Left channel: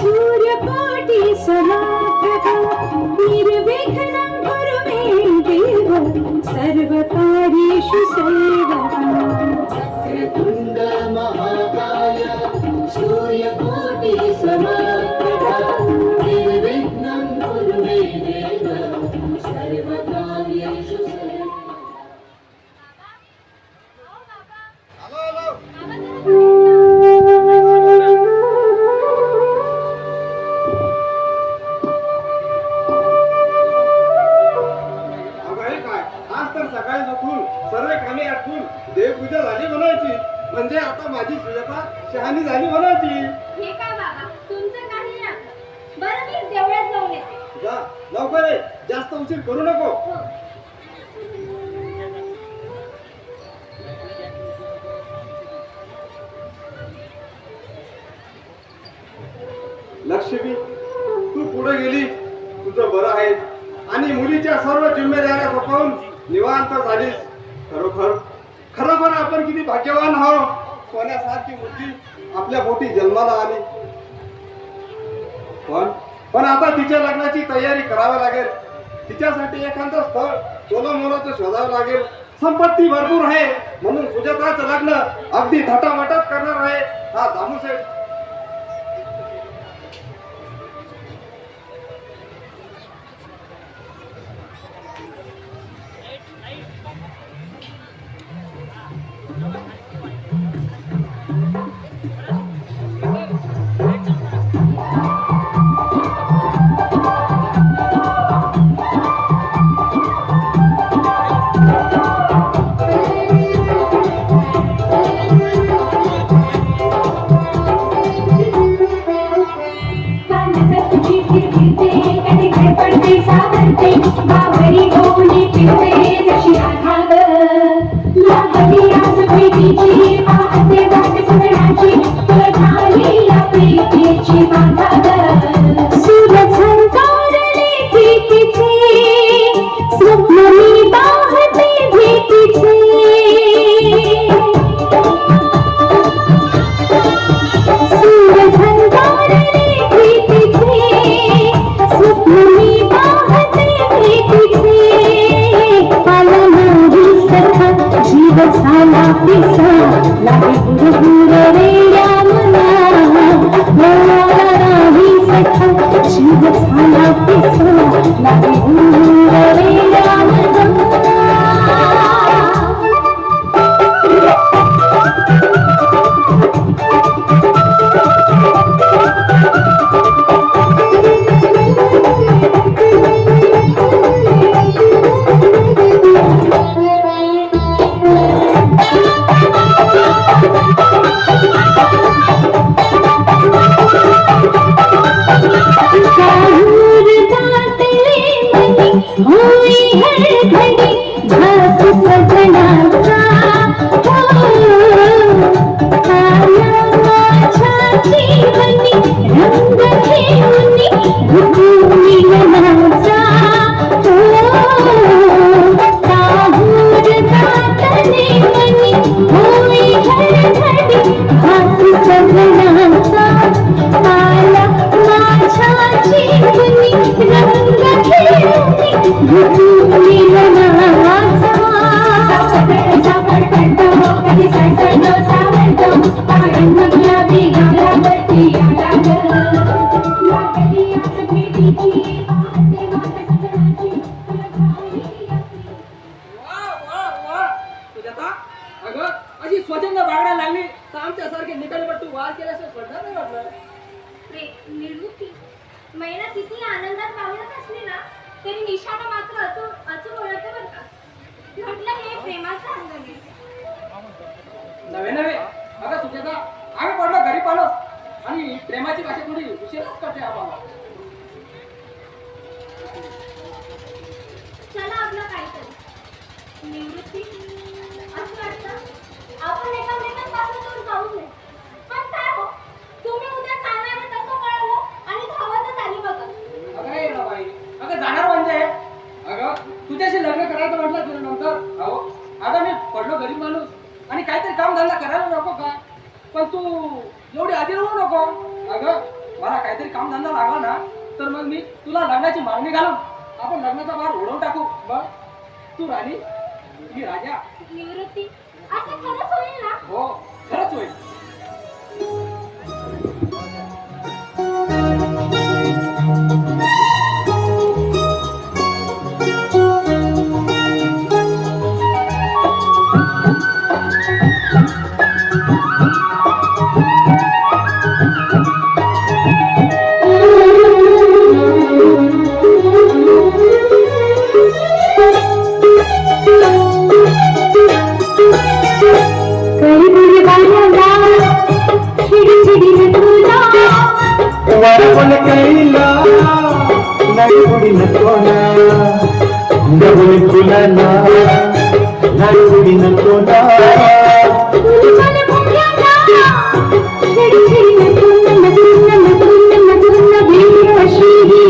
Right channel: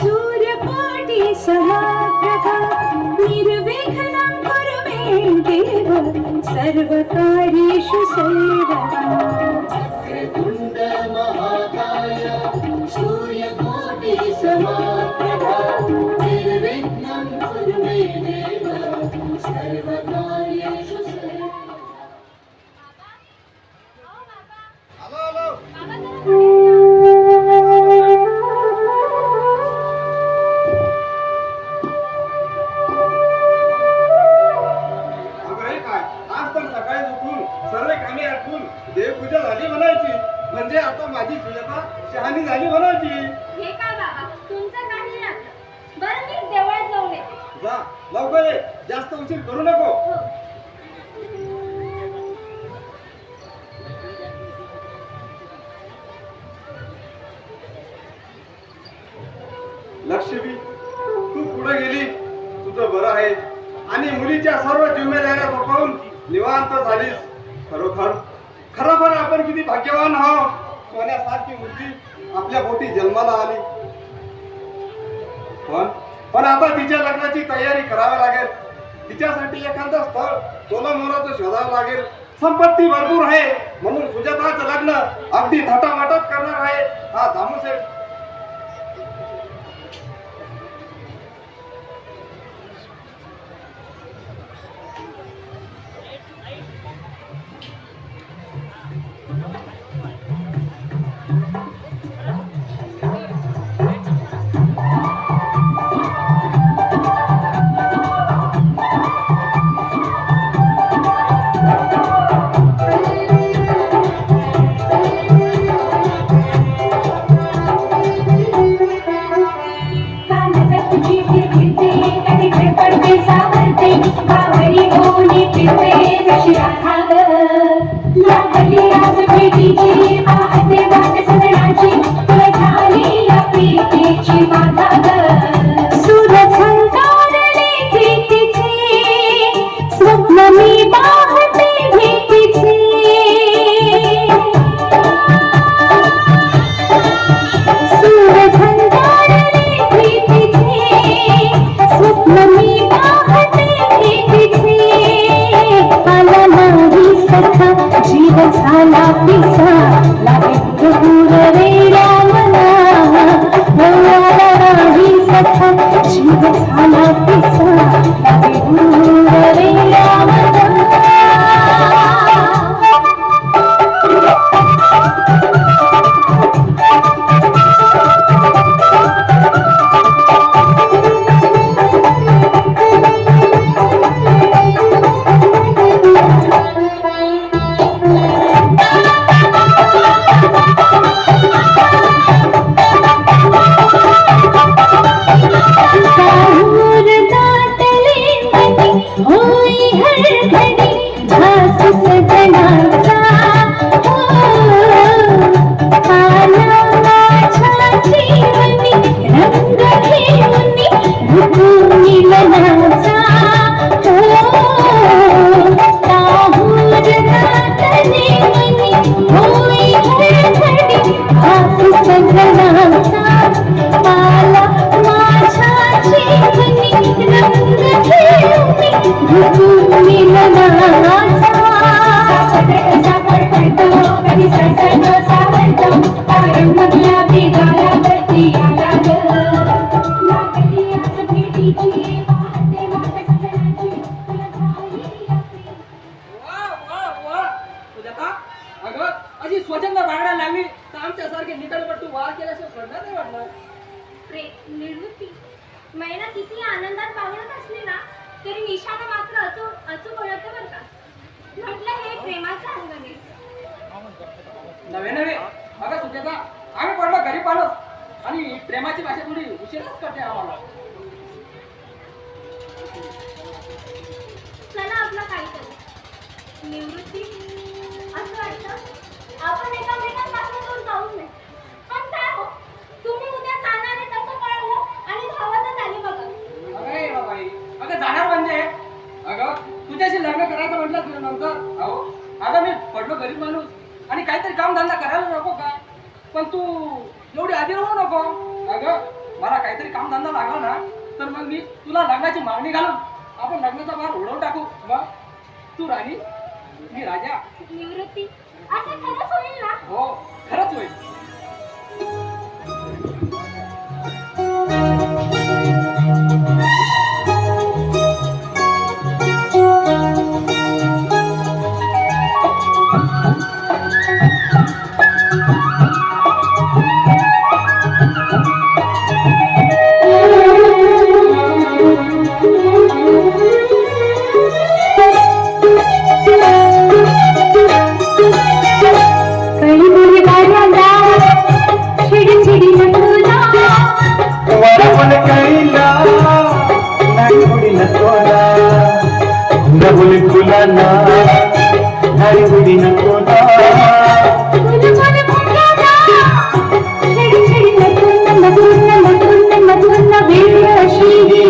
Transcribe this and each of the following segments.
सूर्यकोटि समप्रभा निर्विघ्नं कुरु मे देव सर्वकार्येषु सर्वदा वक्रतुण्ड महाकाय सूर्यकोटि समप्रभा निर्विघ्नं कुरु मे देव सर्वकार्येषु सर्वदा. सर्व कामे आटपून देवपूजा झाली म्हणायची म्हणजे आता माझी सुजाता शहाणी झाली म्हणायची. हे काय बाबा तुमचं काही राहतं. बरं मी देवळात जाऊन येते. जा लवकर ये, जास्त उशीर करू नको. हो. लक्ष्मी तू पुढे गेली तुझं बरं आहे आणि मुलीच्या सर्व जिम्मेदाऱ्या सोपवून निवांत झालीस. खरोखर आपण किती भाग्यवान आहोत. सोन्यासारखी मुलगी आपल्या पोटी जन्माला आली. पण आता तिच्या लग्नाची तयारी करावी लागेल. तिच्यासाठी एखादं स्थळ सोलामोलाचं शोधावं लागेल. संपत्ती भरपूर आहे म्हणून सुजाताचं लग्न अगदी थाटामाटात करणार आहे हा दामूसेठ. महिला किती आनंदात बागडत असली ना तरी निशाणा मात्र अचूक ओळखते बरं का. म्हटलं हे प्रेमाचं अंगण आहे. नवे अगं सुजाता आम्ही पडलो गरीब माणूस आणि प्रेमाची भाषा थोडी उशीरच करते आम्हाला. चला आपलं काहीतरी निवृत्ती असं वाटतं आपण एकामेकांपासून जाऊच नाही. पण काय हो तुम्ही उद्या जाणार आहे तसं कळलं आणि धावतच आले बघा. अगं ये ना बाई अगं जाणार म्हणजे अगं तुझ्याशी लग्न करायचं म्हटलं तुझ्या नंतर अहो आता मी पडलो गरीब माणूस आणि काहीतरी काम धंदा करायला नको का. पण तू एवढी आधी राहू नको. अगं मला काहीतरी कामधंदा लागला ना तर मग मी तुला लग्नाची मागणी घालून आपण लग्नाचा भार उडवून टाकू. मग तू राणी मी राजा. निवृत्ती असं खरंच होईल ना? हो खरंच होईल. काळी बाऱ्यांना चिडचिडी तुला वरवल कैला नडुडी नकोना नडुडी फुलाना नडुडी नकोना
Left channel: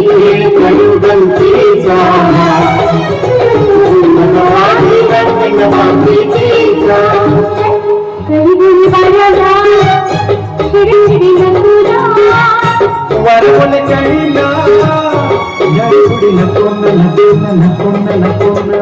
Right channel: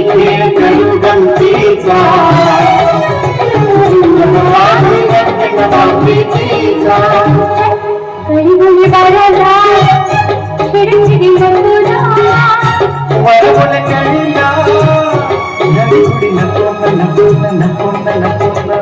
खेळ खेळू गमतीचा वरवल कैला नडुडी नकोना नकोना नकोना नकोना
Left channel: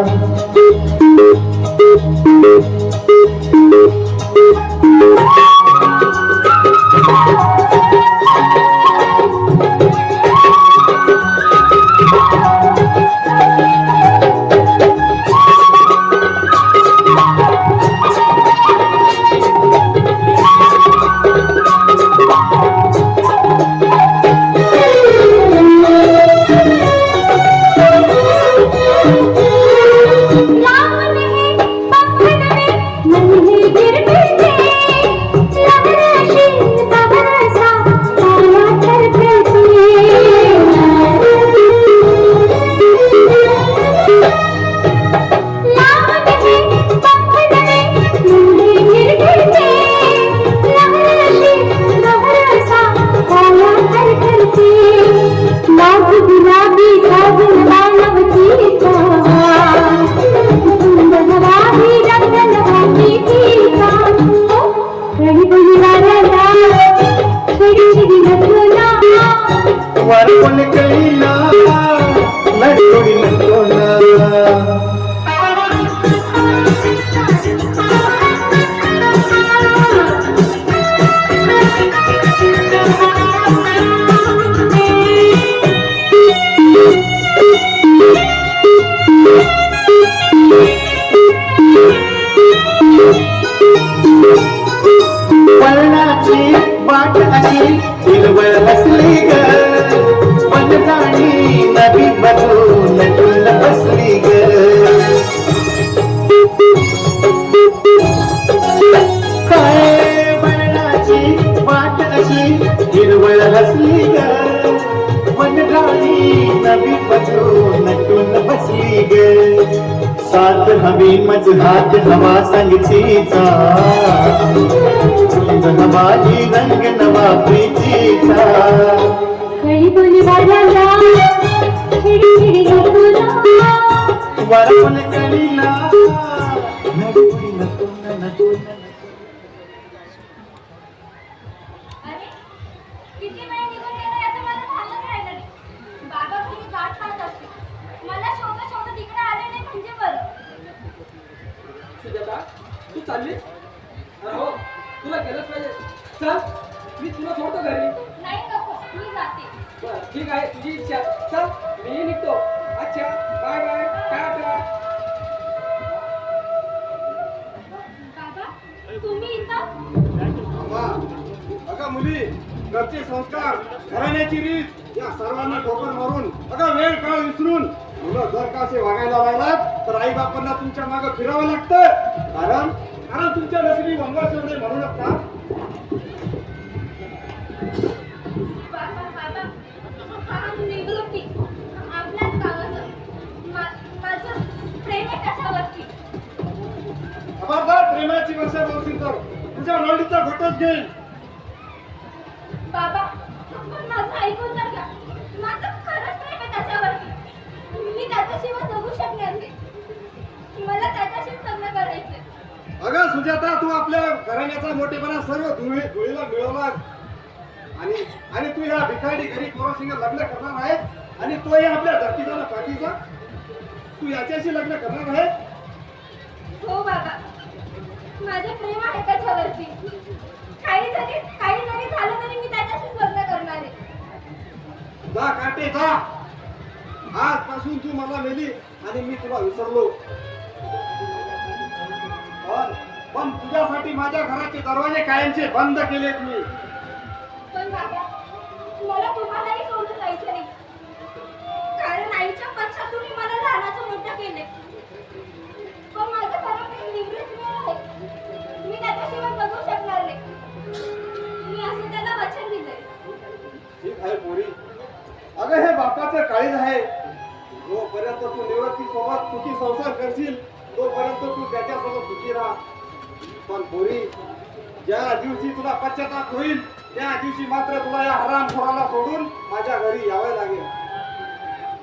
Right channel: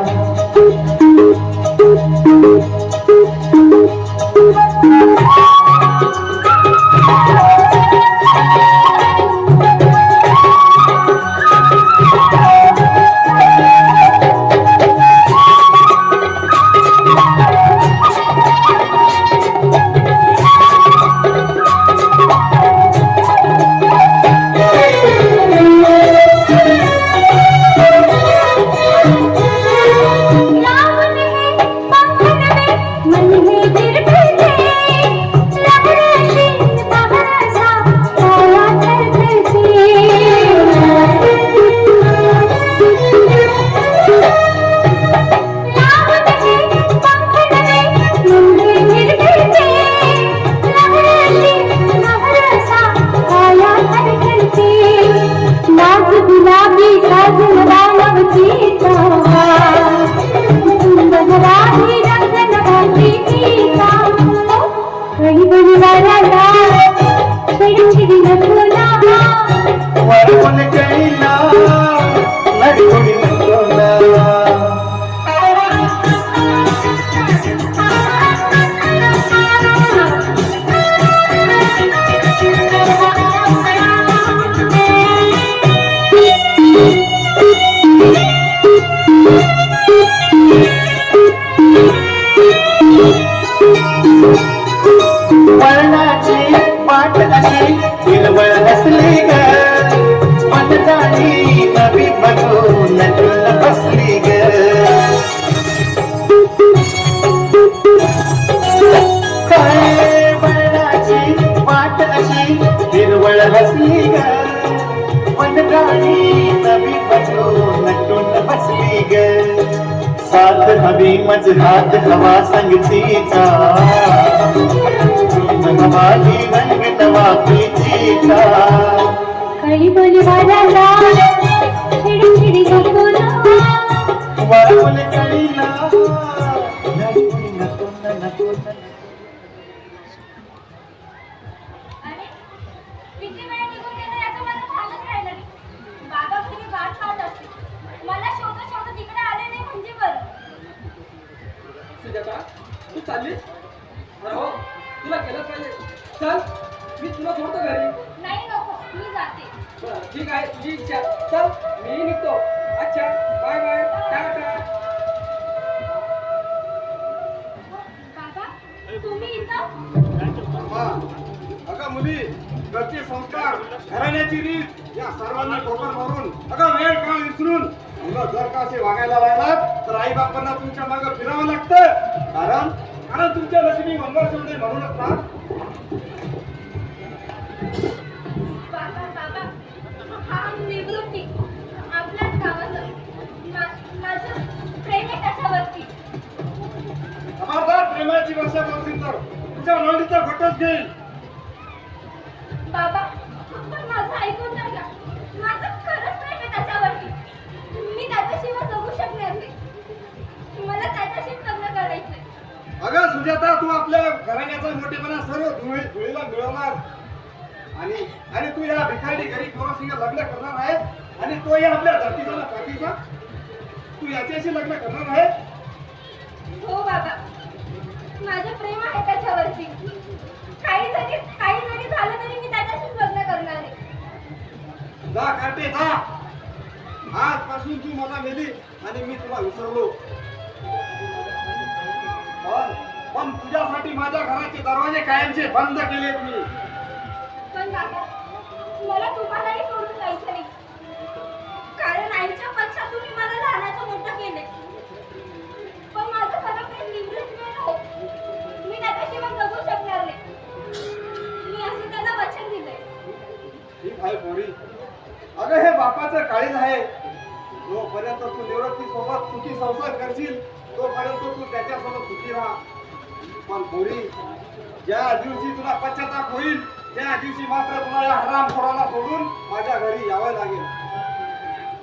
वरवल कैला नडुडी नकोना वळणाची वाट अशी हिरवळ हसली ग मनदाणी नबी म्हणून नटून बसली ग काय वळणाची वाट अशी हिरवळ हसली ग मनदाणी नबी म्हणून नटून बसली ग साथ हवी मज हात हवा संगतीचा हवाली रंग नवा प्रीतीचा कळी बोली बाऱ्यांना चिडचिडी तुला वरवल कैला नडुडी नकोना नकोना अरे किती वेळ निघून गेला याचं मला भानच राहिलं नाही. बाबा घरी वाट पाहत असते. मला शोधत शोधत इकडे आले नाही म्हणजे बरं. सुजाता तू चाललीस? अरे हो तुला केलंच पाहिजे. चल मी तुला सोडतो घरी. नाही नको मी जाते. बरं, ठीक आहे तुझी इच्छा. चल मी निघतो. अच्छा बाय बाय टाटा. बाबा तुम्ही इथं? अम्मा, अगं मुली घरचे संस्कार घराण्याची रीत या सर्वांना ठोकर मारून अगं वेळ काळ विसरून मुलं जर का असे वागायला राहिलात तर आई बापांना तुमच्या मागे फिरावं लागतं. कारण कारण तुमच्या नशिबी वनवास होणे म्हणूनच ना. बाबा बाबा हा निवृत्ती आपल्याच गावाचं माझं प्रेम आहे त्याच्यावरती. खबरदार प्रेमाची वर्षा बोलतील तर तुझ्या नोंदीचा घटच घेईल. बाबा पण माझं ऐकून तर घ्या. माझं खरंच प्रेम आहे त्याच्यावरती. मी त्याच्याशिवाय जगू शकणार नाही. मला त्याच्याशीच लग्न करायचंय. अगं सुजाता तू आपल्या घराण्याचा मोठेपणा सर्व धुळीला मिळवला. आणि आणि तू या भिकारी घरी कोणासिंग लग्न करणार आहे आणि तोही आपल्या धरतीचा ना पाठीचा तू याच्याशी लग्न करणार आहे हो बाबा माझं प्रेम आहे त्याच्यावरती काही जरी झालं तरी मी त्याच्याशीच लग्न करणार आहे जा काटे जा आजपासून तू मला मेली आणि मी तुला विसरलो पण तुझ्यासाठी माझ्या घराचे दरवाजे कायमचे बंद केलेत मी पण बाबा मला तुम्हालाही सोडून जायचं नाही कारण आईच्या पश्चात तुम्ही मला लहानाचं मोठं केले पण माझं खरं प्रेम निवृत्त आहे मी त्याच्याशी मग जगू शकणार नाही मी असं त्याला वचन दिलंय ठीक आहे पोरी अगं हे बापाचं काळीज आहे जोपर्यंत तू निवृत्ती सोबत सुखी संसार करशील तोपर्यंत तू त्याच्यासोबत सुखी राहा पण पोरी ज्या दिवशी तुला पश्चाताप होईल त्या दिवशी मात्र तुला या हरामखोराला सोडून माझ्या घरी यावं लागेल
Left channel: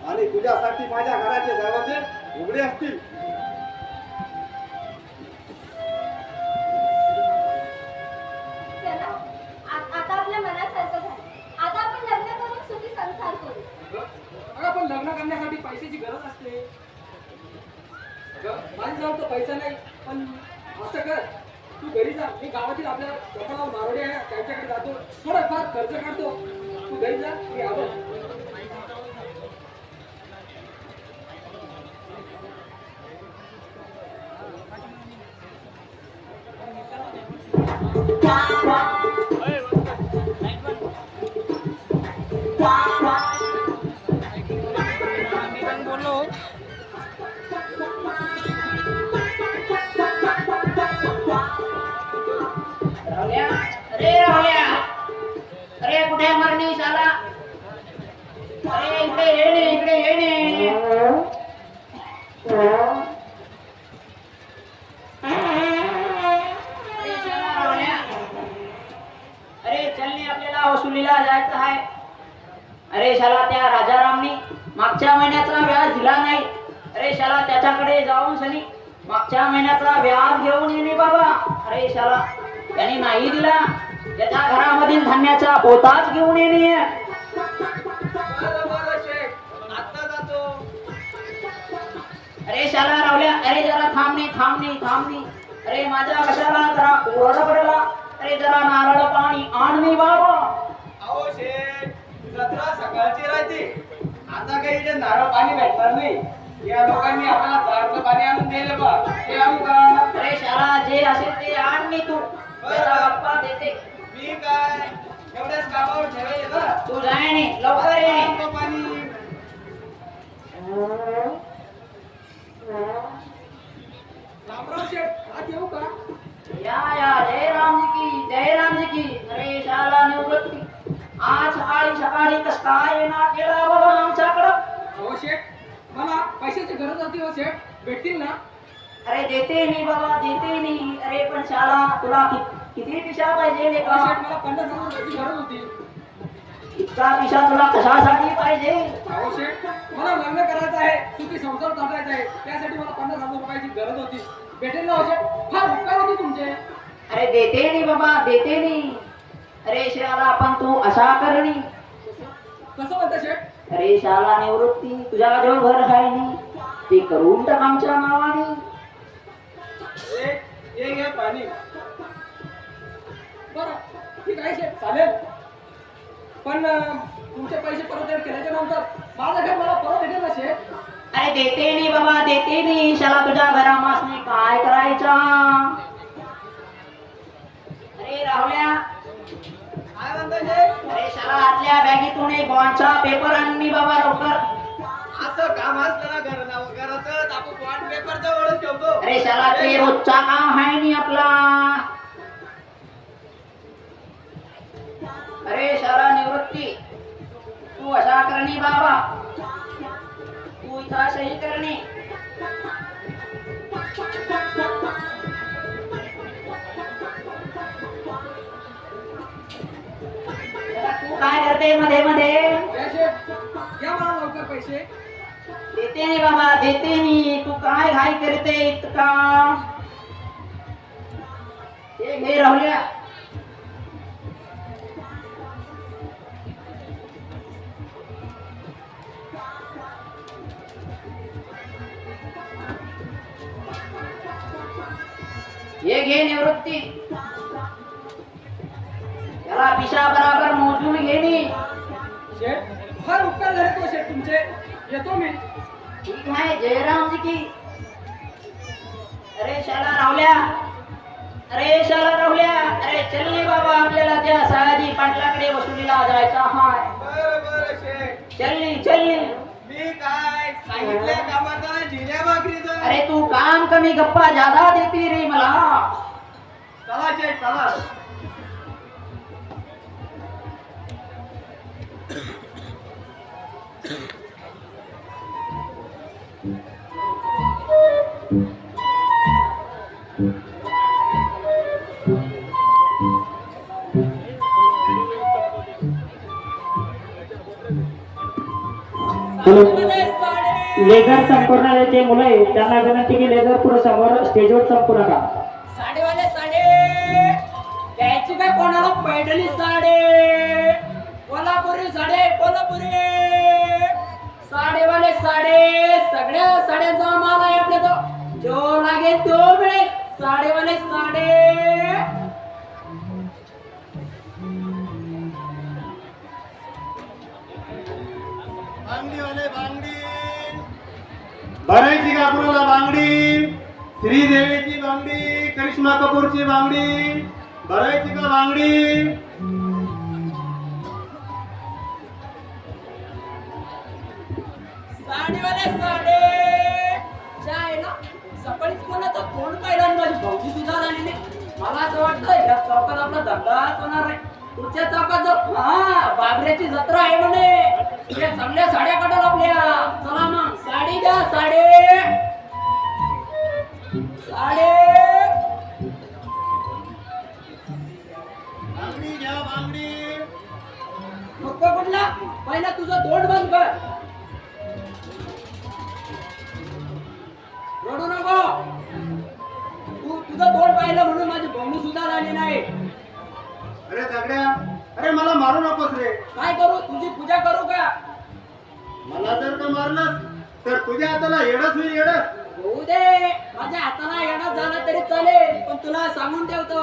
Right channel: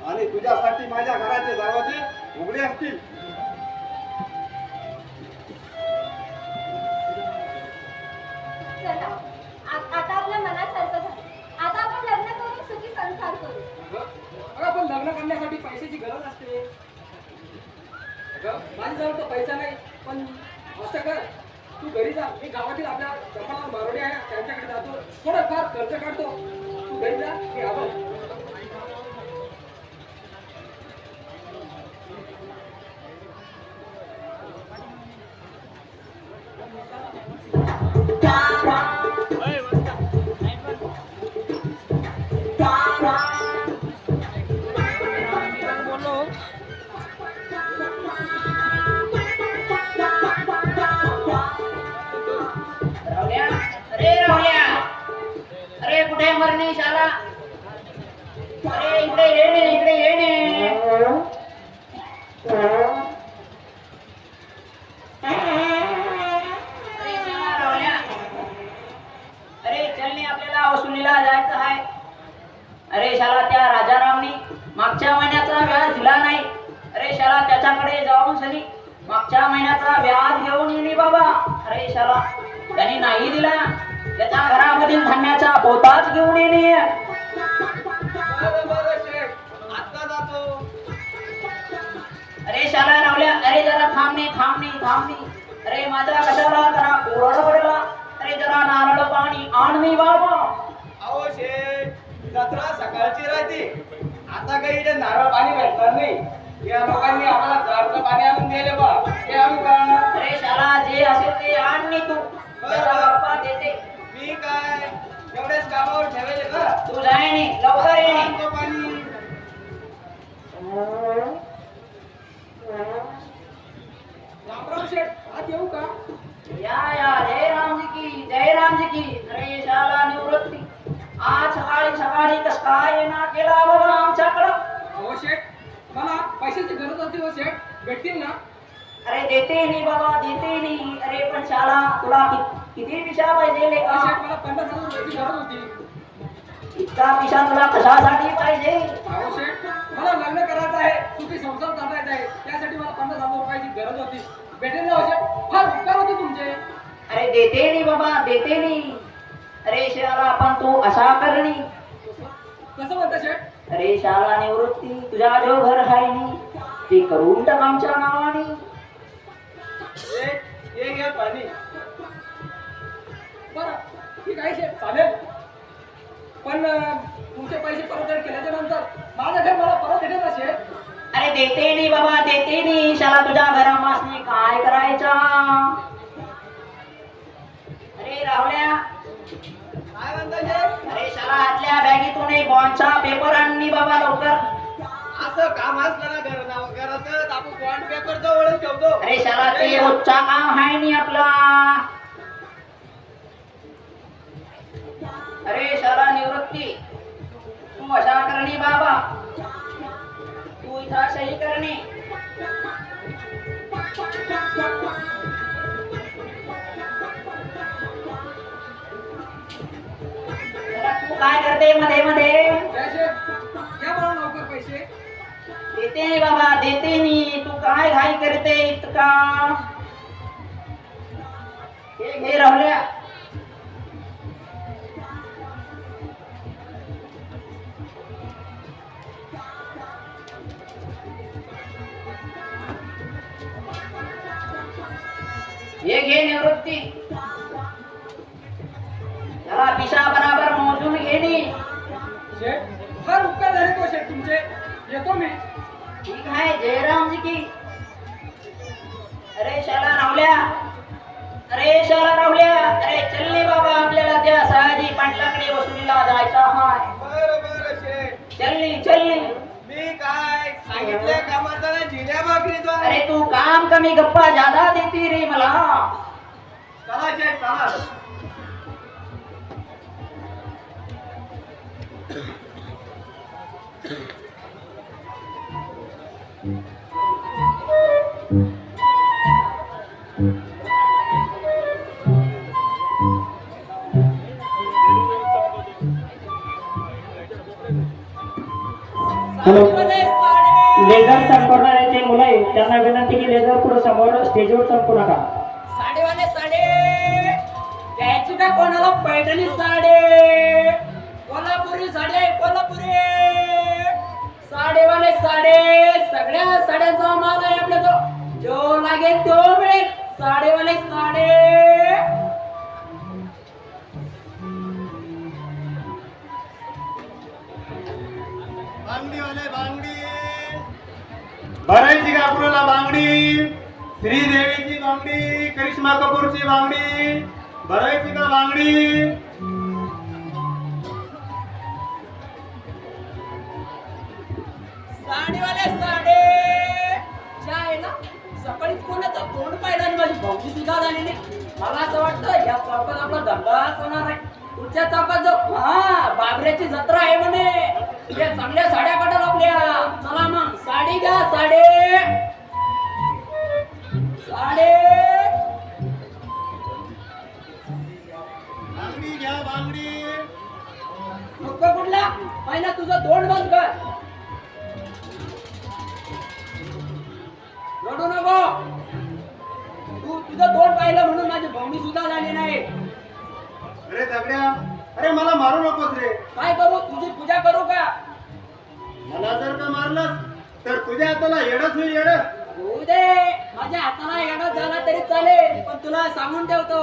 आणि तुझ्यासाठी माझ्या घराचे दरवाजे उघडे असतील चला आता आपल्या मनासारखं झालं आता आपण लग्न करून सुखी संसार करू अगं पण लग्न करण्यासाठी पैशाची गरज असते अगं माझ्याजवळ तर पैसा नाही पण असं कर तू घरी जा मी गावातील आपल्या जपाला मारोडी आहे त्यांच्याकडे जातो थोडंफार खर्च काढतो तू घरी जा मी आलो राहुल्या अरे राहुल्या अरे कुठे मरणी शाला अरे इकडे येणे अरे शाला राहुल्या अरे चलने आपल्याला वसुलीला जायचं आहे अरे शाला त्या राजारामनी मागच्या महिन्याचा व्याज दिला नाही अरे शाला त्याच्याकडे जाऊन सनी मागच्या महिन्याचा व्याज घेऊन येणे बाबा अरे शाला त्याने नाही दिला त्याच्या घरामधील धान्याचा पोताच घेऊन येणे आता जातो अरे शाला रावल्या अरे जरा थांबणे अरे माझ्या कशाला जरा ओरडला अरे जरा नारळ पाणी आण मी बाबा अहो शेठ जत्रा सकाळची राहते आता काही इथे नारळ पाणी भेटणार नाही या लोकांनी आपल्याला जारचं पाणी आणून दिलं बा हे आणू का अरे शाला जे असेल ते आण मी तू त्याचा बाप्पा देते मी काय एवढ्याच कामावर ठेवायचे का तू जाय नी लवकर ये नी. आणतो पाणी रामराव शेठ आत येऊ का या जय रामजी की अरे शाला निवृत्ती आज सकाळी कस काय येणार केला बाबा आमच्याकडं अहो शेठ मला पैशाची गरज होती हो शेठ भेटतील ना अरे देते नी बाबा देते नी अरे पण शाला तुला किती पिशा पाहिजे लेका शेठ मला 50,000 रुपयाची गरज होती इतका पिशा तुला कशासाठी पाहिजे अहो शेठ मला लग्न करायचं आहे सुखी संसार चालवायचा आहे त्यासाठी मला 50,000 रुपयाची गरज होती भेटेल ना हो शेठ फार उपकार होते तुमचे अरे देते नी बाबा देते नी अरे शाला आपण तू अशा करणी कसं म्हणता शेठ अरे शाला निवृत्ती तुझ्या जो घर आहे नी ते करून टाक आमच्या नावाने ये घ्या पाणी बरं ठीक आहे शेठ चालेल पण तुमचे पैसे परतफेड केल्याच्या नंतर माझं घर मला परत भेटेल ना शेठ अरे देते नी बाबा देते नी शाला तुझ्या घरामासनी काय करायचा अरे राहुल्या काय म्हणता शेठ अरे शाला आतल्या बॅगेतून एक बॉन्डचा पेपर आणली बाबा लवकर असं काम असलं ना घराचं आपण बॉन्ड पेपर जवळच ठेवतो अरे शाला ते रोजचा काम आहे नी आपला अरे शाला निवृत्ती तू अशा करणी बाबा तू इथं सही करणे तू काय करते मध्ये मध्ये या शेठ घ्या मला लवकर पैसे देते नी बाबा देते नी तू काय घाई करते इतका हे घे राहुल्या हे घे निवृत्ती. त्याला पिशा बराबर मोजून घेणी. शेठ फार उपकार झाले तो शेठ तुमचे. येतो मी. ठीक आहे जयरामजी की. अरे शाला रावल्या, अरे शाला रावल्या, अरे चल्ले बाबा आपल्याला त्या सयाजी पाटलाकडे वसुलीला जायचं आहे. बरं शेठ. चल्ली. मी काय सांगितल्या कामाचा ना जिल्ह्या भाकरीचा. अरे तू काम कमी गप्पा ज्यादा देती रे मला. चला शेठ चला. हॅलो, लेझर संपूर्णाचे मुलं आहे त्यांना विनंती की लेझर पुढे समोर स्टेजवर संपू नका. साडेवाले साडे द्यायची का कोणाला? पैठणी साडे, कोल्हापुरी साडे, कोल्हापुरी साडेवाले साडे. सगळ्या साड्यांचा माल आहे आपल्या तो. जो लागेल तो मिळेल. साडेवाले साडे. भरायची का कुणाला बांगडी? श्रीदेवीची बांगडी, करिश्मा कपूरची बांगडी, भरायची का बांगडी? साडेवाले साडे. जायला सकाळीच कोणाचं तोंड पाहिलं आणि माझी भावकी सुद्धा झाली नाही. मला असं वाटतं या चौकात आपला धंदाच होणार नाही. पुढच्या चौकात जो बाबऱ्याची जत्रा आहे म्हणे. त्या चांगल्या साड्या काढाल आपल्या. चला मग साडी घ्या. साडे साडे. बांगडी घ्या बांगडी. मग कुठला? पहिला तुझं तोंड बंद कर. रडू नको. तू तुझं तोंड पाहिलं म्हणून माझी भावनी सुद्धा झाली नाही. अरे दगड्या, अरे मला मारू नकोस रे. काय करू? तुझी पूजा करू का? मला जर का मारलं तर तुझ्या हाताला येडच होईल येडच. होऊ दे. माझ्या हाताला येणं झाला तरी चालेल, पण तुला सांगून ठेवतो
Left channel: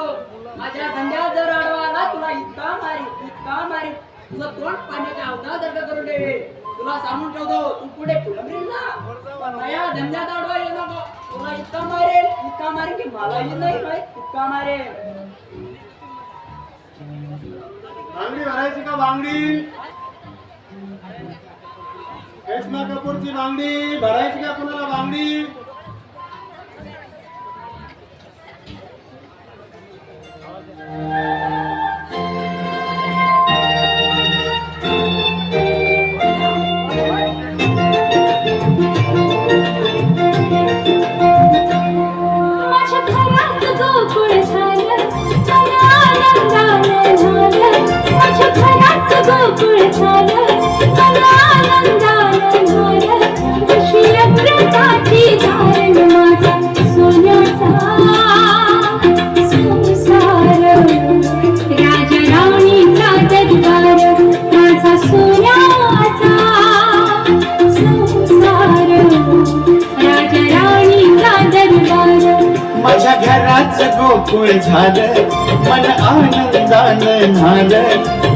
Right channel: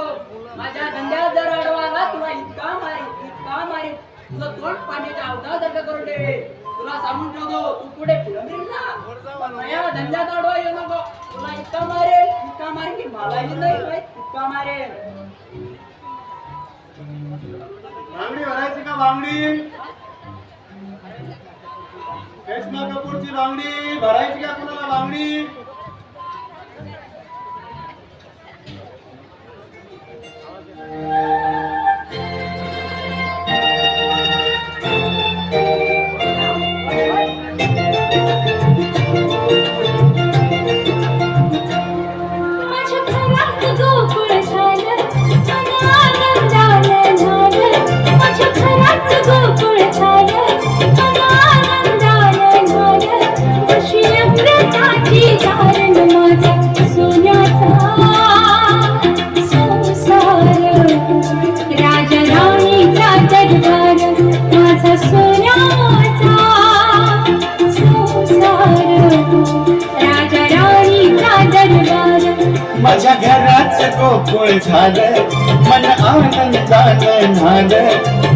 माझ्या धंद्यात जर अडवाला तुला इतका मारीन. तुझं तोंड पाण्याच्या अवधा दर्द करून दे. तुला सांगून ठेवतो तू पुढे फुलंबरील ना, पण माझ्या धंद्यात अडवा येऊ नको. तुला इतका मारेल की मलाही नाही माहित इतका मारेल. बांगडी भरायची का बांगडी? करिश्मा कपूरची बांगडी भरायची का कुणाला बांगडी? माझ्या घरात गोकुळ झालं, मन आनंदानं झालं. माझ्या घरात गोकुळ झालं, मन आनंदानं झालं. जशी अमृताची धारण माझा सोन्याचा संसार. राजा राणीचा दरबार माझा सोन्याचा संसार. राजा राणीचा दरबार. माझ्या घराचं गोकुळ झालं, मन आनंदानं झालं.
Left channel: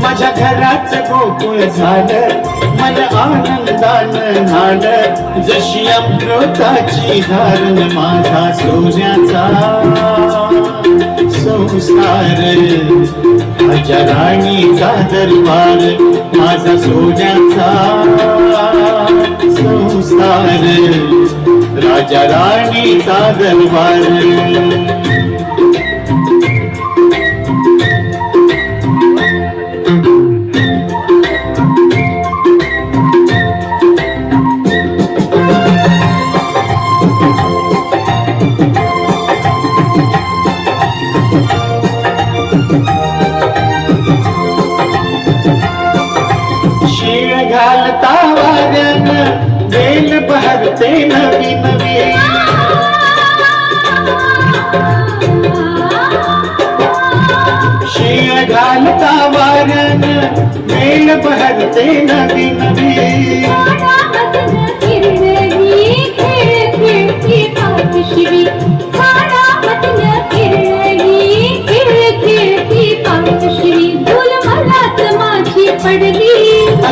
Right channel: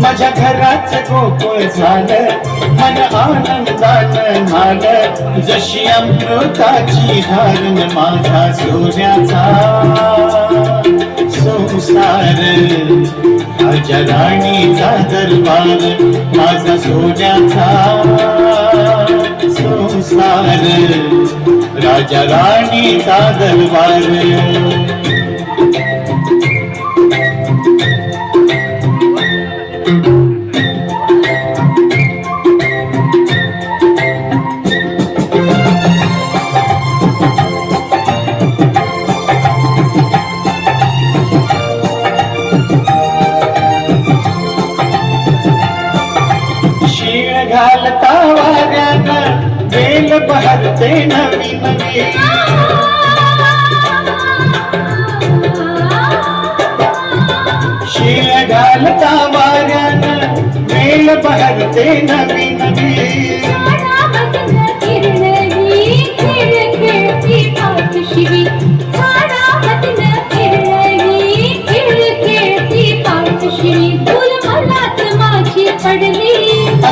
माझ्या घराचं गोकुळ झालं, मन आनंदानं झालं. जशी अमृताची धारण माझा सोन्याचा संसार. राजा राणीचा दरबार माझा सोन्याचा संसार. राजा राणीचा दरबार. शीळ घालता वाऱ्यानं बेल बहरते नवी नवी. शीळ घालता वाऱ्यानं बेल बहरते नवी नवी. झाडामधनं किरणली खेळ खेळती पावशिवी. झाडामधनं किरणली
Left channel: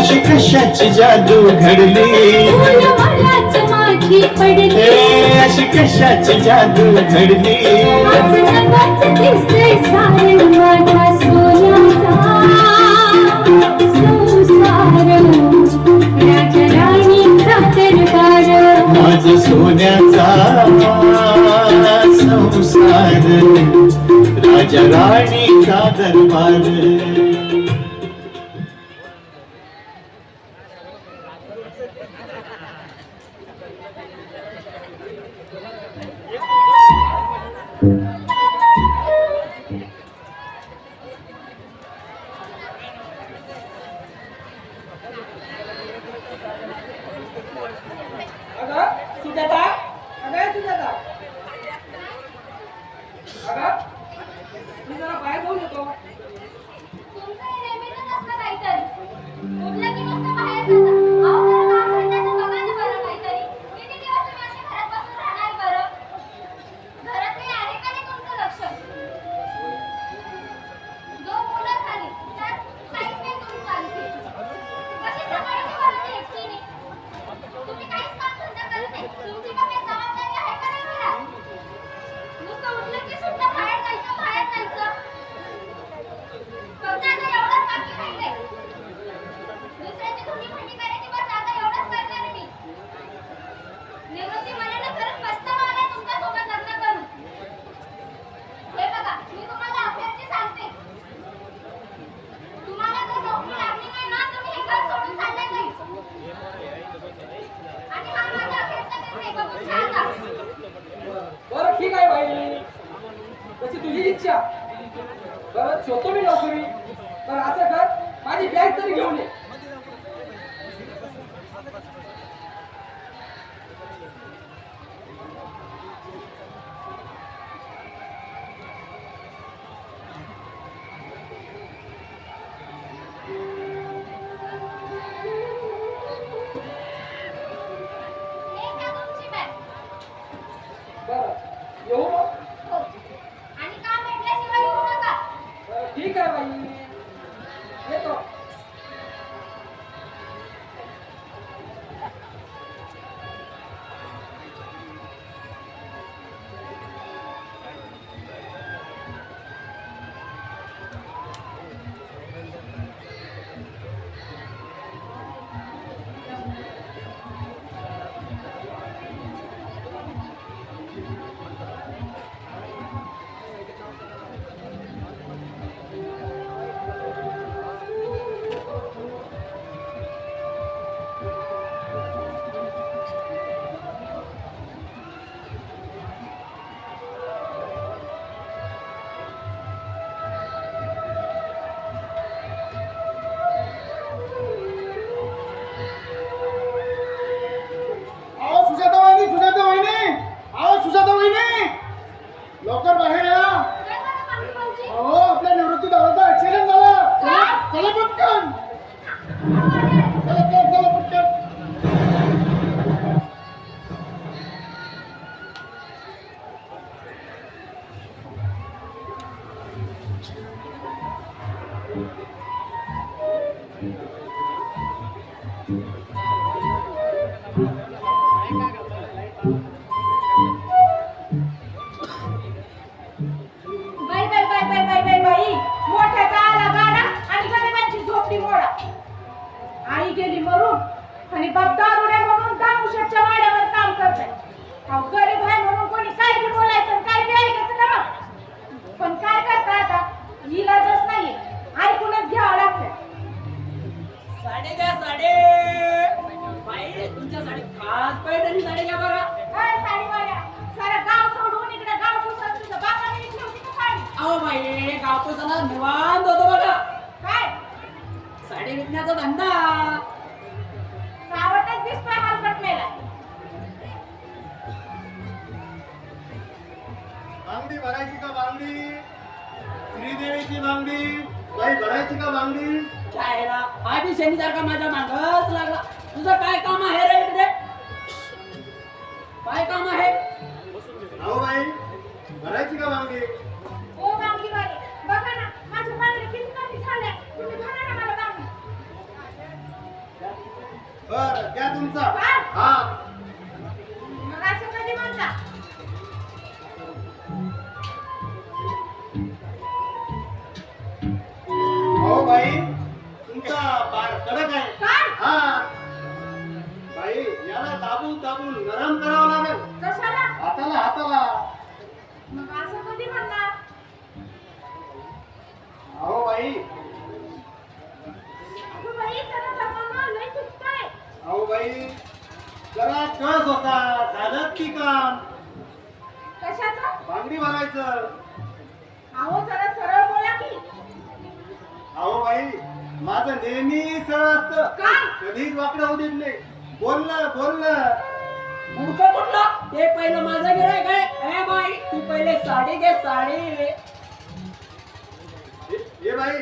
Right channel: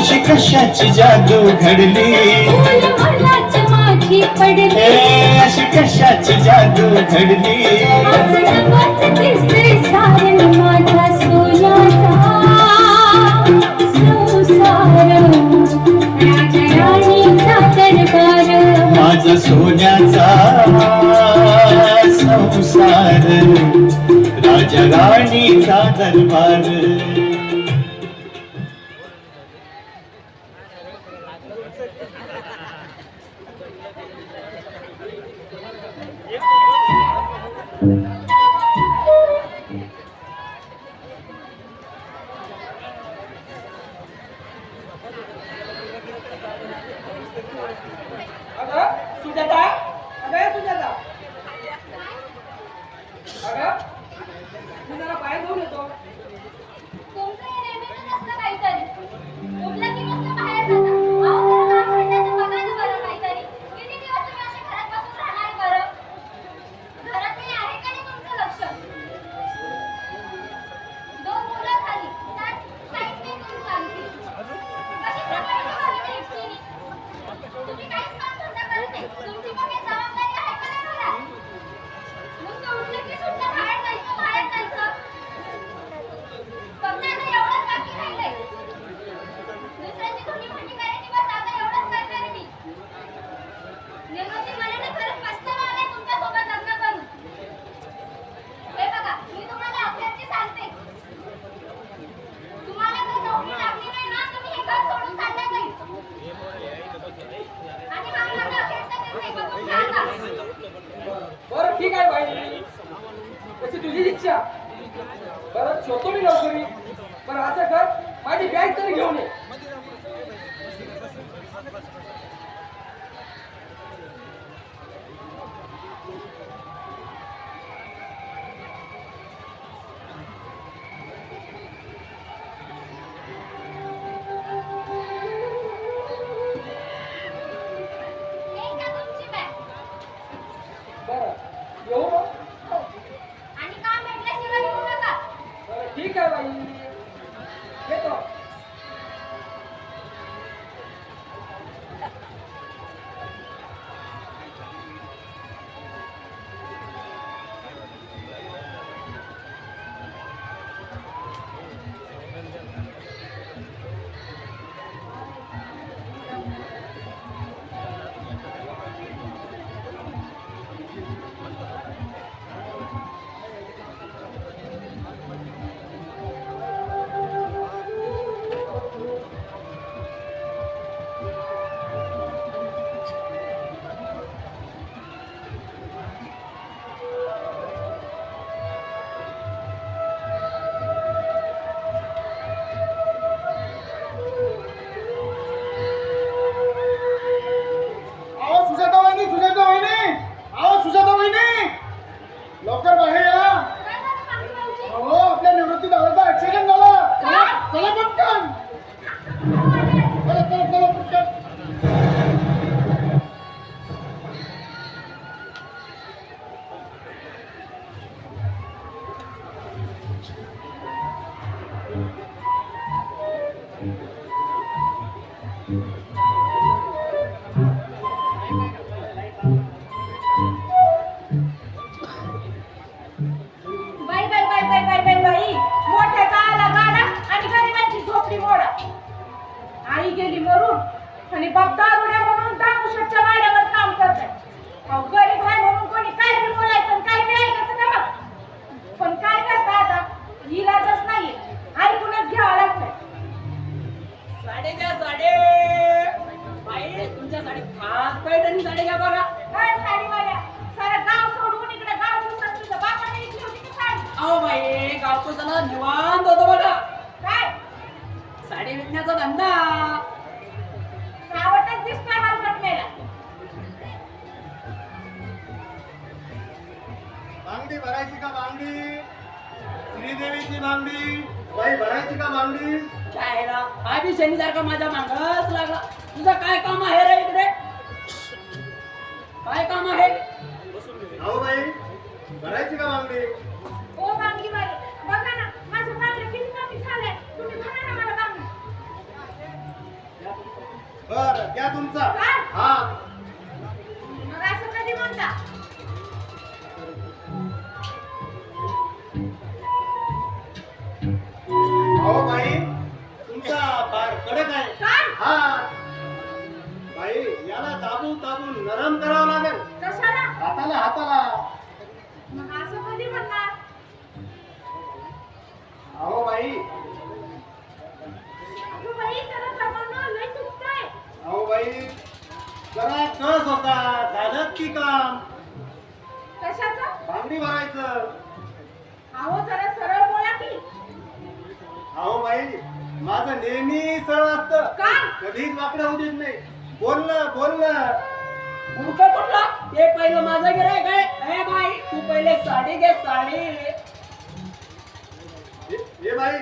अशी कशाची जादू घडली फूल मलाच मागे पडले हे अशी कशाची जादू घडली आज नवाच दिसतंय सारं माझ्या सोन्याचा संसार राजा राणीचा दरबार माझा सोन्याचा संसार राजा राणीचा दरबार अगं सुजाता, अगं सुजाता, अगं मी जरा बाहेर घेऊन येतो. तुमचं हे नेहमीचंच असतं काहीतरी. उठलं की मस्त बाहेर जाता. अहो, जरा काम धंद्याचं बघा ना बरं काहीतरी. किती दिवस तुम्ही असे घरात बसून राहणार बरं? घरात काही आहे का नाही तुमचं लक्ष? 2 मुलं झाली. त्यात काहीच नाही तुमचं आणखी. कशी सांभाळायची बरं मी एकटीने? तुम्ही काहीच काम धंदा करत नाही. तुमची पण काही जबाबदारी आहे का नाही घरात? नुसतं उठलं की सुटलं बाहेर जायचं, बाहेर जायचं. फक्त आता एवढंच बाकी राहिलंय. दुसऱ्याची धुणी भांडी करायची बस आता एवढंच करणार मी. निवृत्ती मनाने खरंच पछतावा आलाय तुमच्यासोबत लग्न करून. हे बघा, मी तुम्हाला अखेरची सांगते. तुम्हाला जर नोकरी लागली नाही ना, तुम्ही हे घर सोडून चालला जाईल. आणि हा माझा अखेरचा निर्णय बघून घ्या आता. बरं ठीक आहे बाई, तशी तुझी इच्छा. बरं शोधतो मी नोकरी. बरं असं कर, माझी बॅग तरी घेऊन ये. हे का तुमची बॅग? बरं येऊ मग. हो. आणि काम भेटल्याशिवाय येऊ नका. बरं ठीक आहे बाई, येतो. लवकर बाहेर या. काय झालं मामी भाऊजी? अहो आपल्या निवृत्ती दादाचा ऍक्सिडेंट झाला. चला पटकन. चला पटकन. बाई बाई बाई बाई बाई बाई बाई मोठ्याचा आला गाडा आणि गरिबांची झोपडी मोडा. आई गेली मरून आणि बाप दारुड्या म्हणून दामुशाच्या वाड्यावर काम करताय. अहो गरीब आहे म्हणून कोणी काय बी बोलायचं काय बी ऐकायचं का मग? पण काय करता आता, इलाजच नाहीये, ऐकूनच घ्यावं लागतंय. साडे घ्या साडे. बाई तुमच्या साडी खास पैठणी साडी घ्या बघा. काय साडीवाल्या सारा गाव सोडून इकडे गाव दिवसात तुझ्या बापाने इकडे होती का साडी? अहो बाई गावकोसाला निवांत होतो बघा. काय साडी विकण्याचा धंदा. सावटच दिसतोय हलकट मेला. बांगडी भरायची का बांगडी? श्रीदेवीची बांगडी बाई भरायची का बांगडी? चायला हा बी शनीसारखा माझ्या मागच लागला. तुझं काय काम आहे रे इकडे? काय काम आहे? अहो बाई भरायची का बांगडी? ओ बांगडीवाले बघा ना, माझ्या बांगड्या किती कमी झाल्या. तुम्ही भरा ना मला बांगडी. बर द्या तुमचा काय? हा मग असं कधी म्हणता हो बाई तुमचा फार कडक आहे काय हा बाई याला दाबून दाबून नरम करावं लागेल कशाला हाताला हाताला मग असं कधी म्हणणार हो बाई अगं बाई जरा दमानं लय दुखतंय अहो बाई जरा कळस होता झालं की काम कशाचं बांगडी भरायचं अहो जरा सरळ बोला की अहो बाई माझं नेहमी सरळ असतं काय कधीच वाकडं होऊ देत नाही बोललं बोललं मूर्ख कुठला ते पहिलं माझं गिरायक आहे ए बाई तू पहिले साडी घे साडी हे बाई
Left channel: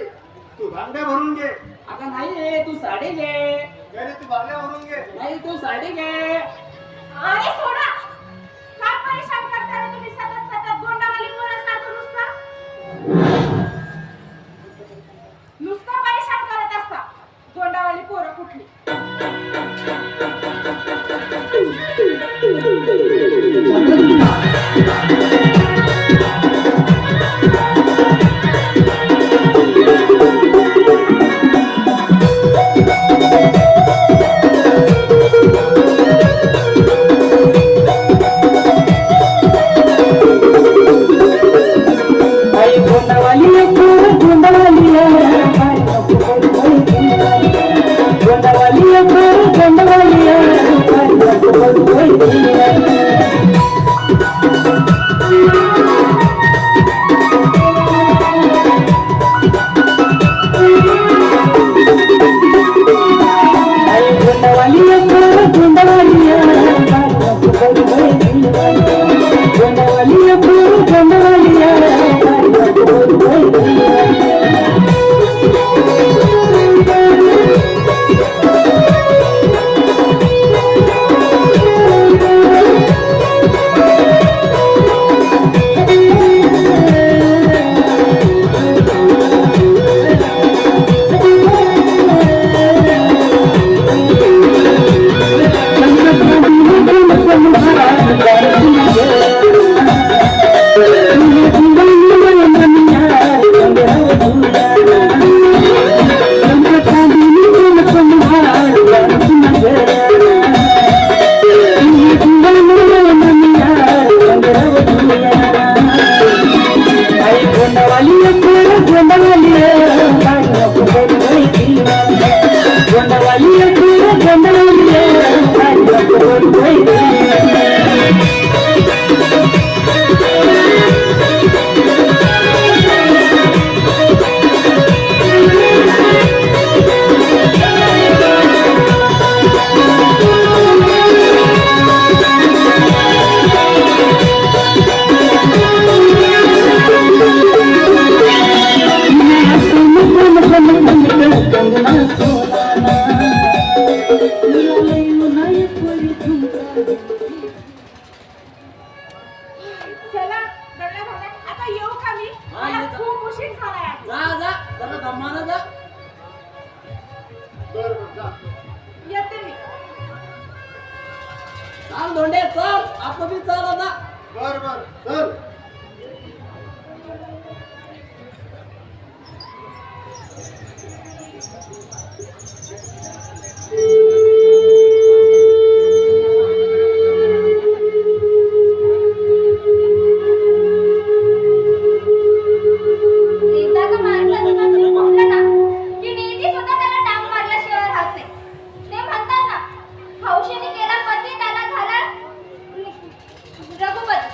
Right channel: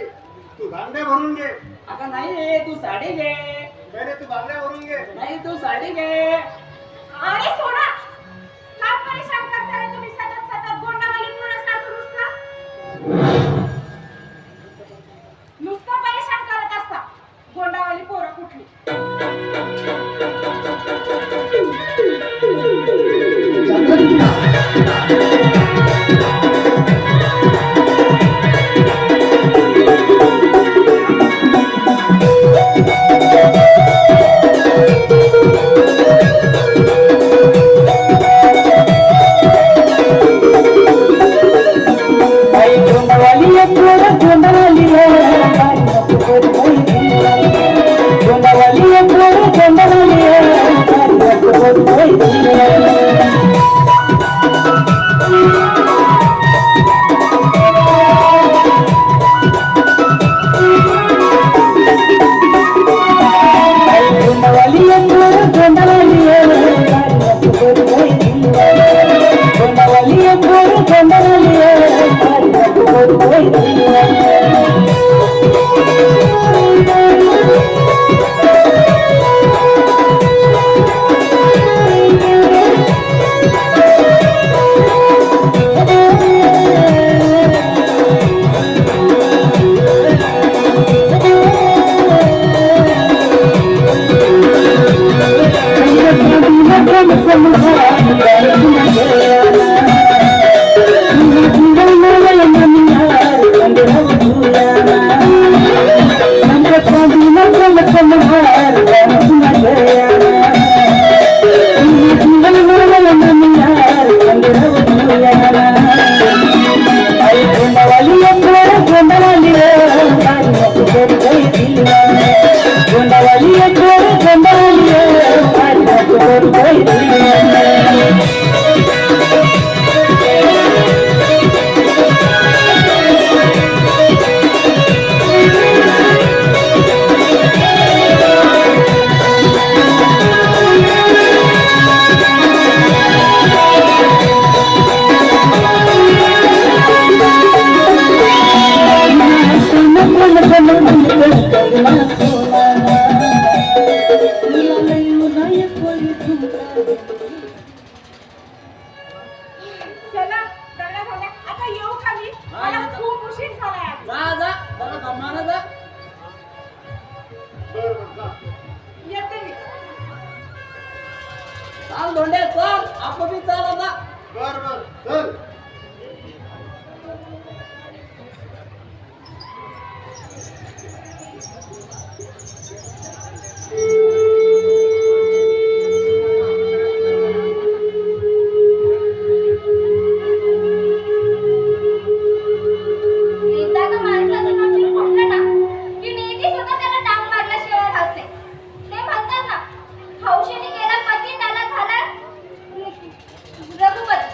तू बांगड्या भरून घे आता नाही रे तू साडी घे पहिले तू बांगड्या भरून घे नाही तू साडी घे अरे सोडा का परेशान करता रे तुम्ही सतत सतत गोंडावाली पोरासारखं नुसतं परेशान करत असता गोंडावाली पोरं कुठली बाई गोंडवाली पोर गोंडवाली गोंडवाली पोर गोंडवाली गोंडवाली पोर गोंडवाली गोंडवाली पोर गोंडवाली चला दगड्या भाड्या आता येऊ का मी हा, मला येतो. खूप उशीर झालाय आहे. जा जा जरा दमानं जा बर बर जा येते मी चाल धोंडे चल आपण बी चल आता बर बर चल एकदा का माणसाचं नशीब फुटलं ना की नियती सुद्धा त्याला डाव मारल्याशिवाय राहत नाही. ते म्हणतात ना हौशीने केला पती त्याला झाला रघुपती.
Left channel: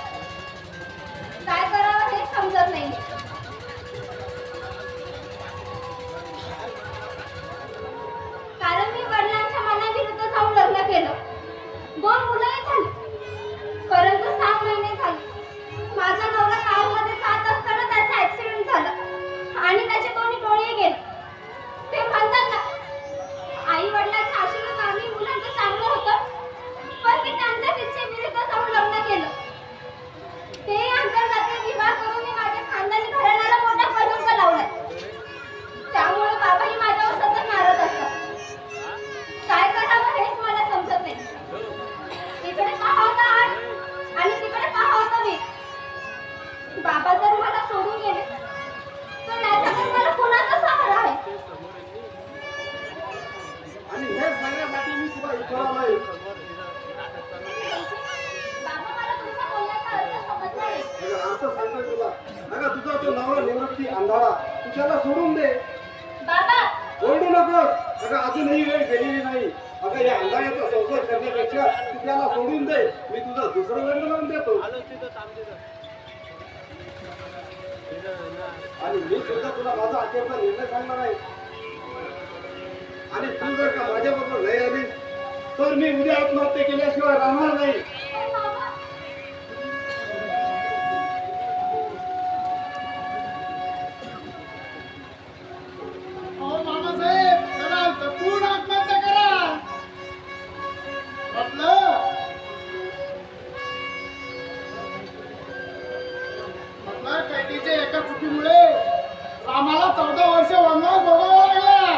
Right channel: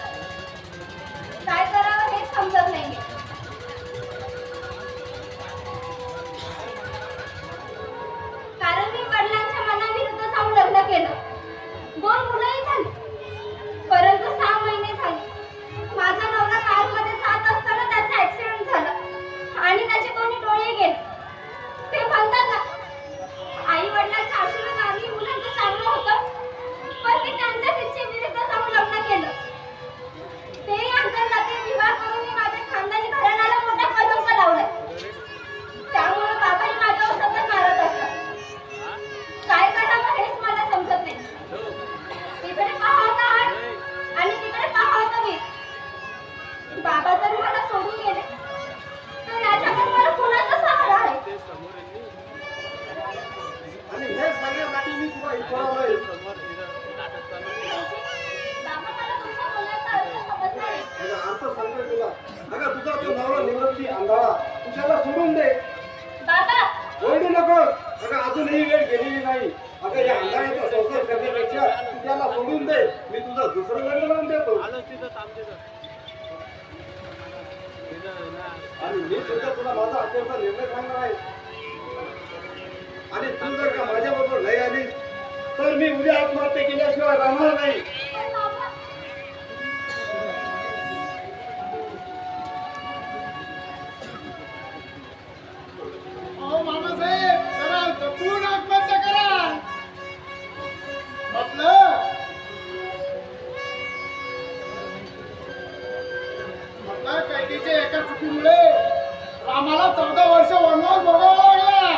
सुद्धा इतका नाही. बाबा मला तुमचा बोलण्याचा अर्थ समजला नाही. अगं अर्थ सांगतोय तुला. अगं तुझा तो नवरा निवृत्ती अंधारा तू त्याला सोडून दे. बाबा ओरडू नकोस. अगं अजूनही वेळ गेलेली नाही. अगं या अंधाऱ्याचा संसार करण्यापेक्षा तू त्याला सोडून दे. मी तुझा दुसरं लग्न लावून देतो. आणि मी सुद्धा तुला माझा अखेरचा निर्णय सांगणार आहे. आणि तू जर का माझ्याबरोबर नाही आलीस तर मी उद्या आत्महत्या केल्याशिवाय राहणार नाही. पण बाबा अहो मामासाहेब जरा जपून आत्महत्या करा. म्हटलं कैदीच्या एका चुकीमुळे आम्हाला 14 वर्ष वनवास भोगावा लागला.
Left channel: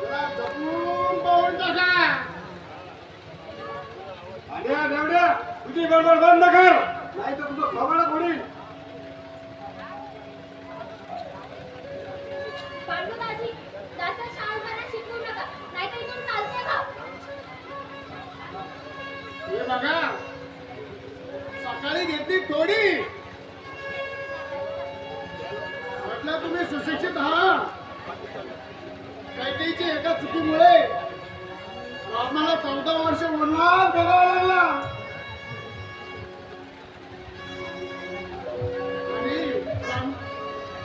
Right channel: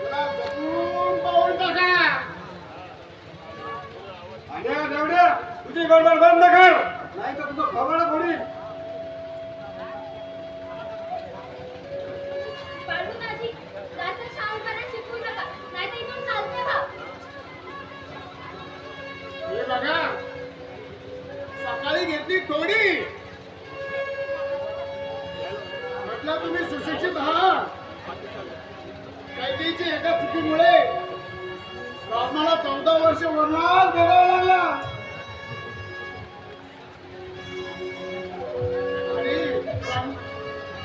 जरा जपून पाहून टाका. आणि देवड्या तुझी गडबड बंद कर नाही तर तुझं खबळ पडेल. पांडुदाजी जास्त शहाणपणा शिकवू नका नाहीतर इथून चालते का. हे बघा सकाळी घेतली थोडी. म्हटलं तुम्ही सुशिक्षित आहात. कैदीची एका चुकीमुळे आम्हाला 14 वर्ष वनवास भोगावा लागला. आणि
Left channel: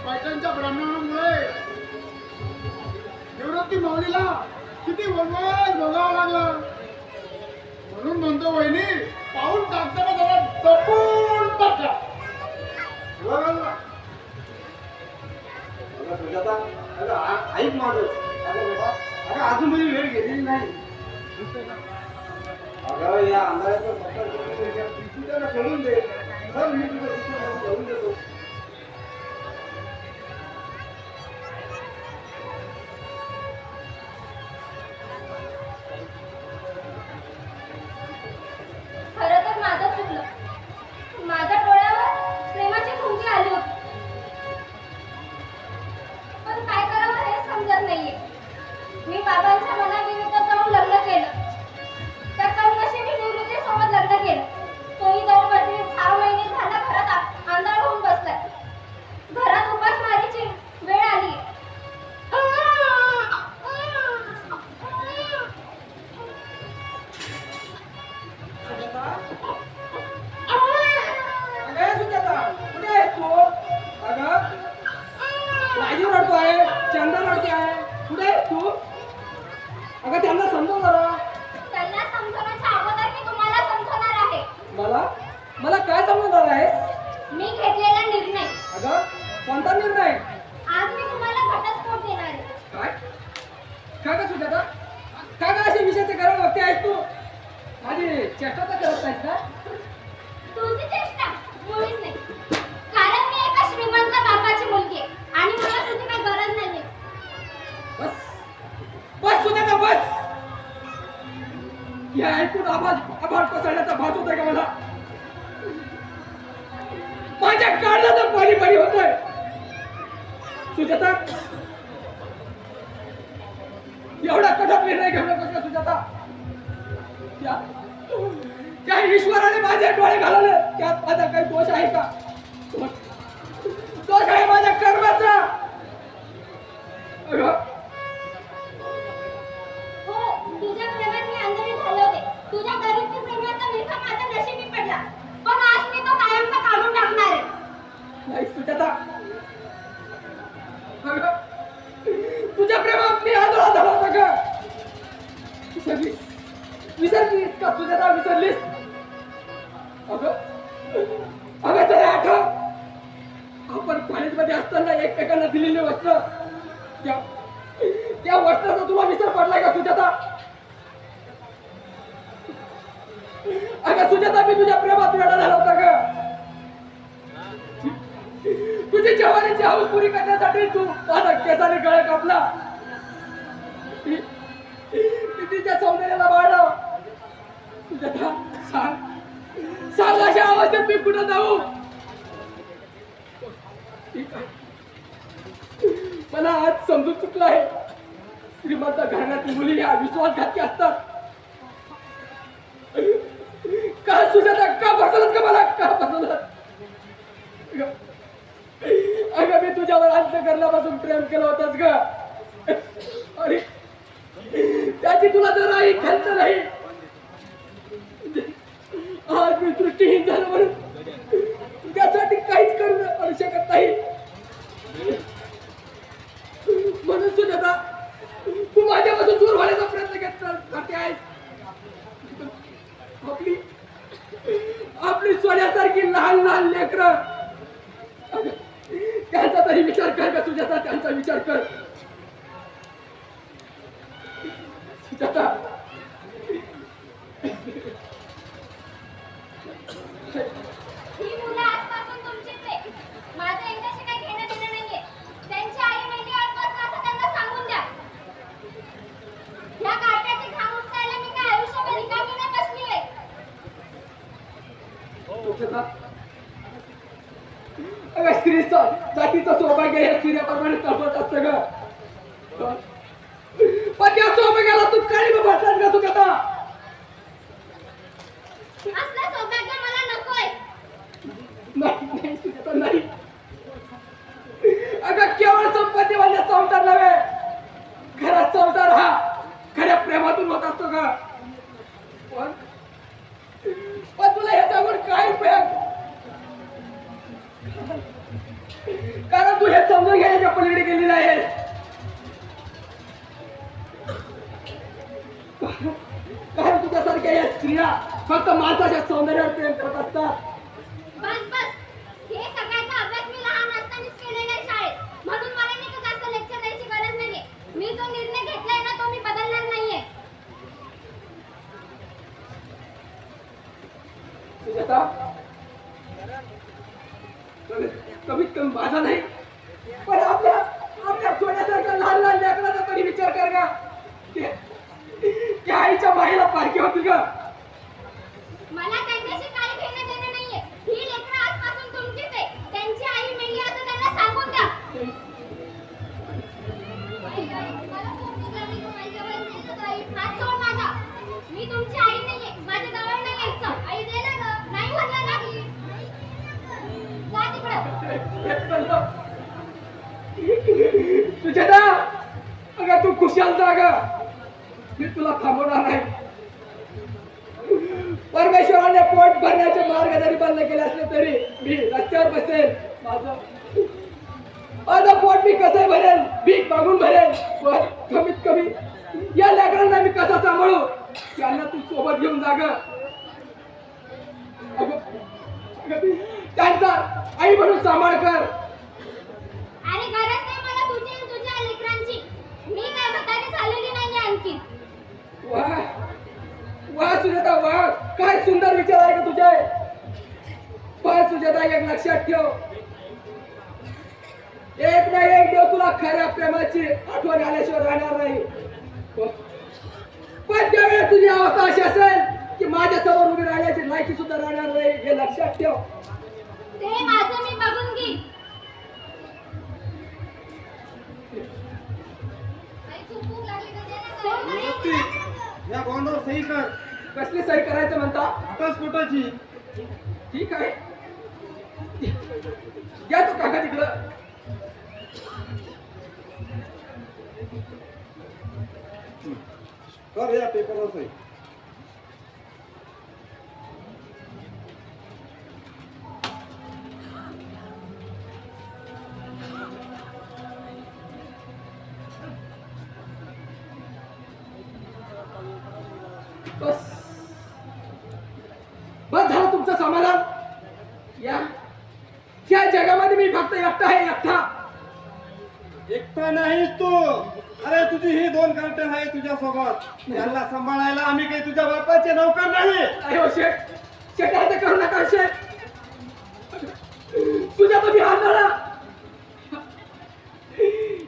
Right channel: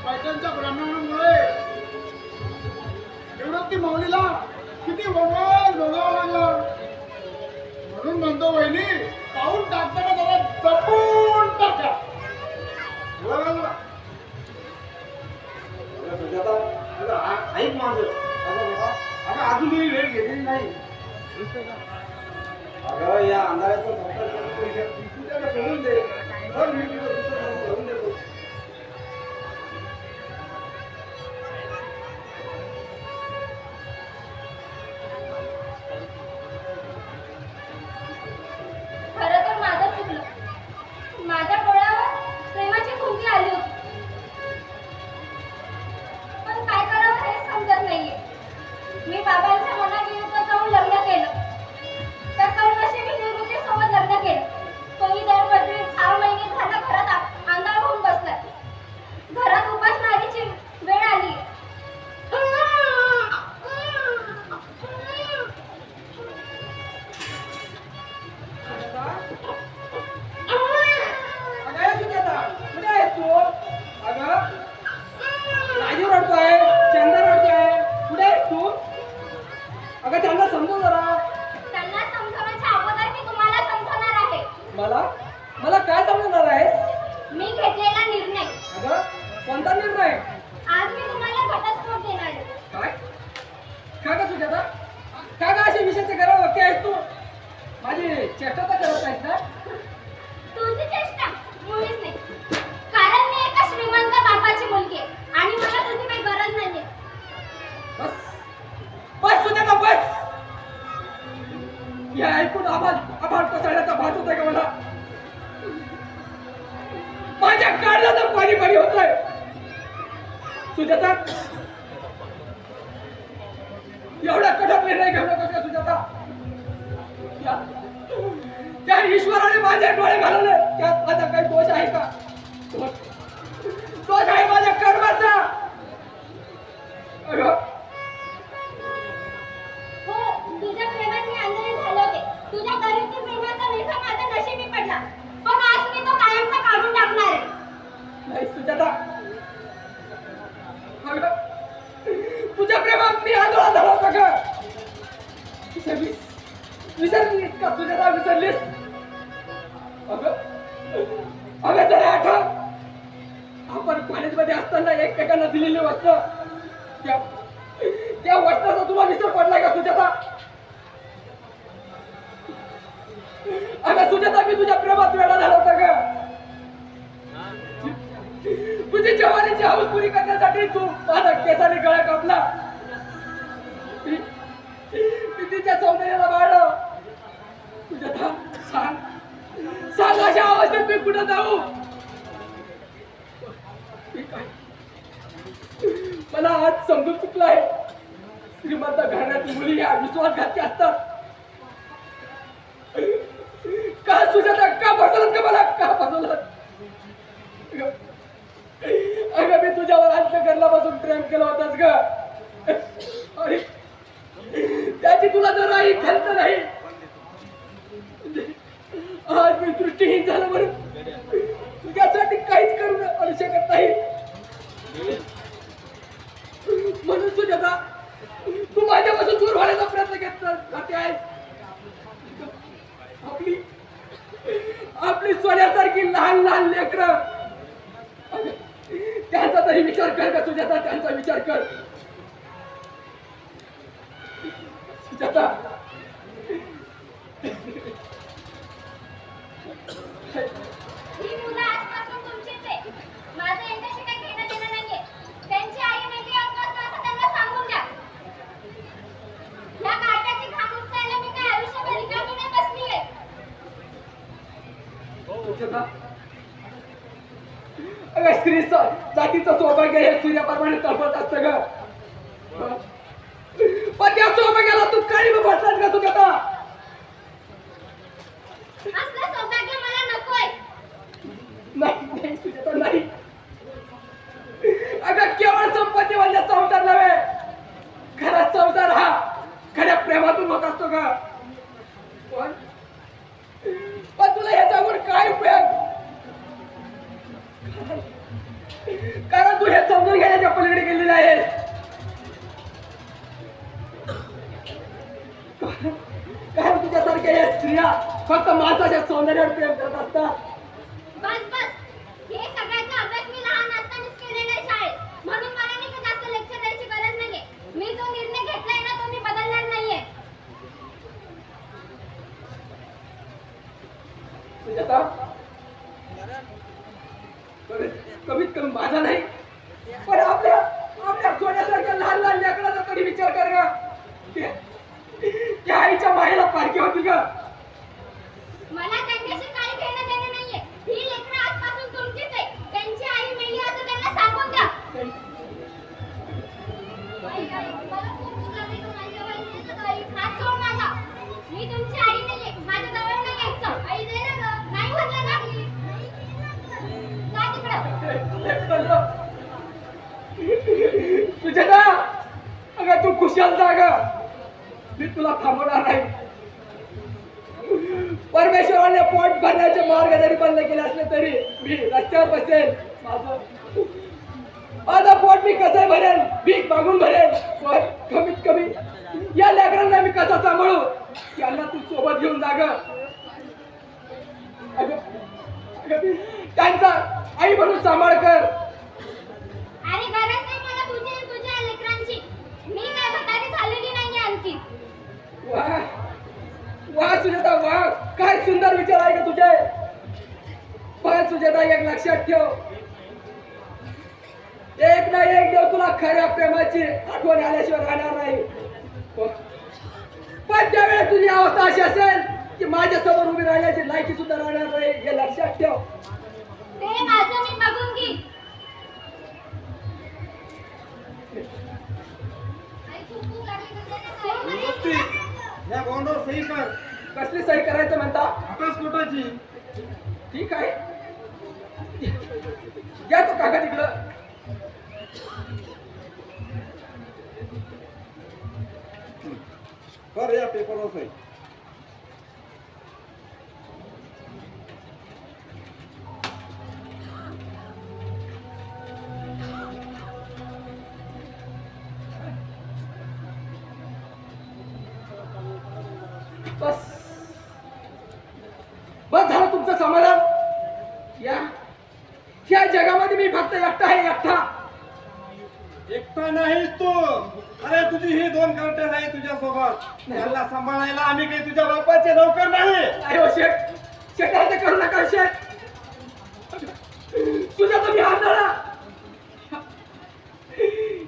पैठणच्या ब्राह्मणांमुळे निवृत्ती माऊलीला किती वनवास भोगावा लागला. म्हणून म्हणतो वहिनी पाऊल टाकताना जरा जपून टाका. अगं सुजाता अगं ऐक माझं. अगं बेटा अगं अजूनही वेळ गेलेली नाही. अगं या अंधाराचा संसार करण्यापेक्षा तू त्याला सोडून दे. तर मी तुझं दुसरं लग्न करून देतो. खरं तर माझं चुकलं. माझ्या डोळ्यावर प्रेमाची खुंटी आली होती. पण काय करावं हे समजत नाहीये. मी बाबांच्या मनाविरुद्ध जाऊन लग्न केलं. त्या कमनशिबी निवृत्ती सोबत लग्न केलं. तोही 6 महिने झाला घरात आंधळ होऊन बसलाय. घरात उपासमारीची वेळ आली. अगं सुजाता कुठे आहेस तू? अगं राजू रडतोय, चंदा रडतोय. कुठे आहेस तू? अगं त्यांना समजव जरा. त्यांना समजवण्याच्या अगोदर मी तुम्हाला समजवणार आहे. मला काय समजणार आहेस? मी घेतलेला निर्णय. अगं कोणता निर्णय? आज मी तुम्हाला घटस्फोट देणार आहे. काय काय का सुजाता? काय का असे विषयाचे गरज व्यक्ती आहेस तू? माझी चेष्टा तर करत नाहीस ना? तुझी चेष्टा मुळीच नाही. कारण मी एका श्रीमंत बापाची मुलगी आहे आणि मला तुझी काही गरज नाहीये. बस सुजाता बस. हे ऐकून आभार कोसळण्याचा भास होतोय का मला? माझ्या काळजात पाणी पाणी होतोय. सुजाता एवढा कठोर निर्णय घेऊ नकोस का सुजाता? त्या ईश्वराने माझे डोळे घालवले त्यात माझा काही दोष आहे का? दोष आहे माझ्या कर्माचा. हो तुझ्या प्रेमात मी आंधळी झाले होते. तुझ्या दरिद्र प्रेमाचा विखा माझ्या नशिबी पडला. पण आज मी तो कायमचा काढून टाकणार आहे. नाही सुजाता तुझ्या प्रेमात मी आंधळा झाला होता का? विसरलीस का सुजाता? विसरलीस? अगं जरा आठव. आपण कॉलेजमध्ये असताना एकमेकांना दिलेली वस्त्र त्या वस्त्राचा तुला विसर पडलाय का सुजाता? अगं सुजाता मी तुझ्या प्रेमात वेडा झाला होता का? तुझी जवानीची हौस पुरी करण्यासाठी तू माझा केसाने गळा कापला. मी तिच्या सौंदर्याला वाढव. सुजाता सांग अशा अवस्थेत मी कुठं जाऊ? मला आज समजून चुकलं आहे. श्रीमंत घराण्यातील मुली या विश्वासघाती असतात. का सुजाता, का फसवलं का मला, का फसवलं? अगं मी तुझ्यावर अंतःकरणापासून प्रेम केलं होतंस ग, अरे त्याची तुला जराही खंत नाही. आज मी दृष्टीहीन झालं म्हणून त्यासाठी काहीच करू शकत नाही. म्हणून सुजाता, तू माझ्यापासून दूर होण्याचा प्रयत्न करते आहेस. आपली सोन्यासारखी लहान लहान लेकरं, त्यांचा तरी विचार कर का सुजाता, त्यांचा विचार कर. सुजाता, ही मुलं आजपासून तुमचीच आहे. माझं यांच्याशी काही घेणं देणं नाहीये. त्यांची आई मेली आजपासून असं त्यांना सांगून द्या. ह्या कार्टाची घाम उपसायला मी काय आयुष्यभर रिकामी नाही बसली आहे. सुजाता, अगं स्त्री जातीचं सौभाग्य हे सूर्याप्रमाणे तळपत असतं ग. पण त्या सौभाग्याला तू काळी बसलास का सुजाता? असलं सौभाग्य मला नकोय. नाही नाही सुजाता, नाही. अगं केवळ संपत्ती म्हणजे संसार नव्हे, खरा संसार हा खऱ्या प्रेमातून होत असतो का? पण तुला हे सांगून काय उपयोग? कारण तू हे समजून घेण्याच्या पलीकडे गेली नाही. कारण तुझ्यासारख्या या स्त्रिया फक्त माणसाच्या सौंदर्यावर प्रेम करत असतात. बस बस, हे सगळ्याचा अभ्यास मी लहान असतानाच केलेला आहे शाळेत. म्हणून मला नाही का जास्त लेक्चर द्यायची गरज नाहीये. मी जो निर्णय घेतलाय ना तो मी बदलणार नाहीये. सुजाता, कमीत कमी माझा नाही पण आपल्या सोन्यासारख्या लहान लहान लेकराचा तरी विचार कर का. त्या आईच्या माईला पारखी होती का? मला त्यांच्याशी काही घेणं देणं नाहीये. ही लेकरं आजपासून तुमचीच आहे. त्यांची आई मेली असं त्यांना सांगून द्या. आई, आई, मला खूप भूक लागली. तू माझ्यावर दे ना गं, आई. हात सोड माझा. मी तुमची आई नाहीये. माझ्या जवळ नाही यायचं. आई दे ना गं. नाही म्हणलं ना. जा तिकडं. सुजाता, अगं तू खुशाल जा ग, मी तुला थांबवणार नाही. परमेश्वराने पोट भरण्याचे मार्ग जरी बंद केले असले तरी मी रस्त्यावर बसेल. माझं पोट मी कसं भरेल, भीक मागून भरेल. पण कमीत कमी या लेकरांना मी कसं सांभाळू, यांना तू सोबत घेऊन जा ग. त्यांचा आई म्हणून सांभाळ कर. आणि गरज नाही मला तुझी आणि तुझ्या लेकरांची. मी काय म्हातारी झालेली नाहीये आणखी. वाह वाह सुजाता, वाह, काय सुंदर विचार आहे का तुझे. पण सुजाता, एक लक्षात ठेव, एक ना एक दिवस तुला खऱ्या प्रेमाची आठवण आल्याशिवाय राहणार नाही. पण त्यावेळेस तुझी अवस्था अशी असेल की माझ्या समोर उभी राहण्याची लायकी सुद्धा राहणार नाही, हे लक्षात ठेव. ते माझं मी बघून घेईन. या बॉन्डवर सही कर. कसली सही करायचं म्हणता? घटस्फोटाची. ठीक आहे, घ्या तो काका तिकडं. कर या पेपरवर सही. बस बस झालं तुमचं समाधान. या जगामध्ये मी फक्त एकटा आहे, एकटा. एकटा नाहीस तू. अरे तुझी ही 2 कार्टे आहे तुझ्या सोबत. यांना सांभाळायला आम्ही काही तुझ्या बापाचे नौकर नाही. अरे हो शेठ, शेठ असं करू नका शेठ. तुझ्या तुम्ही हाताळा.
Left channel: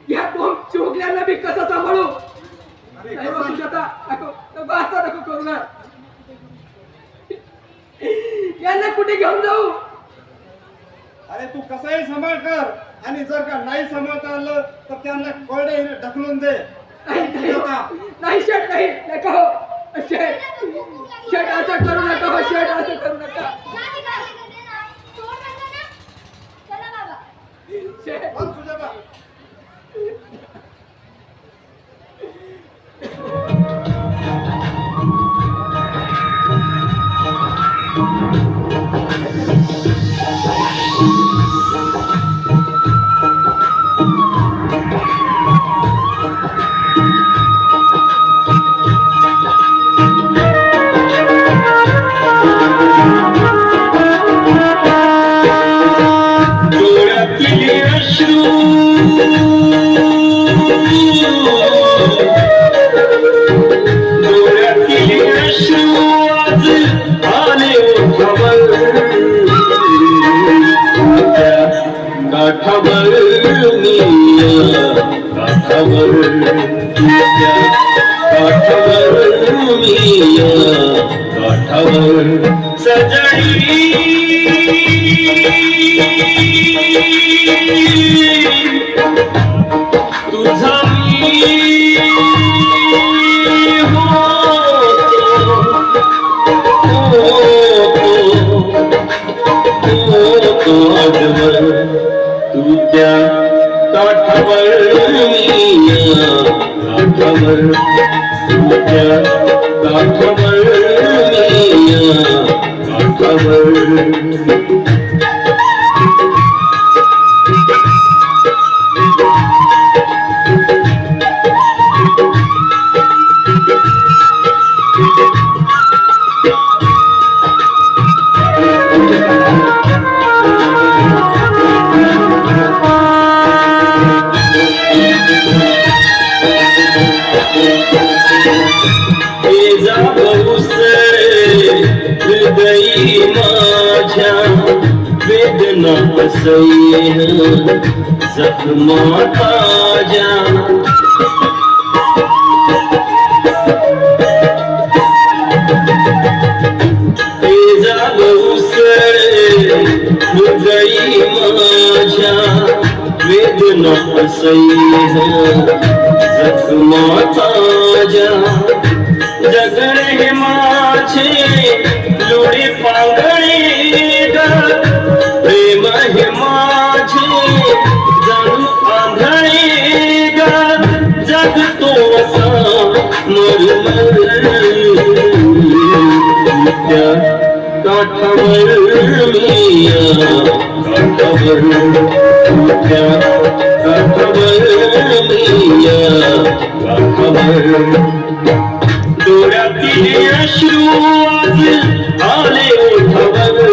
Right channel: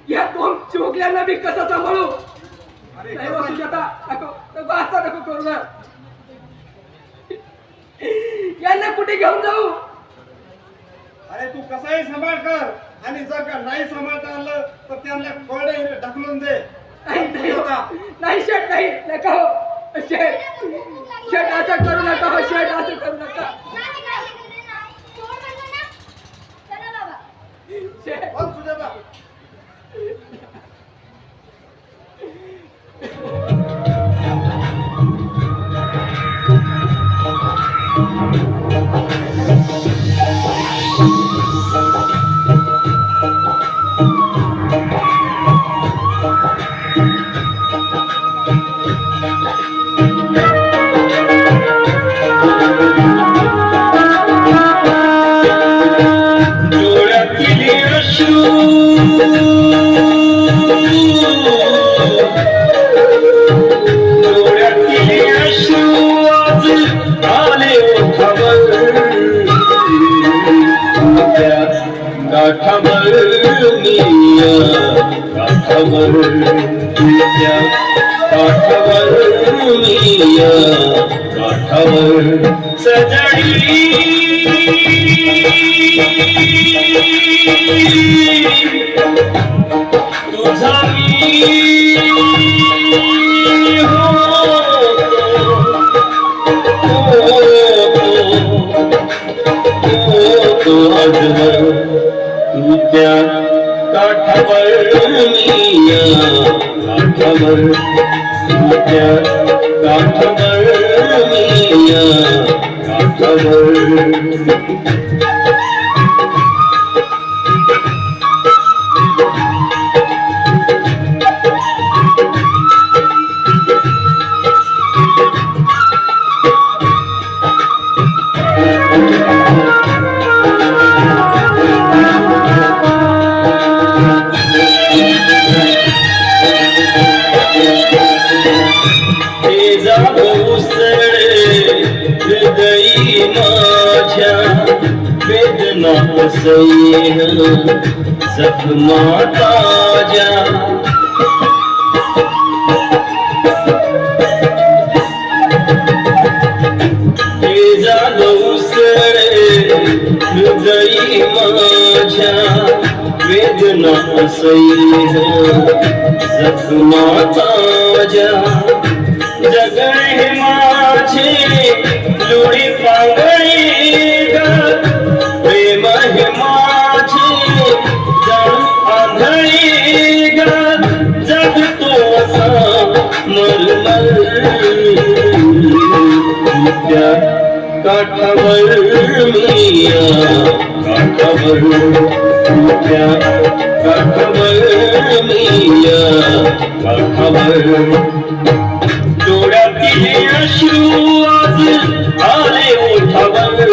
या 2 चोगल्यांना मी कसं सांभाळू? अरे नाही हो सुजाता, नको नको, असं नको करू ना. यांना कुठे घेऊन जाऊ? अरे तू कसाही सांभाळ कर आणि जर का नाही सांभाळता आलं तर त्यांना कोरडे ढकलून दे. नाही शेट नाही नका हो शेट शेट असं करू नका हो शेट असं करू नका चला बाबा शेट बघ तुझ्या बा डोळ्यातील अश्रू डोळ्यातील अश्रू आज आले ओठावर त्या गाठावर निया गाठावर त्या गाठावर निया गाठावर सजडी तुझा मी होतो आजवर तू त्या काठावर मिया काठावर तू त्या काठावर मिया काठावर हृदयी माझ्या वेदना सैन जखमा ताज्या हृदयी माझ्या वेदना सैन जखमा ताज्या जगणे माझे लोडी पांगळी प्रेम हे माझे जणू आंधळी जगतो असा मरमर त्या काठावर मिया काठावर त्या काठावर मिया काठावर डोळ्यातील अश्रू आज आले ओठावर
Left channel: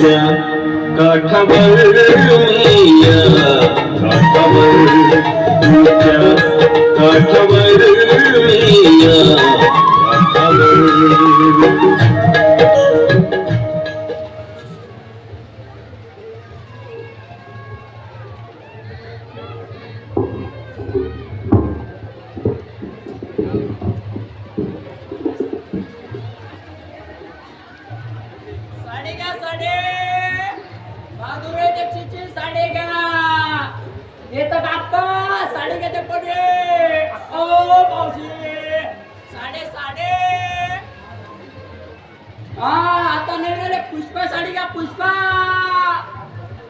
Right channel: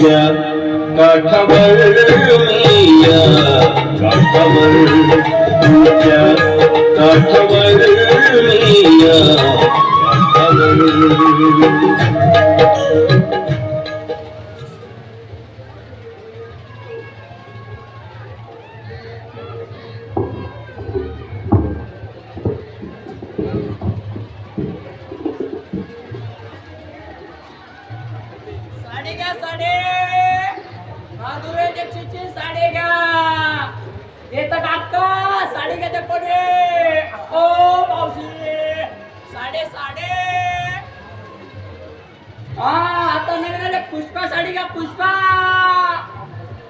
त्या काठावर मिया काठावर त्या काठावर मिया काठावर साडे का साडे माधुरे चिची साडे का येतं काका साडे घेते कोणी ओ मावशी साडे साडे हा आता निघाले पुष्पा साडी का पुष्पा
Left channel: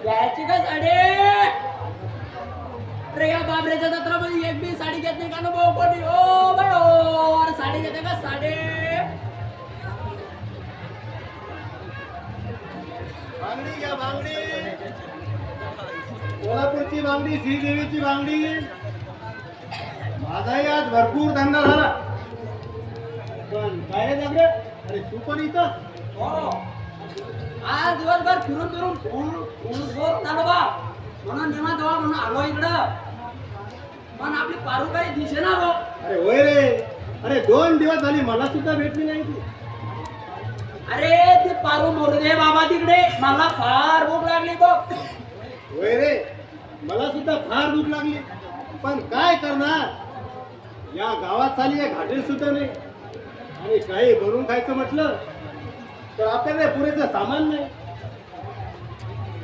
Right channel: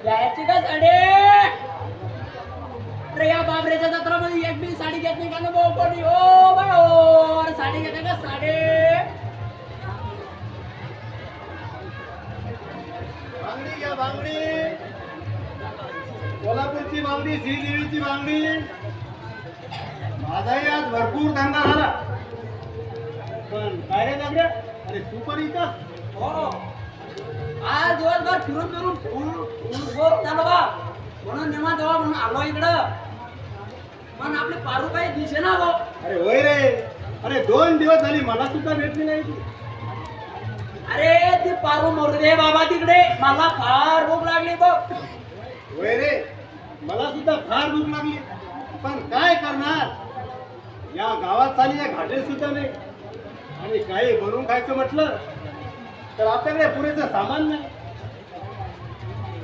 घ्यायची का साडे अरे या बाबरेच्या जत्रामध्ये एक बी साडी घेत नाही का ना भाऊ कोणी ओ बरोबर साडी घेते का साडे बांगडी घ्या बांगडी कोल्हापूरची बांगडी श्रीदेवीची बांगडी माझाही आज भरपूर धंदा झाला पण काय रे जगडे अरे तू पण इथं हो आज दिवसभर फिरून फिरून फुल झालं बा म्हणून निवांत व्हा म्हणून आलो इकडं पण आपली पारू काही दिसे ना हो अरे होय रे अरे 2 दिवस झाली मला सुद्धा भेटली नाही ती अरे ते पारू मोरू दे बाबा तिकडे मला फार भूक लागली बघ होय रे मला सुद्धा फार भूक लागली पण काय करणार या गावात चाली या घाटे सुद्धा नाही आणि काही बनवून खायचं म्हटलं तर आपल्याकडे पुरेसं सामान नाही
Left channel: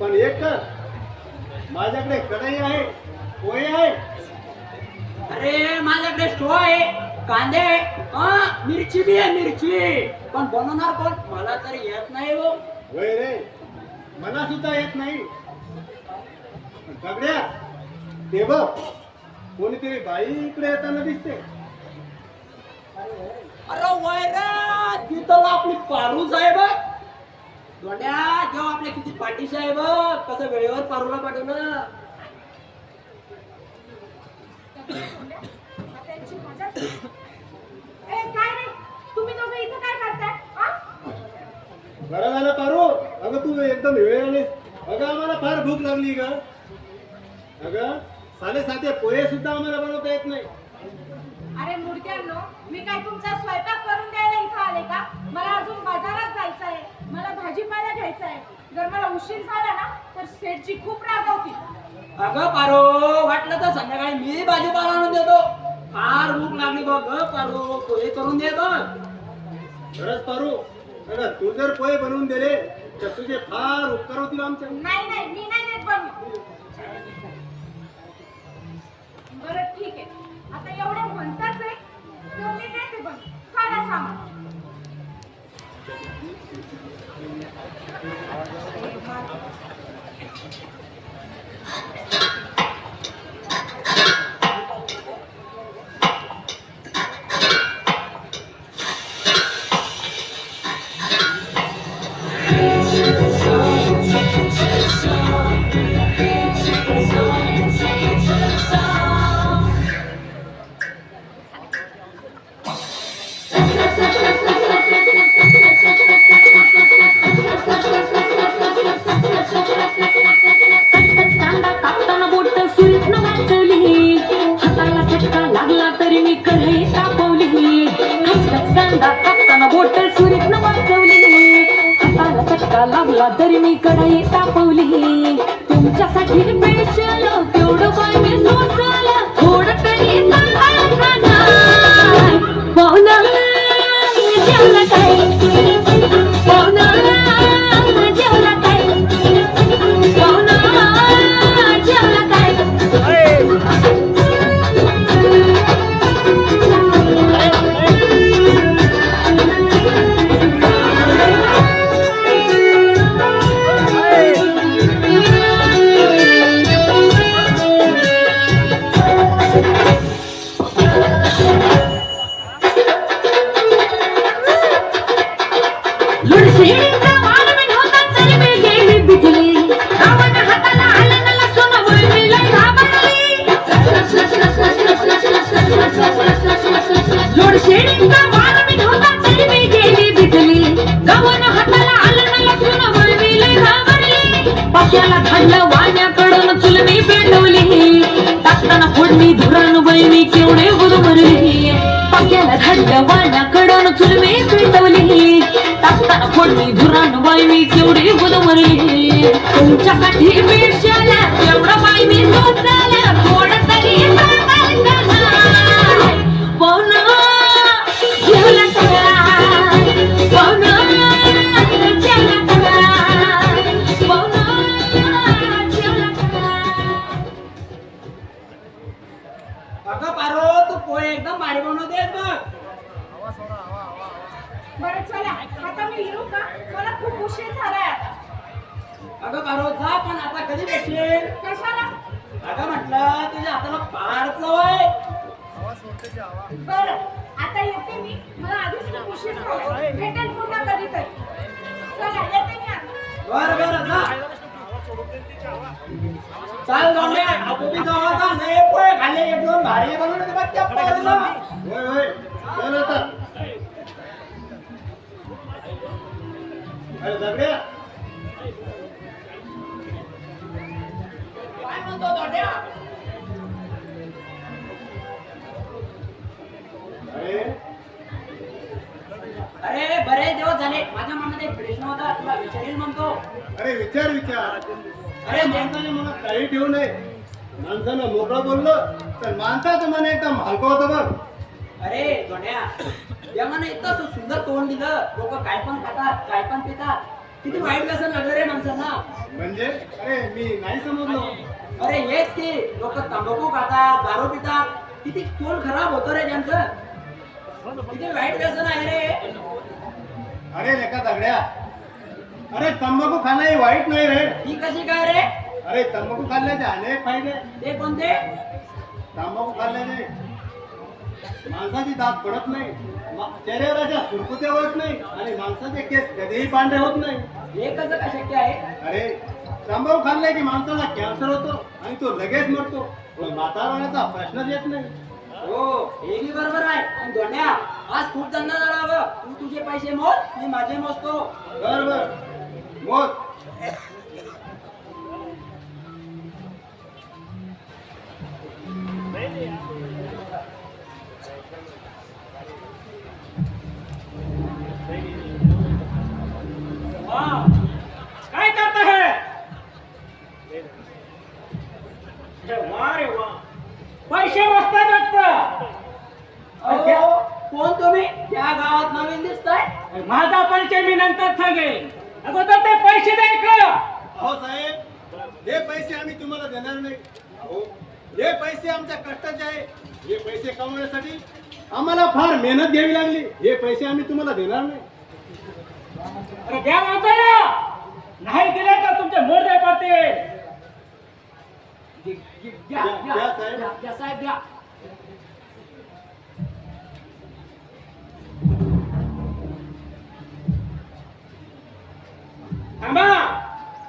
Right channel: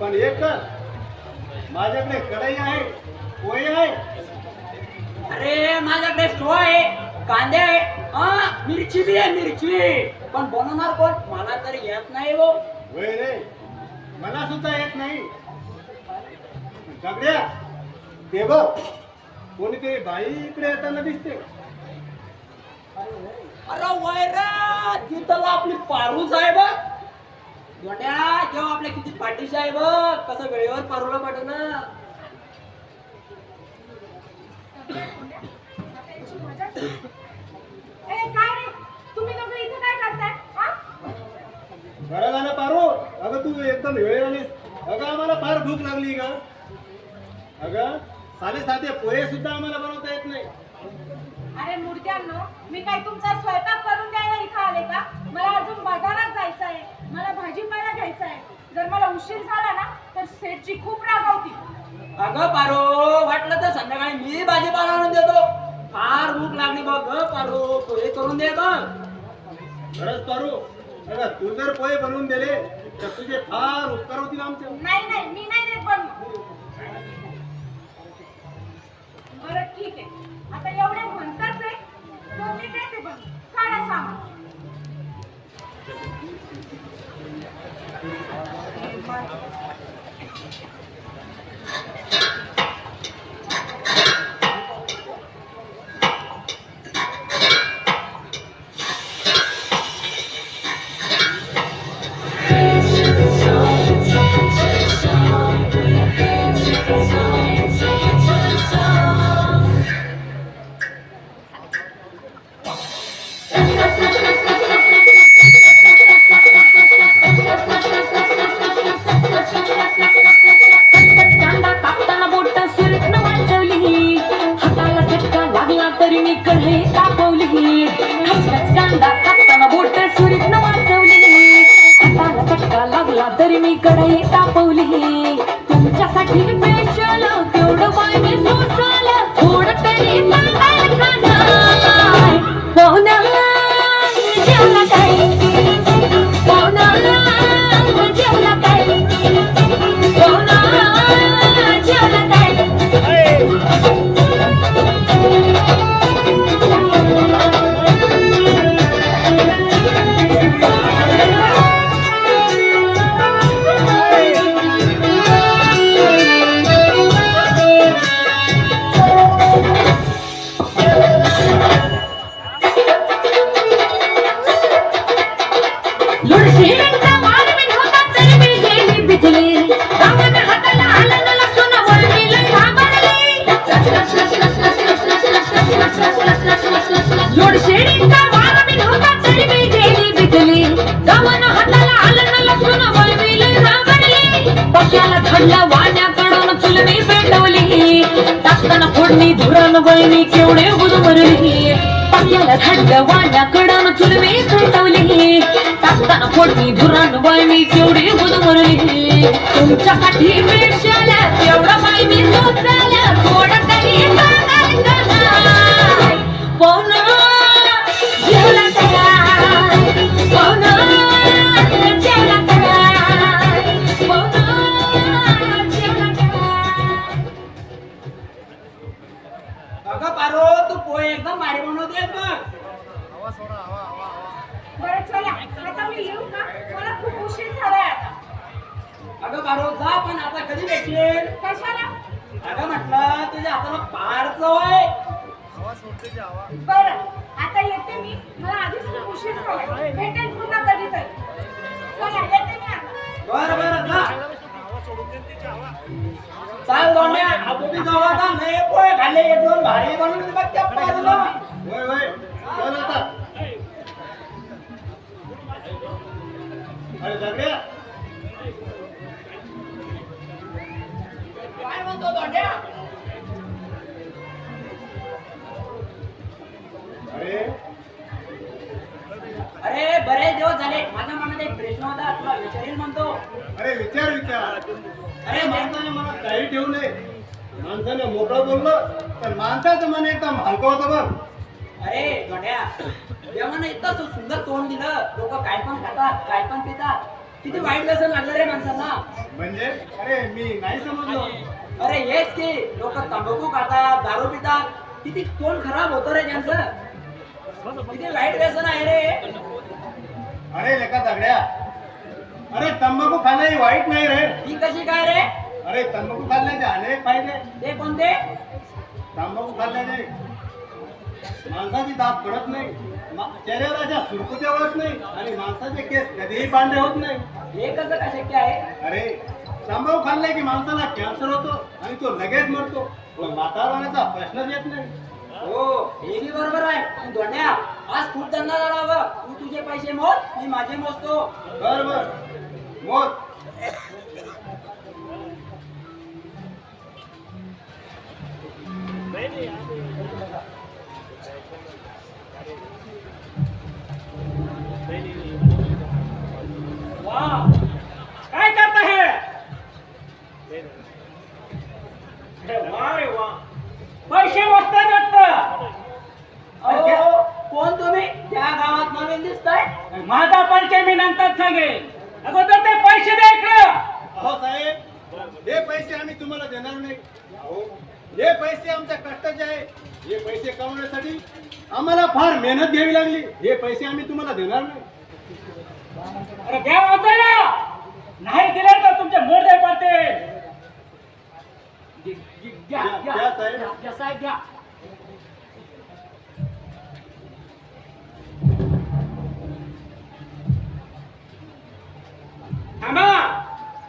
पण एक कर माझ्याकडे कढई आहे पोहे आहे माझ्याकडे स्टो आहे, कांदे आहे, हा मिरची बी आहे, मिरची. पण बनवणार कोण? मला तर येत नाही हो. वय रे, मला सुद्धा येत नाही. दगड्या, ते बघ कोणीतरी बाई इकडे येताना दिसते. अरे वैरा, तिथं आपली पारूच आहे बघ. गोट्या जेव्हा आपल्या किती पाठीशी आहे बघ, कसं वेळेवर पारूला पाठवणं. ए, काय रे तुम्ही दोघं इथं काय करताय आ? बरं झालं पारू, अगं तू एकदम वेळ आलीस. अगं आम्हाला फार भूक लागली ग. अगं साधे साधे पोहे सुद्धा आम्हाला बनवता येत नाही. अरे मुर्द्यांनो, मी काय तुमचा स्वयंपाक करून द्यायला इथं आले का? मला अजून बाजारात जायचं आहे, मला भाजीपाला घ्यायचा आहे. जर मला उशीर झाला ना तर सेठची खूप रागावती. अगं पारो, वाटलं तर संध्याकाळी मी भाजीपाला आणून देतो. फार भूक लागली बघ ग पारो, पोहे करून दे गं. खरंच पारू, अगं तू जर पोहे बनवून दिले तर तुझे फार उपकार होतील आमच्या. नाही नाही, मी नाही देत बनवून. बरं ठीक आहे, आता एवढे म्हणताच आहे तर मी देते बनवून. काढा सामान. कांदा कापताना बोट सुरीतनं वाचवली, हाताला झटका लागला तरी मी कढई तापवली. कांदा कापताना बोट सुरीतनं वाचवली, हाताला झटका लागला तरी मी कढई तापवली. तुमच्यासाठी स्पेशल केवढं बाय मी सोसलं, थोडं तरी सांगाल का नाही? हो ना, जेवलं काय? हो ना, जेवलं काय? हो ना, जेवलं काय? लुडशिंगा वारवीन होता तरी मी गेली बिजली, गावानं हाताला आलं न लसूण वळणी लय घाबरली. लुडशिंगा वारवीन होता तरी मी गेली बिजली, गावानं हाताला आलं न लसूण वळणी लय घाबरली. पाक्याला खाल्लं वाण्याकडून चुलमी पेटवली, टाकताना फोडणी धुरण वळणी केवढे गुदमरली. पाक्याला खाल्लं वाण्याकडून चुलमी पेटवली, टाकताना फोडणी धुरण वळणी केवढी गुदमरली. तुमच्यासाठी स्पेशल एवढं बाई मी सोचलं, थोडं तरी सांगाल का नाही? हो ना, जेवलं काय? हो ना, जेवलं काय? हो ना, जेवलं काय? अगं पारो, तू पोहे एकदम भारी बनवतेस बघ. बरं चला, आता मी येऊ का? मला खूप उशीर झालाय आता. अगं पारो जा, पण आता कधी भेटशील? कशाला? अगं म्हटलं तुझ्या हाताला फार चव आहे. बरं आता येते मी, मला आधीच खूप उशीर झालाय. भेटेल पुन्हा कधीतरी. चला येते मी आता. बरं बरं जा. चाल दोन्ही आपण जाऊ आता. नाही पोहे खाल्ले, एक दोन भारी बनवले बघ त्या पारोला. वय वय, चल आता. अरे दगड्या, काय म्हणतो दोंड्या? अरे अरे बरेच दिवस झाले, माझ्या मनात एक प्रश्न होता, तुला विचारील म्हणतो. अरे विचार विचार. अरे माणसाने मनात काही ठेवू नये. माणसानं मोकळं बोललं तर माणसाचं मन एकदम हलकं होतं बघ. अरे दोंड्या, देवानं इतकं सुंदर तोंड दिलं, लोक काय पण खातात, काय पण पितात. किती वाईट व्यसन लागलं रे माणसांना. म्हणजे अरे मी नाही समजलो. अरे हेच की, लोक तंबाखू खातात, दारू पितात, किती तोंड खराब होतं रे त्यांचं. किती वाईट व्यसन आहे रे. अरे लेका दगड्या, अरे तंबाखू खाणं हे वाईट नाही रे. ही कशी काय रे? अरे तंबाखू खाल्ल्याचे अनेक फायदे. ते कोणते? तंबाखू खाल्ल्याने माणसाची दात पडत नाही, चेहऱ्यावर अशा सुरकुत्या होत नाही आणि माणसाचे केस कधीही पांढरे होत नाही. हे कसं काय शक्य आहे? अरे तंबाखू खाल्ला की माणसाला कॅन्सर होतो आणि तो लगेच मरतो. म्हातारपणाचा प्रश्नच येत नाही. हो हे बी बरोबर आहे. पण धोंड्या, आज खूप धंदा झाला बघ. तू तुझे पैसे मोज, मी माझे मोजतो. बर बर मोज. वाह, काय करता है? अरे वाह रे वाह, पैसे मस्त वाटतं. अहो कोण तुम्ही? त्या गावात नवीन दिसताय. माझा परिचय मी नंतर सांगेन, अगोदर ते पैसे द्या इकडं. अहो साहेब, हे पैसे आम्ही तुम्हाला देणार नाही. अहो हे पैसे आमच्या कष्टाचे आहे. हे पैसे कमवण्यासाठी आम्हाला फार मेहनत घ्यावी लागली. हे पैसे आम्ही तुम्हाला देणार नाही. अरे द्या म्हणतोय ना, नाही दिले तर तुमचे मोडदे पडतील. द्या, द्या, द्या, साहेब. द्या, द्या, साहेब द्या. थांबा,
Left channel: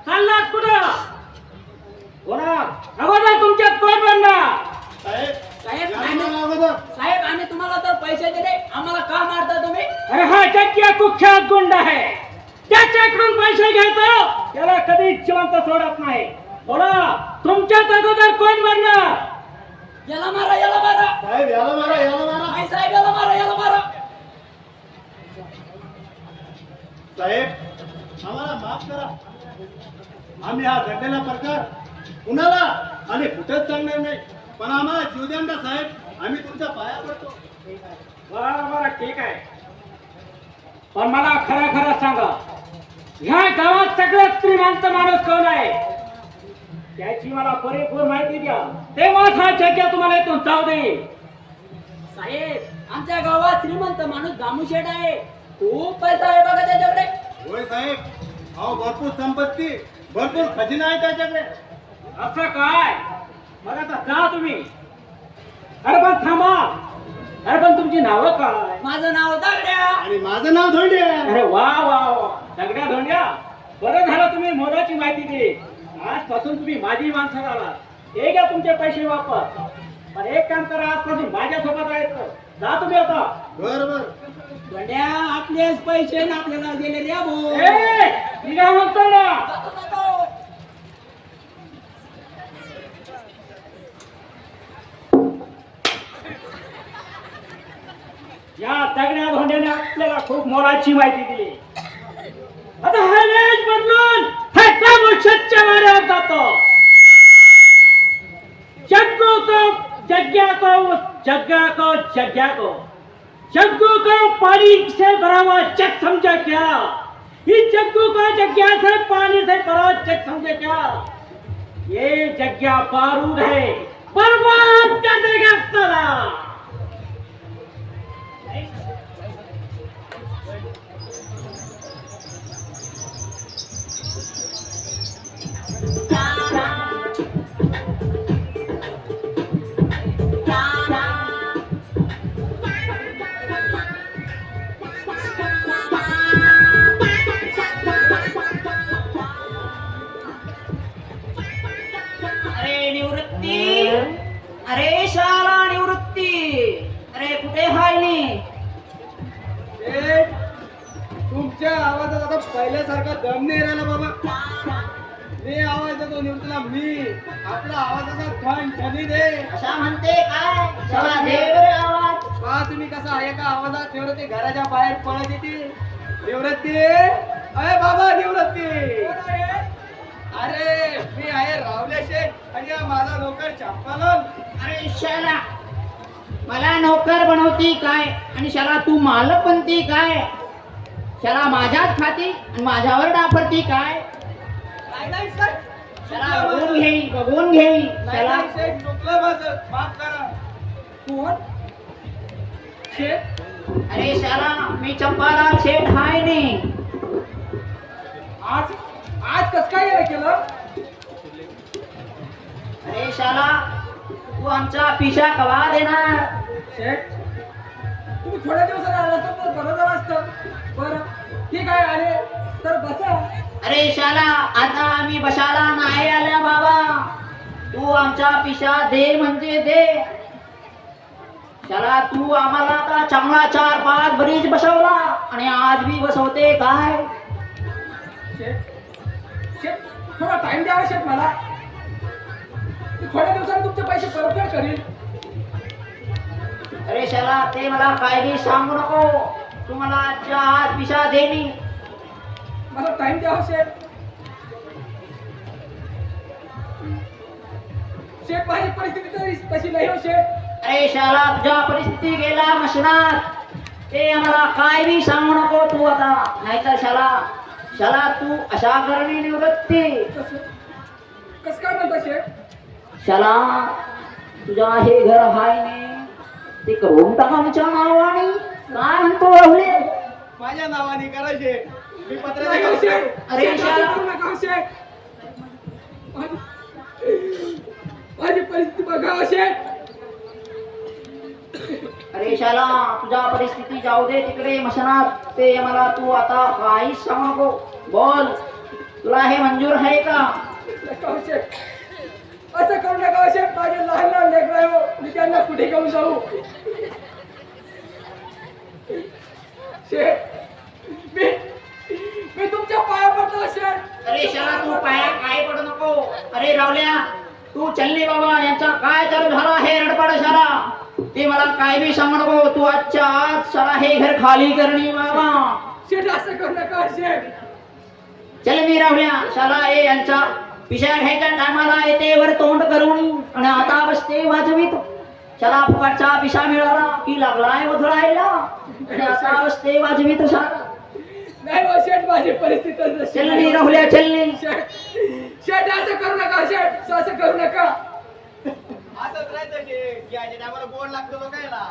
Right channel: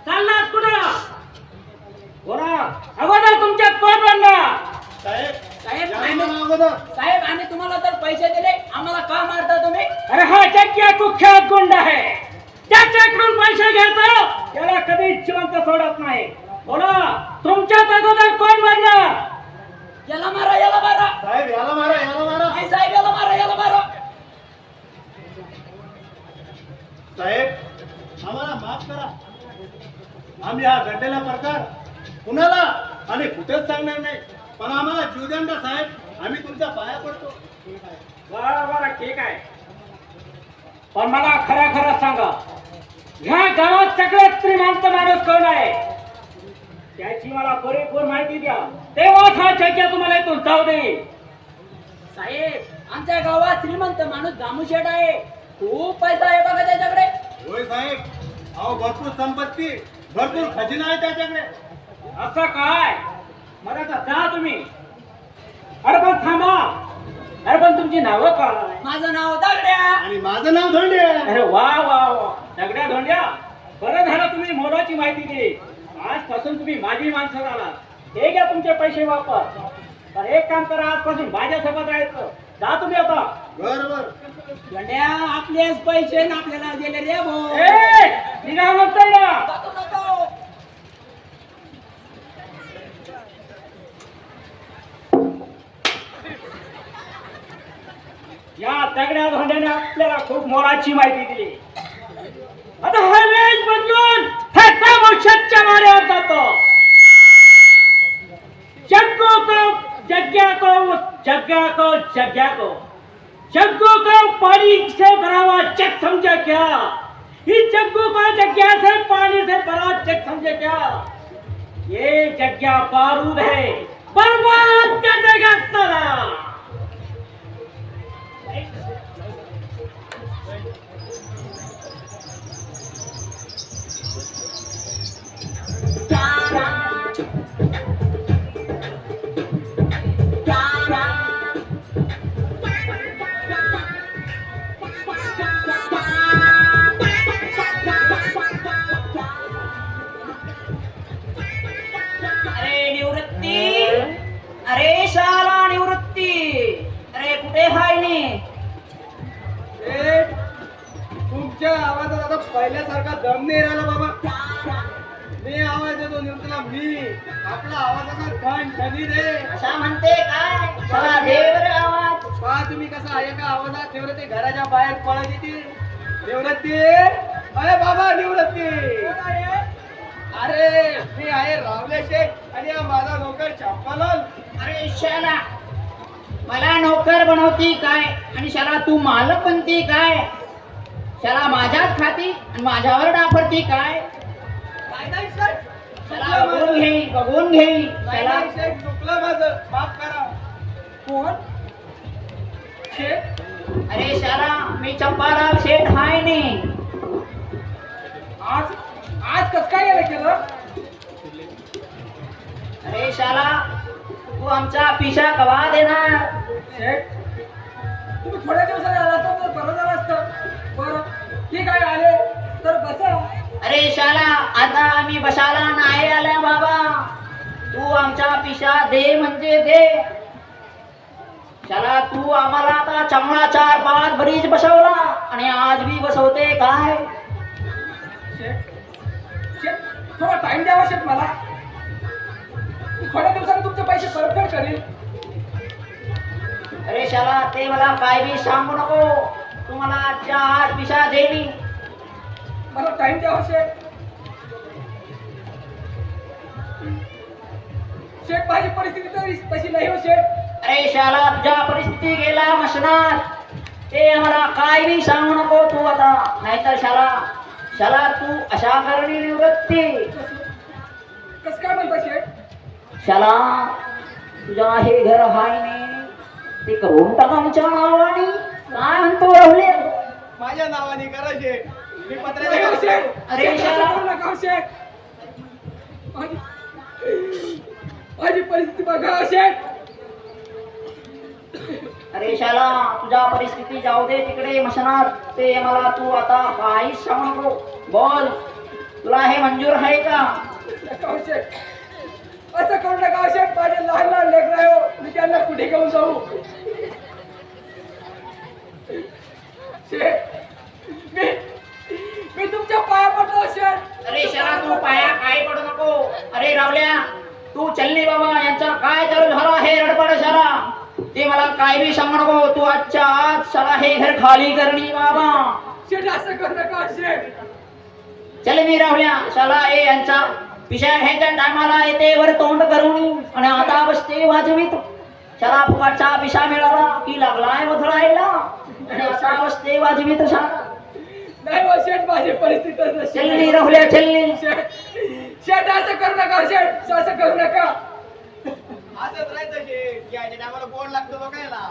चाललात कुठं? बोला, अगोदर तुमच्यात कोण बनणार? साहेब साहेब, या आम्ही- ना अगोदर. साहेब आम्ही तुम्हाला तर पैसे दिले, आम्हाला का मारता तुम्ही? अरे हा जग्या कुख्यात गुंड आहे, त्याच्याकडून पैसे घेतो, त्याला कधी जिवंत सोडत नाही. बोला, तुमच्यात अगोदर कोण बनणार? याला मारा, याला मारा. साहेब याला मारा, याला मारा. नाही साहेब, याला मारा, याला मारा. साहेब आम्हाला माफ करा. आम्ही हा घडलेला प्रकार कुणाला आणि कुठेच सांगणार नाही. पण आम्हाला जीवदंड साहेब, आम्ही तुमच्या पाया पडतो. बरं बरं ठीक आहे, पण मला खरं खरं सांगा, ह्या गावात सगळ्यात श्रीमंत माणूस कोण आहे? त्याची मला पुरेपूर माहिती द्या, तेव्हाच हा जग्या तुम्हाला इथून जाऊ देईल. साहेब आमच्या गावात श्रीमंत माणूस दामूशेठ आहे. खूप पैसा आहे बघा त्याच्याकडे. होय साहेब, अहो भरपूर संपत्ती, भरपूर खजिना आहे त्याच्याकडे. असं काय? मग आता जा तुम्ही. अरे पण थांबा, अरे पण तुमची नावं काय? माझं नाव दगड्या. आणि माझं नाव धोंडे आहे. अरे वा वा वा, दगड्या धोंड्या, बरं झालं तुम्ही मोलाची माहिती दिली. आजपासून तुम्ही माझी माणसं झाला. हे घ्या तुमचे पैसे वापस. पण एक काम करा, आजपासून माझ्यासोबत राहायचं. जा तुम्ही आता. बर बर. गड्या, आपलेच पैसे ना आपल्याला दिले रे भाऊ. ए, निघा म्हणतोय ना. जातो, जातो. या दगड्या धोंड्याने आपल्याला खूप मोलाची माहिती दिली. आता हा वेश बदलून हे दामोशेठच्या वाड्यावर जातो. जग्गू को जग्या को, जग्गा को जग्या को, जग्गू को पानी से भरा हुआ जग समझा क्या? इस जग्गू को जग्या से पानी से भरा हुआ जग समझा क्या? ये जग्या बारूद है, बर्बाद कर देगा साला. अरे निवृत्ती, अरे शाळा निवृत्ती, अरे कुठे हाय नी? तुमच्या आवाजात आता पहिल्यासारखा दम नाही राहिला बाबा. मी आवाज देतो निवृत्तीला, मी आपला आवाजाचा घाण ठनी रे. अशा म्हणते काय? शाळा देव रे आवाज. पहा तुम्ही कसा एका आवाजात निवृत्ती घराच्या बाहेर पळत येते. निवृत्ती, अरे बाबा निवृत्ती. अरे मी आहे रावले शेठ आणि हा माझा नोकर चाप्पालाल. अरे शाला, मला नोकर बनवती काय आणि शाला तू मालक बनती काय? शाला माझ्यात खाती आणि माझ्यावर डाफरती काय? नाही साहेब, शाला बघून घेई, बघून घेई. नाही शाला नाही साहेब, चुकलं माझं, माफ करा. कोण शेठ अरे शाला मी चंपालाल शेठ हाय ने. आज आज कस काय यायला केलं अरे शाला तू आमचा पिशा कवा देणार. शेठ तुम्ही थोड्या दिवसाने आला तर बरं झालं असतं. बरं ठीक आहे आले तर बसा. अरे शाला आता आम्ही बशाला नाही आल्या बाबा. तू आमचा पिशा दे म्हणजे दे. शाला तू आम्हाला आता चांगला 4-5 ब्रिज बसवला आणि आज बी बसवते काय. शेठ शेठ थोडा टाइम द्यावा शेठ मला. मी थोड्या दिवसांनी तुमचे पैसे परतफेड करीन. अरे शाला ते मला काय बी सांगू नको. तू मला आजच्या आज पिशा दे नी. मला टाइम द्यावा शेठ. शेठ माझी परिस्थिती तशी नाही हो शेठ. अरे शाला तुझ्या परिस्थिती गेला मसनात. ते आम्हाला काय बी सांगू नको तू आता. नाहीतर शाला शाला तू अशा करणी निवृत्ती. कस काय म्हणता शेठ. शाला तुझ्या हे घर हाय ने ते करून टाका आमच्या नावाने. काय म्हणतो राहुले. माझ्या नावाने करायचे मी पत्र नाही हो शेठ. अरे शेठ, असं शाला. करू नका हो शेठ. माझी परिस्थिती बघा हो शेठ. अरे शाला तुझ्या परिस्थिती जाऊ दे तिकडे मसनात. ते मला तू आता काहीच सांगू नको. बोल तुला हे मंजूर आहे का. नका हो शेठ. असं करू नका हो शेठ. माझे लहान लहान लेकरं आहे हो. मी त्यांना कुठे घेऊन जाऊ. शेठ मी तुमच्या पाया पडतो शेठ. अरे शाला तू पाया काय पडू नको. अरे रावल्या तू चल्ली बाबा. यांचा काय चालू झाला हे रडपड शाला. ते मला काय बी सांगू नको. तू आजच्या आज शाला हे घर खाली करणी बाबा. शेठ असं करू नका शेठ. चल मी राहुल्या शाला हे यांचा पिशा घ्यायच्या टायमाला येते वर तोंड करून आणि आता बसते वाजवीत. शाला फुकटचा पिशा मिळाला की लागलाय उधळायला आणि आता बसते वाजवीत शाला. नाही हो शेठ माझी परिस्थिती तशी चल नाही. मी राहुल्या चल्ली. शेठ असं करू नका शेठ. असं करू नका. असंच राहायचं शेठ. यायच्या टायमाला बोर्ड लागतो बघायला.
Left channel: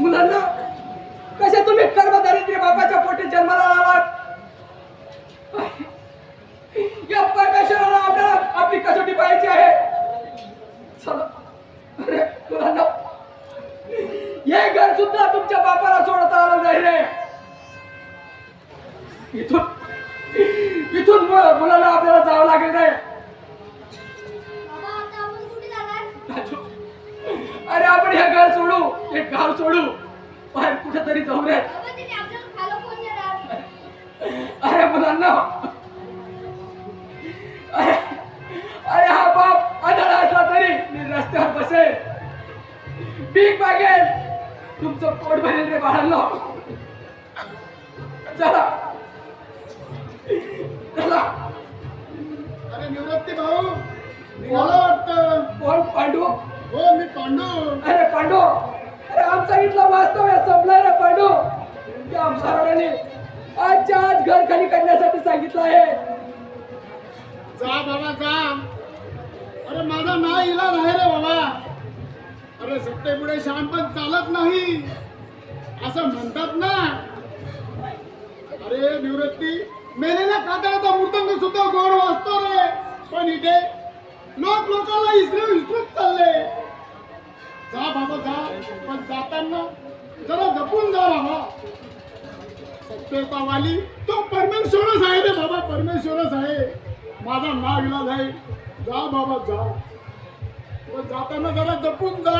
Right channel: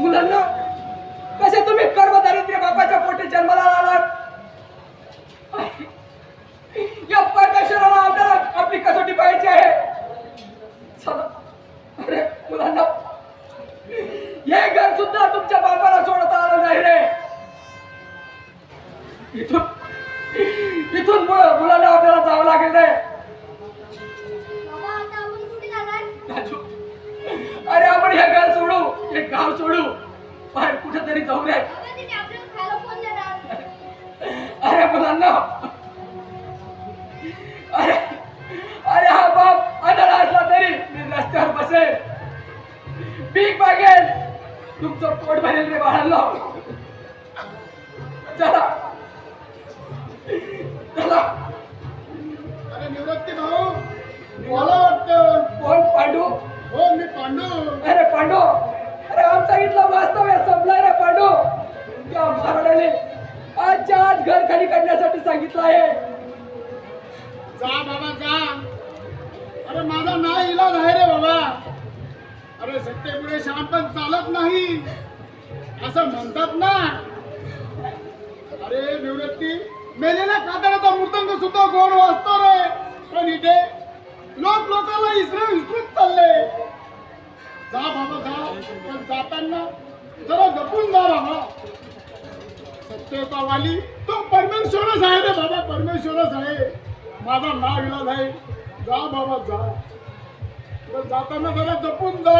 मुलांना कसे तुम्ही कर्मदारिद्र्य बापाच्या पोटी जन्माला आलात. या परमेश्वराला आपल्याला आपली कसोटी पाहायची आहे. चला अरे मुलांना हे घर सुद्धा तुमच्या बापाला सोडता आलं नाही रे. इथून मुलाला आपल्याला जावं लागेल रे. बाबा आता आपण कुठे जाणार? अरे आपण हे घर सोडू. हे गाव सोडू. बाहेर कुठेतरी जाऊ रे. बाबा तिथे आपल्याला खायला कोण देणार? अरे मुलांना अरे अरे हा बाप आंधळा असला तरी मी रस्त्यावर बसेल. भीक मागेल. तुमचं पोट भरेल रे बाळांनो. चला चला. अरे निवृत्ती भाऊ मला वाटतं. कोण पांडू. हो मी पांडू. अरे पांडू. अरे आमचा इथला वास्तव आहे संपलाय रे पांडू. त्या महाराजाने आजच्या आज घर खाली करण्यासाठी सांगितलं आहे. जा बाबा जा. अरे माझा ना इलाज आहे रे बाबा. अरे सत्तेपुढे शहाणपण चालत नाही असं म्हणतात ना. अरे निवृत्ती मेलेल्या कातळाचा मृदंग सुद्धा गोड वाजतो रे. पण इथे लोकांना विसरून चालले. जा बाबा जा. पण जाताना जरा जपून जा बाबा. सत्तेचा वाली तो परमेश्वरच आहे रे बाबा. परमेश्वरच आहे. माझा नाव इलाज आहे. जा बाबा जा. पण जाताना जरा जपून जा.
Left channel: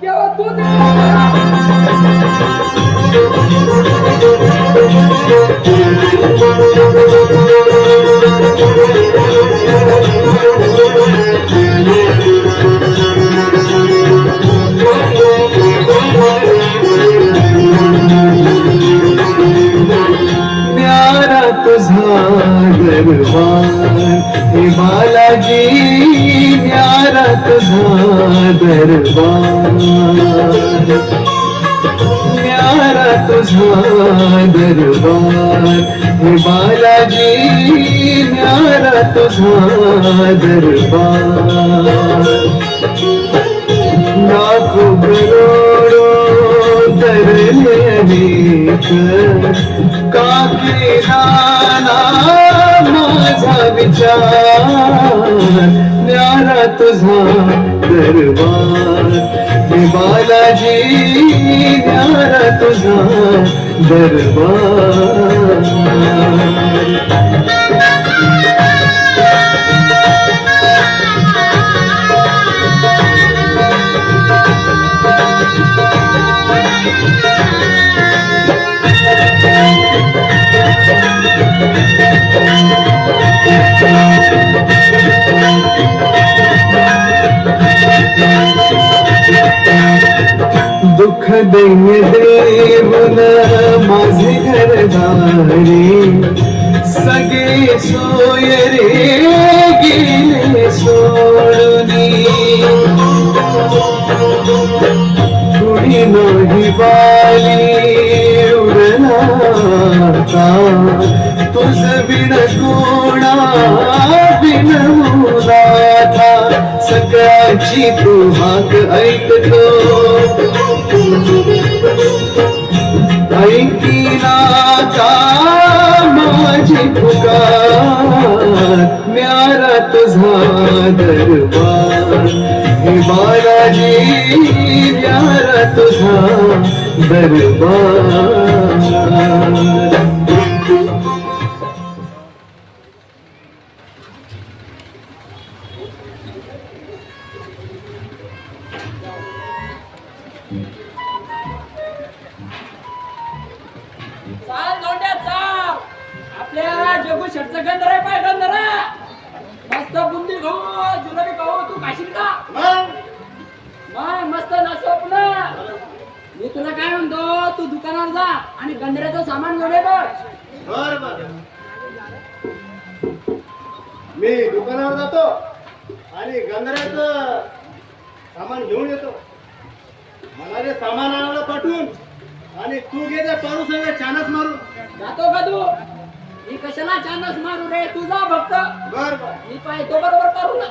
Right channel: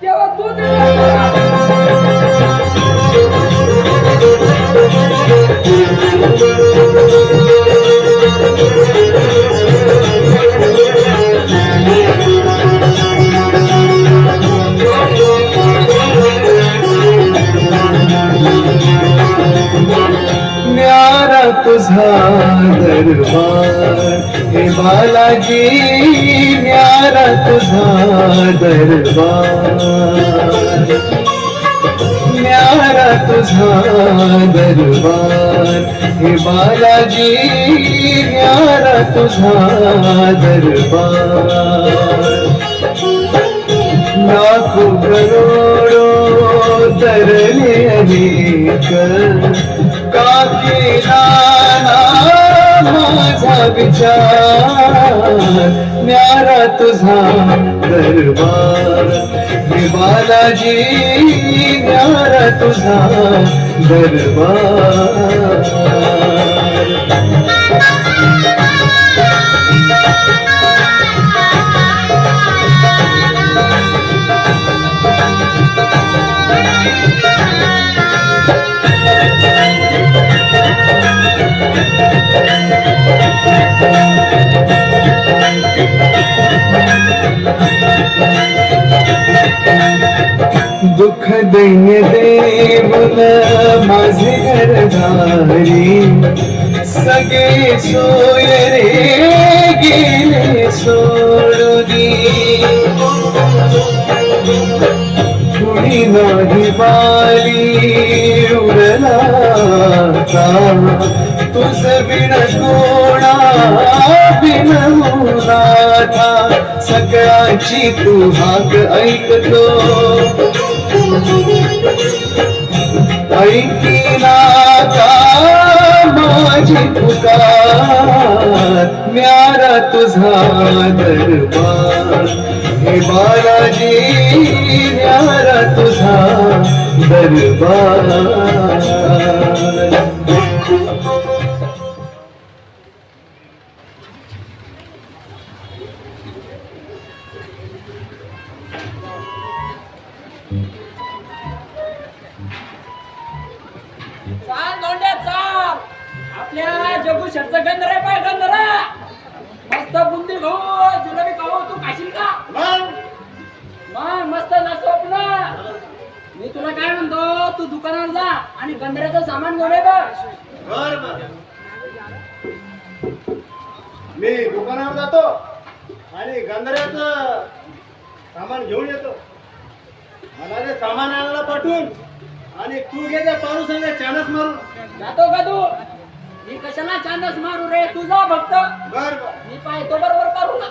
तेव्हा तू Thank you. तुझा दरबार न्यारा तुझा दरबार हे बालाजी न्यारा तुझा दरबार लाखो करोडो तरले अनेक का केला ना माझा विचार न्यारा तुझा दरबार हे बालाजी न्यारा तुझा दरबार दुःख दैन्य देऊन माझे घरदारी सगळे सोय रे गेले सोडूनी कुणी नाही बाली उरला तुझ बिन कोणा बिन मुलाथा सगळ्याची तू हाक ऐकतो ऐकिना का माझी पुकार न्यारा तुझा दरबार हे बालाजी न्यारा तुझा दरबार चाल दोंड्या चाल आपल्या जगू शर्ट गंधरा पाय गंधरा मस्त बुंदी खाऊ जिलेबी खाऊ तू खाशील का मग मस्त ना स्वप्न मी तुला काय म्हणतो तू दुकानात जा आणि गंधऱ्याचं सामान घेऊन ये बघ बर मी दुकानावर जातो आणि गंधऱ्याचं सामान घेऊन येतो मला ते सामान आणायला पाठवून आणि तू घे त्या पारू संग चानस मारू जातो का तू मी कशाला चांदस मारू रे तू जा फक्त बर मी पाहतो बरोबर करू ना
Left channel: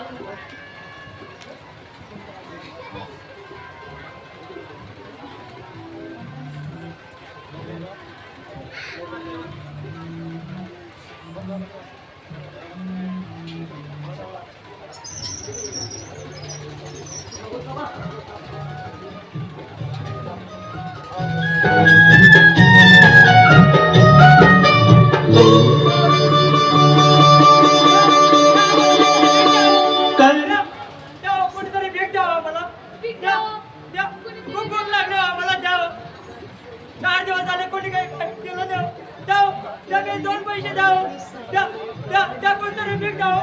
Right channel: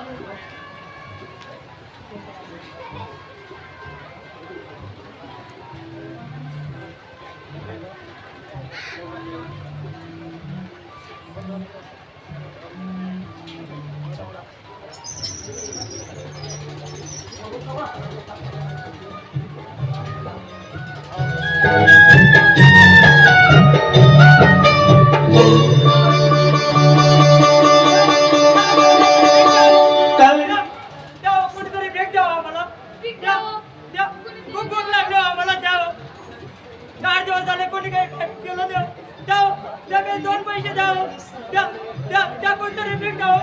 कोणीतरी भेट द्यावा मला द्या खूप भूक लागली मला द्याव 4 दिवस झाले कोणी काही केलं द्याव काही 2 पैसे द्या कोणतरी भेट द्याव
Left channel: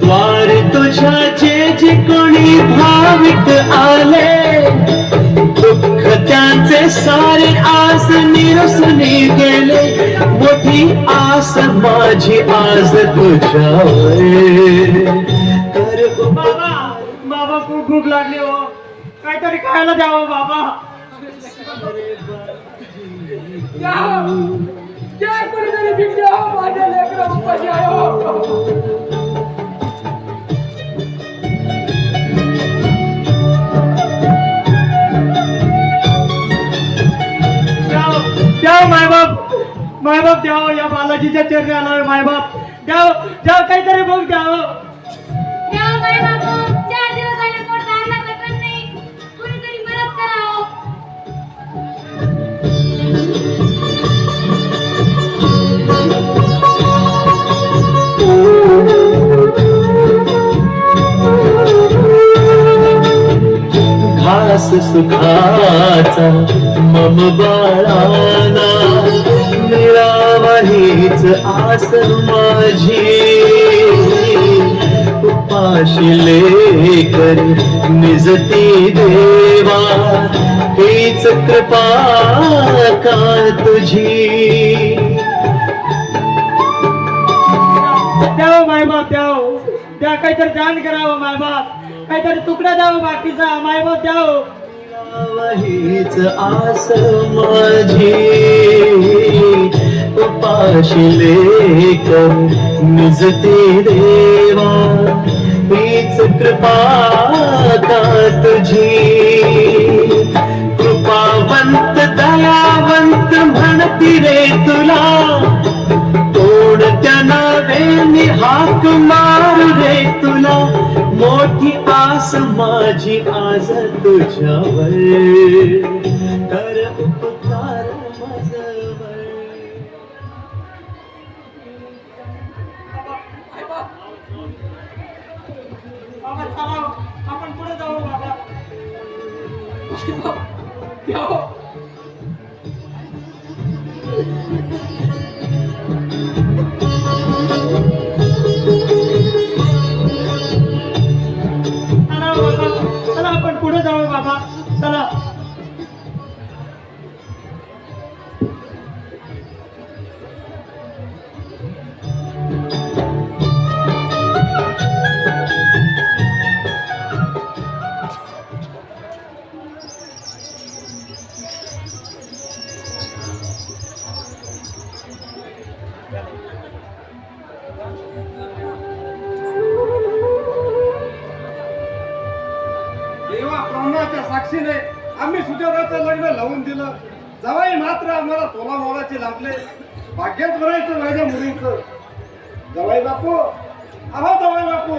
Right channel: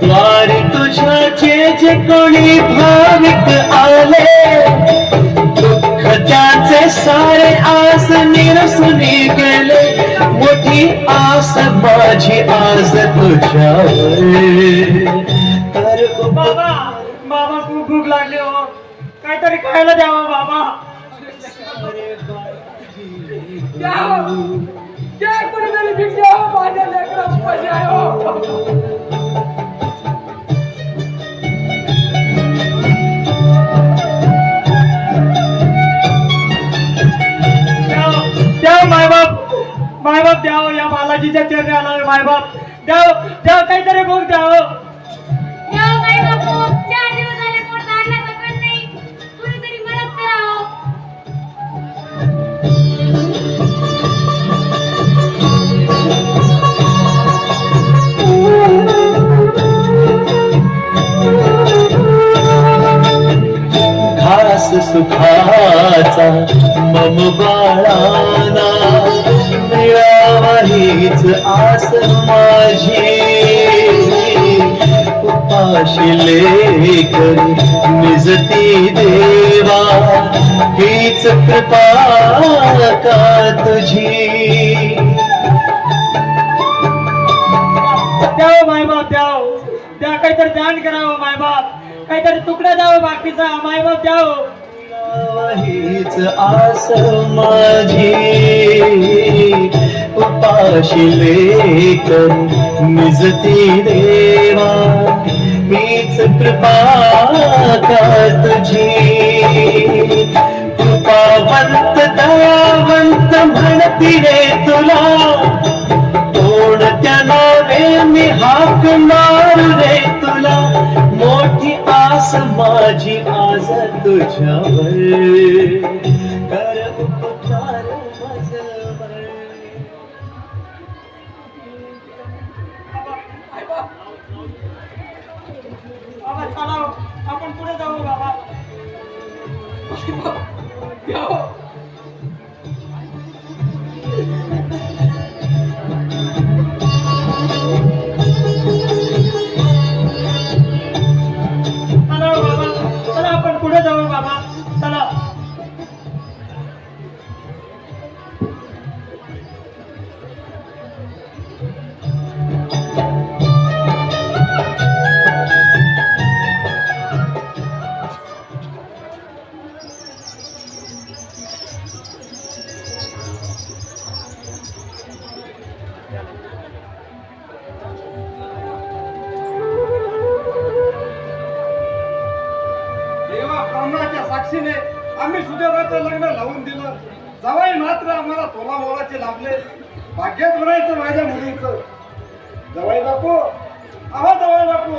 द्वार तुझ्याचे जे कोणी भाविक आले दुःख त्याचे सारे आस निरसुनी गेले मोठी आस माझी आज तुझ्यावर तर बाबा खूप भूक लागली हो काहीतरी खायला द्यावं बाबा द्या कोणीतरी भेट द्याव माझ्या लेकरं उपाशी आहे हो मायबाप द्यावं या बालाजीच्या चरणी आलोय मायबाप द्याव काहीतरी मग द्यावं देव काय बापू 4 दिवस झाले पोट अन्नाचं कण नाही कुणीतरी मदत करावं घास सुखाचा मम बाळाना मिळावा हीच आस माझी उपाशी लेकर निजती देवा हीच कृपा का तुझी द्यावं मायबाप द्यावं, द्या काहीतरी दान करावं मायबाप, काहीतरी तुकडा द्यावं बाकीचा मायबाप द्यावं. हीच आस माझी उपाशी लेकर निजती देवा, हीच कृपा का तुझी. कृपावंत दयावंत म्हणती रे तुला, तोडत्या नावे हाक मारू रे तुला. मोठी आस माझी आज तुझ्यावर, कर उपकार माझ्यावर. बाबा चला आपण पुढे जाऊ बाबा. चला बाबा, चला आपण पुढे जाऊ बाबा, चला. देवा ब्रह्माच्या साक्षीने आम्ही सुदेवाचं लग्न लावून दिलं. जवाई मात्र आम्हाला तोला मोलाचे लाभले. भाग्यात भरायचं माझ्या मुलीचं. जवाई बापू, आहा जवाई बापू.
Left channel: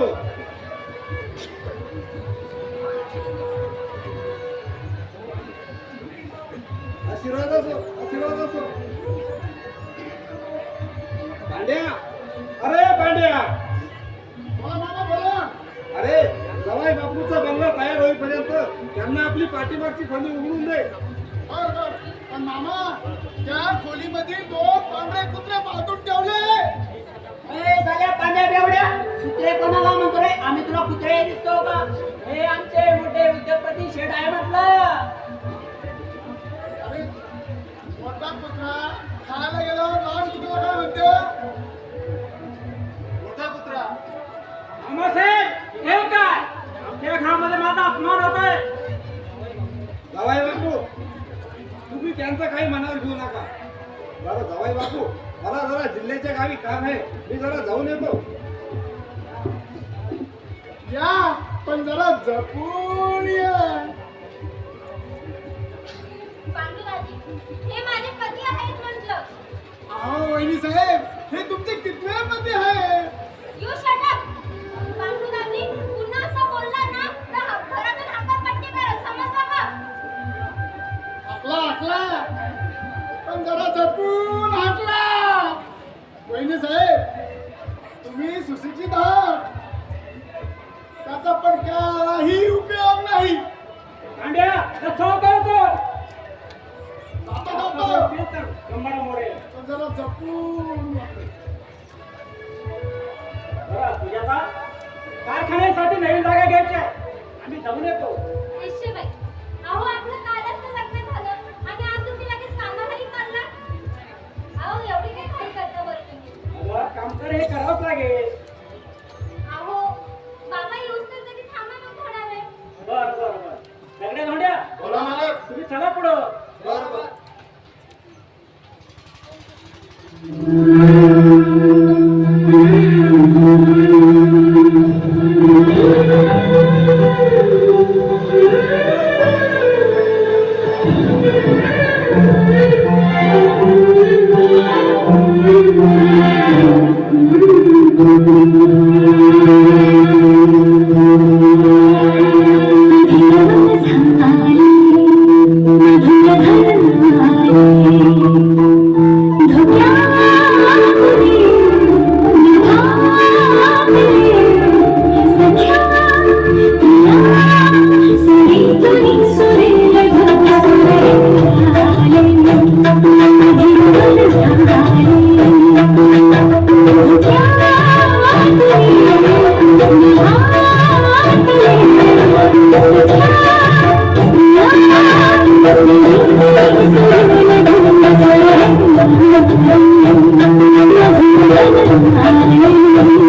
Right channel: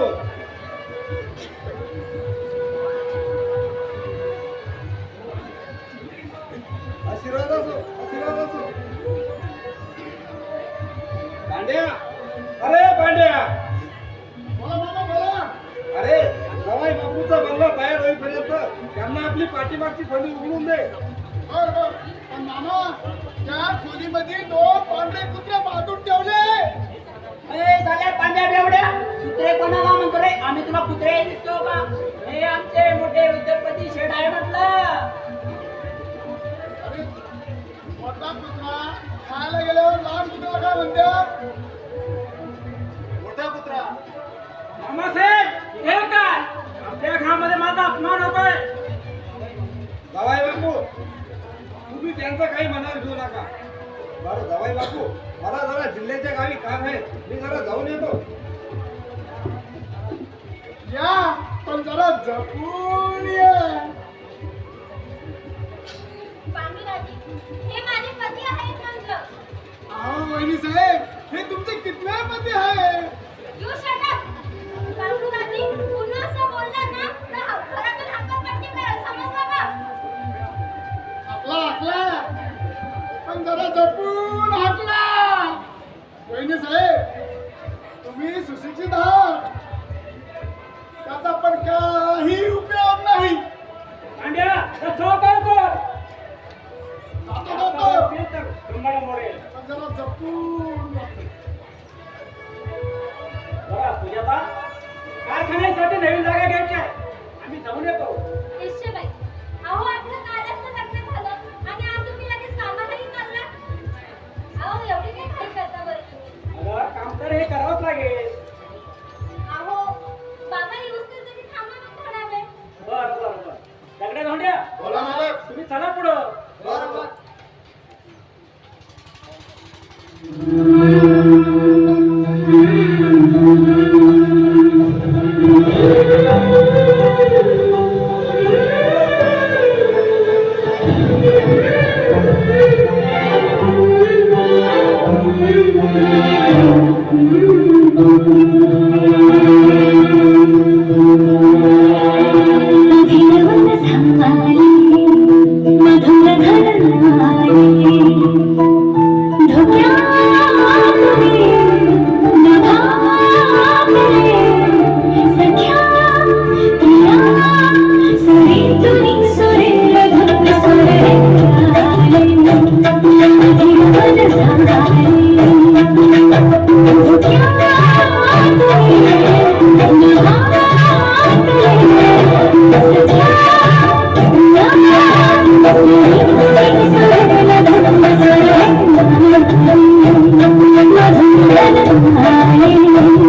आशीर्वाद असो, आशीर्वाद असो. पांड्या, अरे पांड्या, अरे जवाई बापूचा बंगला तयार होईपर्यंत त्यांना आपली पाठीमागची खोली उघडून दे. पण मामा, त्या खोलीमध्ये 2 पांढरे कुत्रे बांधून ठेवले. अरे साल्या पांड्या बेवड्या, कुत्रे कोणाला म्हणतो रे? आम्ही तुला कुत्रे दिसतो का? हे आमचे मोठे उद्योगपती शेठ आहे म्हटलं. अरे मोठा कुत्रा खायला गेल्यावर लहान कुत्रा काय म्हणते? मोठा कुत्रा. मामासाहेब हे काय आमच्या घरामध्ये माझा अपमान होतोय. जवाई बापू, तुम्ही त्यांचं काही मनावर घेऊ नका. बरं जवाई बापू, मला जरा जिल्ह्याच्या गावी काम आहे, मी जरा जाऊन येतो. या, पण जरा जपून या. पांडुराजी, हे माझे पती आहेत म्हटलं. अहो वहिनी साहेब, हे तुमचे कितवे पती आहे? You shut up. पांडुराजी, पुन्हा असं बोलला ना तर घरातून हाकापट्टी करेल, समजलं का? हाकला, पण जरा जपून हाकला. वहिनी साहेब, तुम्ही सुशिक्षित आहात, त्याचा पण काही उपयोग नाही. पांड्या चौकावतो जातो. गंबाडा मोडे. पण जरा जपून वापरा. सुजाता, कारखान्यासाठी नवीन जागा घ्यायची आहे, आम्ही जाऊन येतो. येशेबाई, अहो आपलं कालच तर लग्न झालं आणि आज तुम्ही लगेच कामालाही चालला. अहो एवढी काय घाई करता बरं तुम्ही? अगं काम तर हे करावंच लागेल. अहो बाबा येऊस तर तरी थांबा ना थोडा वेळ. बर सगळ्या धोंड्या बोला मालक. तुम्ही चला पुढं. बरोबर. Thank you.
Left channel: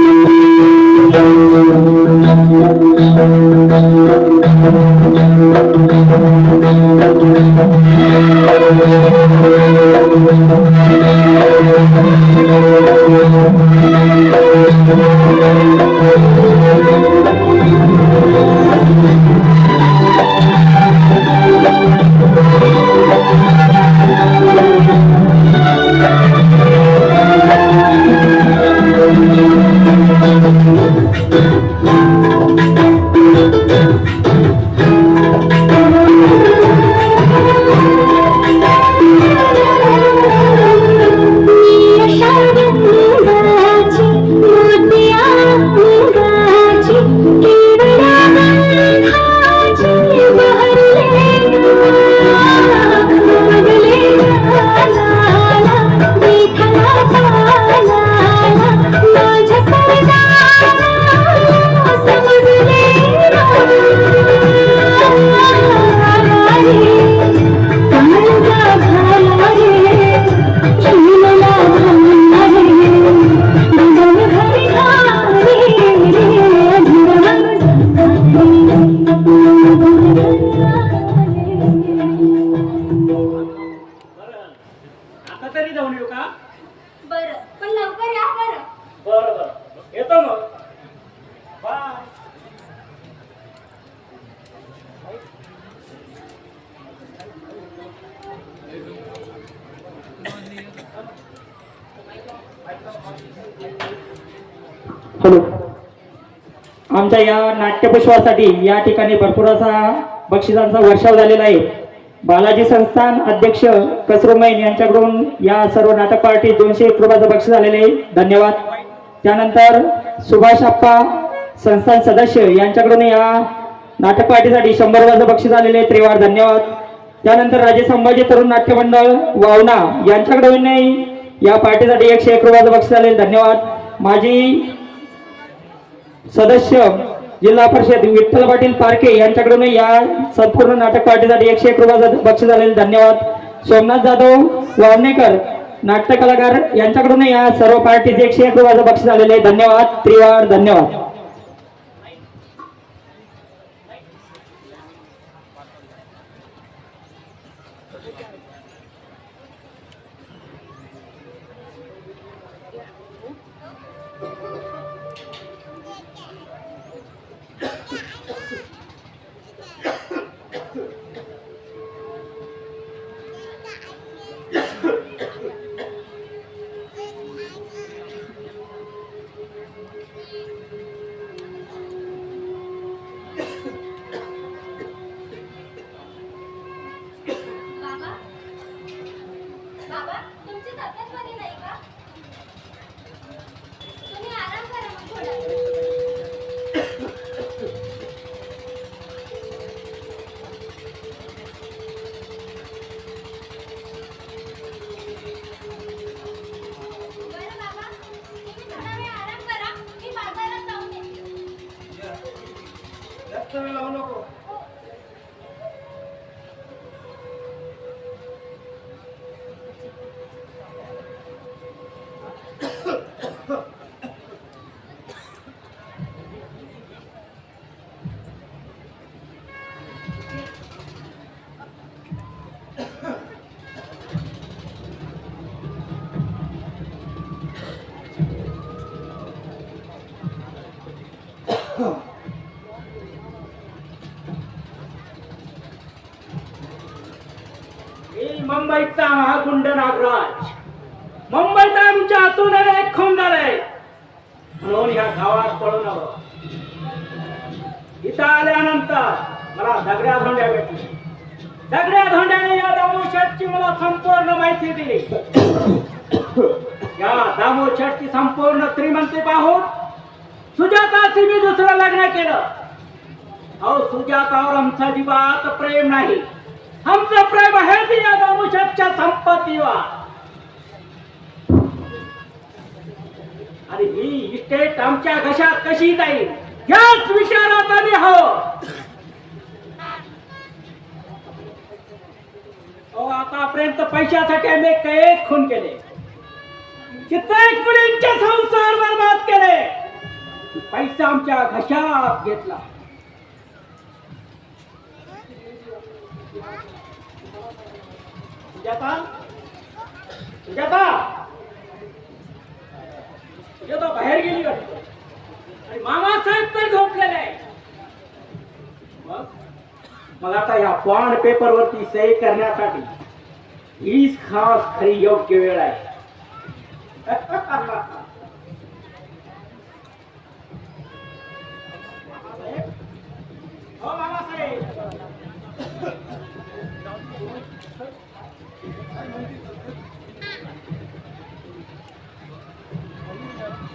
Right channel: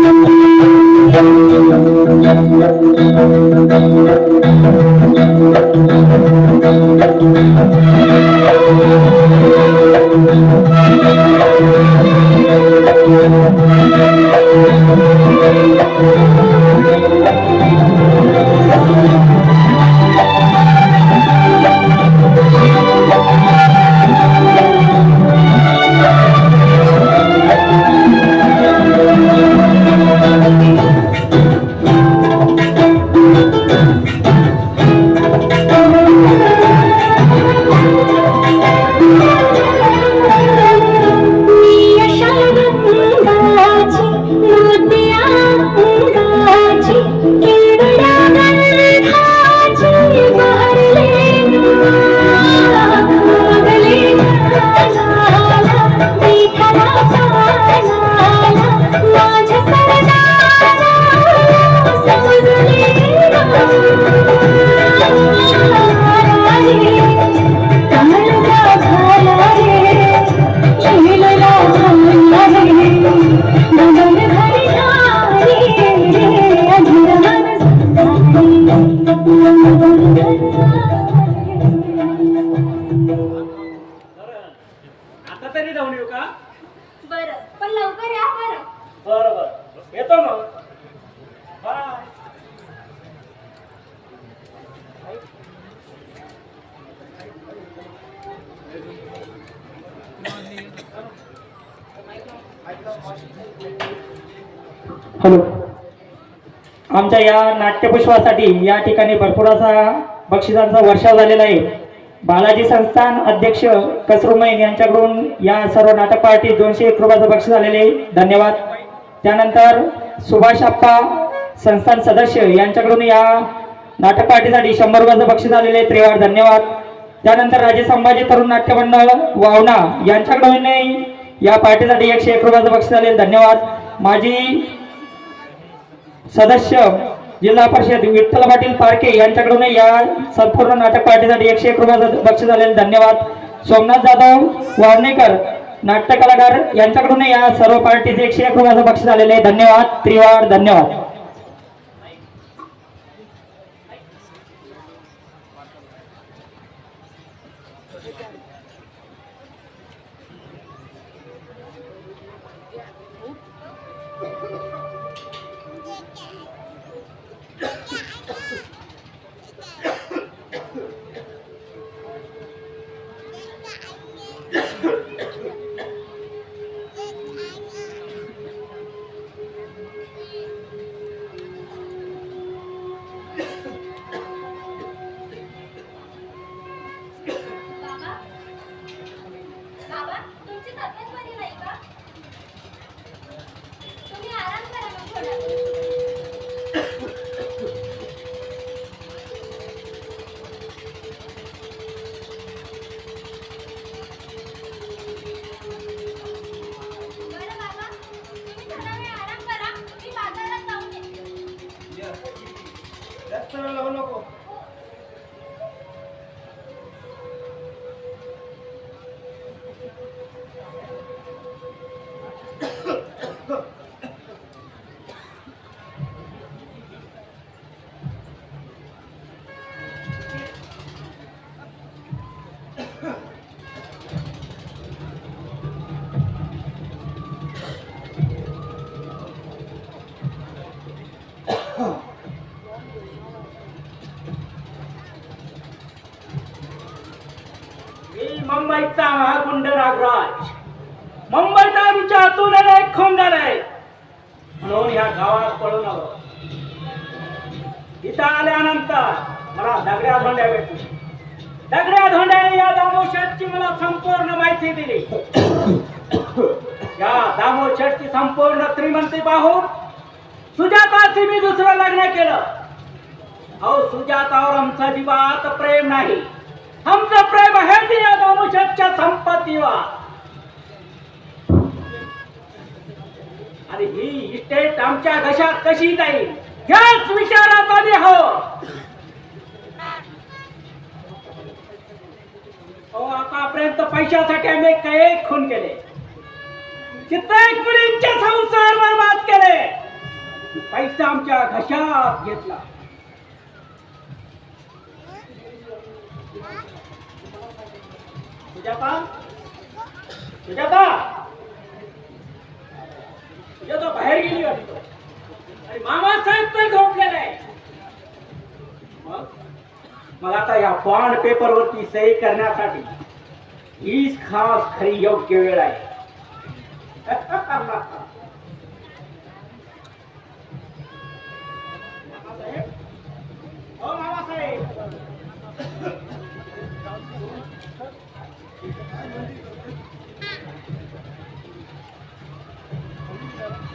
बरं आता तरी जाऊन येऊ का? बरं पण लवकर या बरं. बरं बरं येतो मग. बाय. हॅलो. आमच्या या नाट्यपुष्पासाठी या ठिकाणी भरपूर असा बक्षिसांचा वर्षाव झालेला आहे. बालाजी संस्थान अध्यक्ष कसरुमैन यांच्याकडून या सर्व नाटक पार्टी 201 रुपयाचं बक्षीस झालेले आहे. धन्यवाद. त्यानंतर सुभाष अप्पा संस्थान सदस्य यांच्याकडून या नाटक पार्टीसाठी 100 रुपयाचं बक्षीस झालेले आहे. त्रिवार धन्यवाद. त्यानंतर राजे संभाजी तरुण नाट्य मंडळ वावणा यांच्याकडून या पार्टीसाठी 101 रुपयाचं बक्षीस झालेले. धन्यवाद. माजी सदस्य जिल्हा परिषद विठ्ठल पाटील पारखे यांच्याकडून या संपूर्ण नाटक पार्टीसाठी 101 रुपयाचं बक्षीस झालेले. धन्यवाद. सोमनाथ जाधव वारणेकर नाट्य कलाकार यांच्याकडून या सर्व पार्टीचे 101 रुपयाचं बक्षीस झालेले आहे. धन्यवाद. त्रिवार धन्यवाद. बाबा बाबा तुमची तब्येत बरी नाही का? तुम्ही आराम करा मग थोडा वेळ. बरं बाबा तुम्ही थोडा वेळ आराम करा. मी बाजारात जाऊन येते. जास्त वेळ लागू नको. मी मुंबईचा महागुंड नागराज. मुंबईत आमच्या हातून एक खून झाले म्हणून या गावात पळून आलो. इथं आल्यानंतर मला दगड्या धोंड्या भेटली. दगड्या धोंड्याने या दामू शेठची मला संपूर्ण माहिती दिली. या दामू शेठची संपूर्ण श्रीमंती पाहून सुजाताशी मी दुसरं लग्न केलं. अहो सुजातावर आमचा जिवात प्रेम नाही. आमचं प्रेम आहे ते या दामू शेठच्या संपत्तीवर. आणि ही इस्टेट आमच्या घशात कशी जाईल याच विचारात आधी आहोत. आतापर्यंत पैशासाठी आम्ही काही खून केले. कित्येक मुलींचे संसार बर्बाद केले. पैसा आमच्या घशात घेतला. सुजाता सुजाता सुजाता बाहेर गेली वाटतं. आणि मामासाहेब तर झोपलेले आहे. मग आता या बॉन्ड पेपर वरती सही करण्यासाठी हीच खास खरी योग्य वेळ आहे. मामासाहेब, हो मामासाहेब,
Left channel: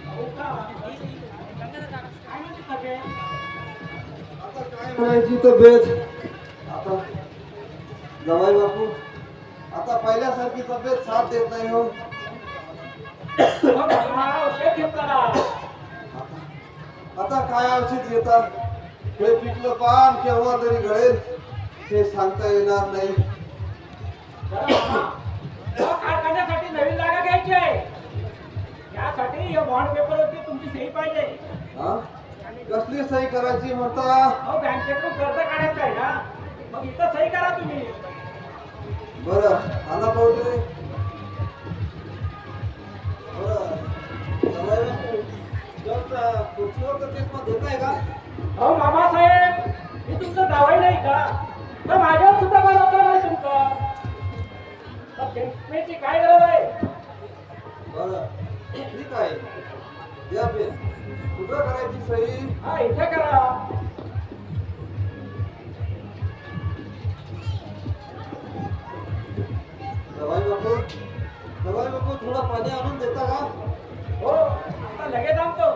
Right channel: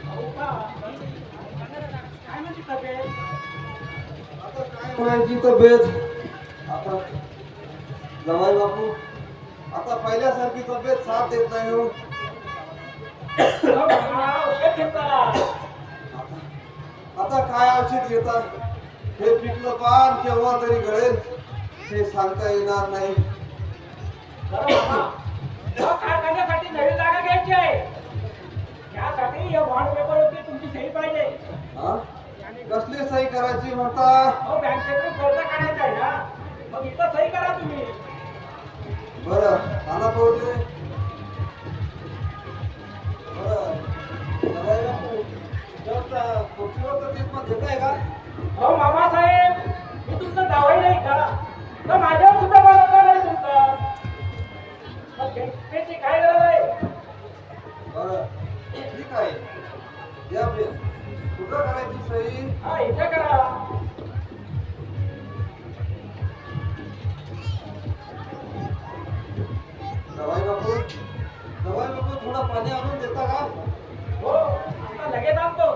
हो का? काय म्हणते तब्येत? आता काय म्हणायची तब्येत? आता जवाई बापू आता पहिल्यासारखी तब्येत साथ देत नाही हो. हो मामा, औषध घेतला. आता काय औषध घेतात? हे पिकलं पान केव्हा तरी गळेल हे सांगता येणार नाही. बरं मामा, या कारखान्यासाठी नवीन जागा घ्यायची आहे. यासाठी या बॉन्ड पेपरवरती तुमची सही पाहिजे. हा? कसली सही करायची म्हणता? अहो बँकेकडून कर्ज काढायचं आहे ना, मग इथं सही करा तुम्ही. बरं आणा पाहू दे. बरं जवाई बापू जेव्हा खुर्चीवर तर तेच मग देताय का? अहो मामासाहेब, मी तुमचं दावाई नाही का? तर माझ्यावर सुद्धा बनवता नाही तुमचं. मग बँकेची काय गरज आहे? बरं ठीक आहे द्या पेन. कुठं करायची सही? हा इथे करा. जवाई बापू थोडा पाणी आणून देता का? हो आता लगेच आणतो.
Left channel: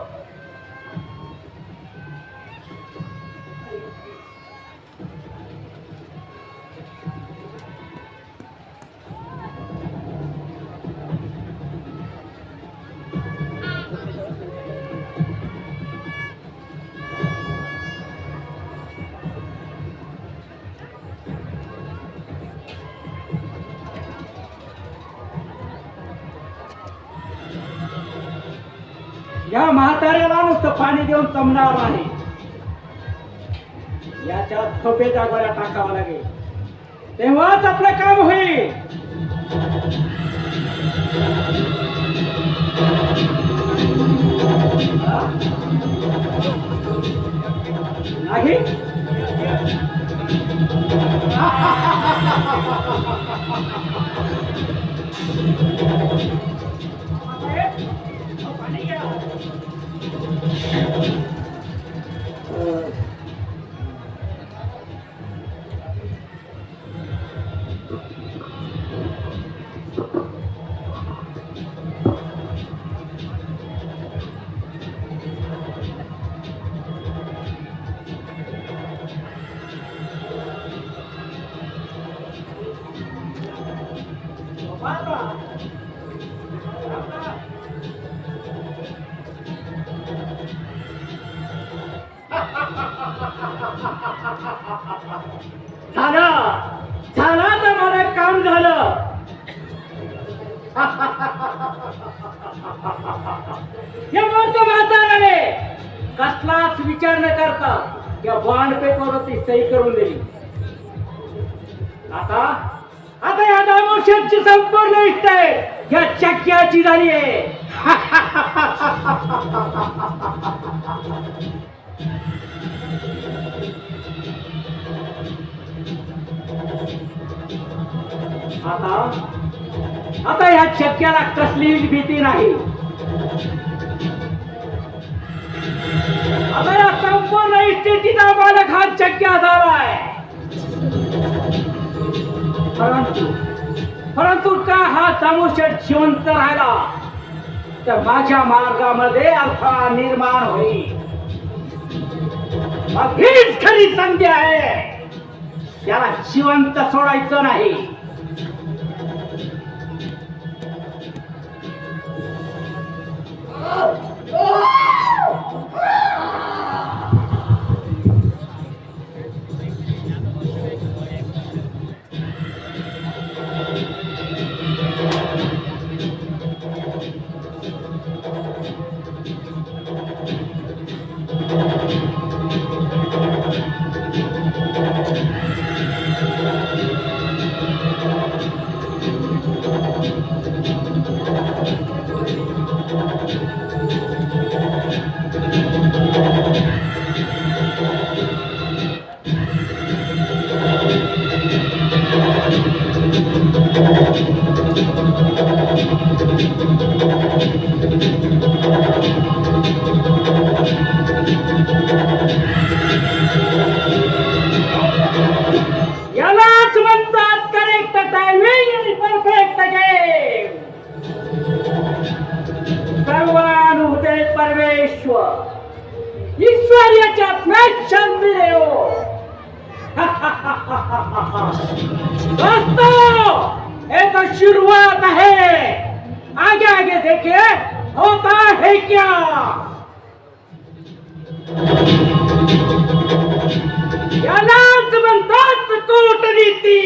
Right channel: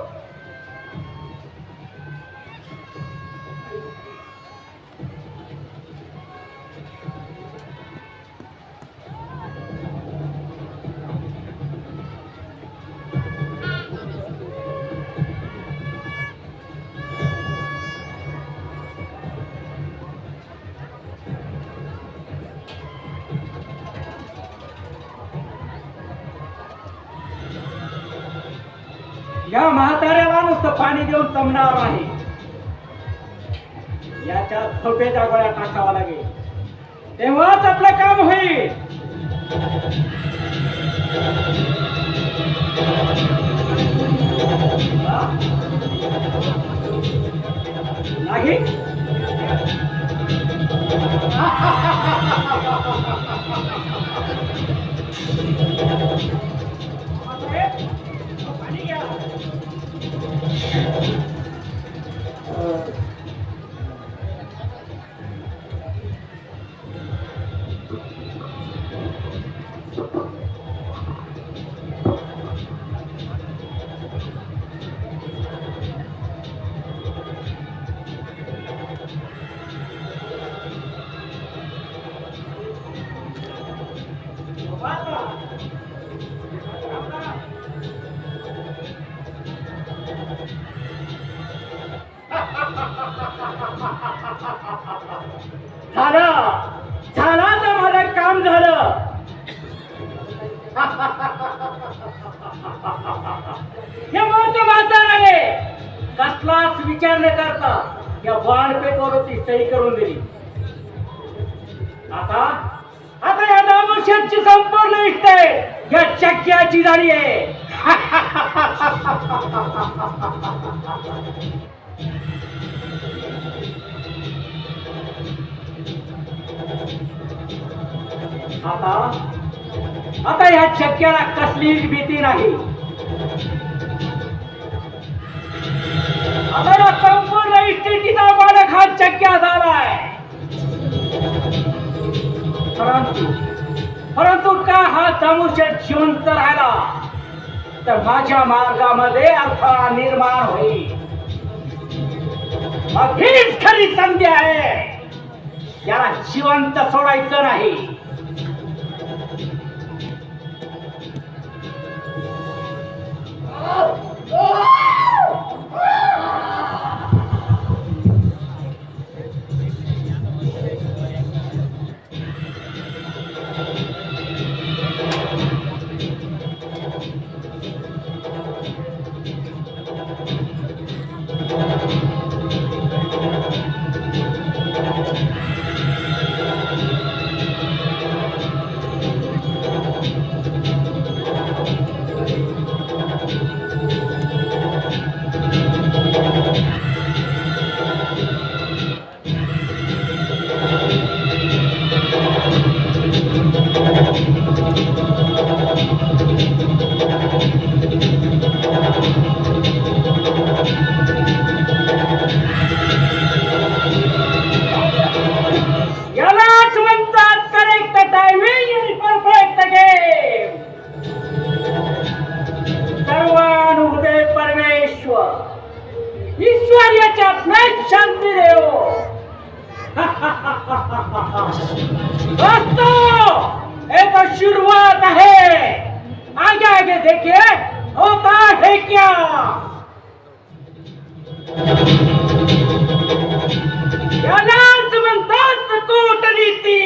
या म्हाताऱ्याला नुसतं पाणी देऊन जमणार नाही. याच्या झोपेच्या गोळ्या टाकावा लागेल, तेव्हाच आपलं काम होईल. नाही पाणी घ्या. झालं झालं तर माझं काम झालं. हे म्हणतो म्हाताऱ्याने कसलाच विचार न करता या बॉन्ड पेपरवरती सही करून दिली. आता आता या दामोशेटची संपूर्ण इष्ट आहे या चक्क्याची झाली आहे. आता आता या चक्क्याला कसलीच भीती नाही. आता या संपूर्ण इस्टेटीचा मालक हा चक्क्या झालाय. परंतु का हा दामोशेट जिवंत राहिला तर माझ्या मार्गामध्ये अडथळा निर्माण होईल. मग हीच खरी संधी आहे. याला जिवंत सोडायचं नाही. यालाच म्हणतात करेक्ट टायमिंग आणि परफेक्ट गेम. सर्वानुभूते परमेश्वर ईश्वर याच्यात में शांति देव. दोस्तों ये तो शुरुआत है, आगे आगे देखिए होता है क्या. यालाच म्हणतात कूटनीती.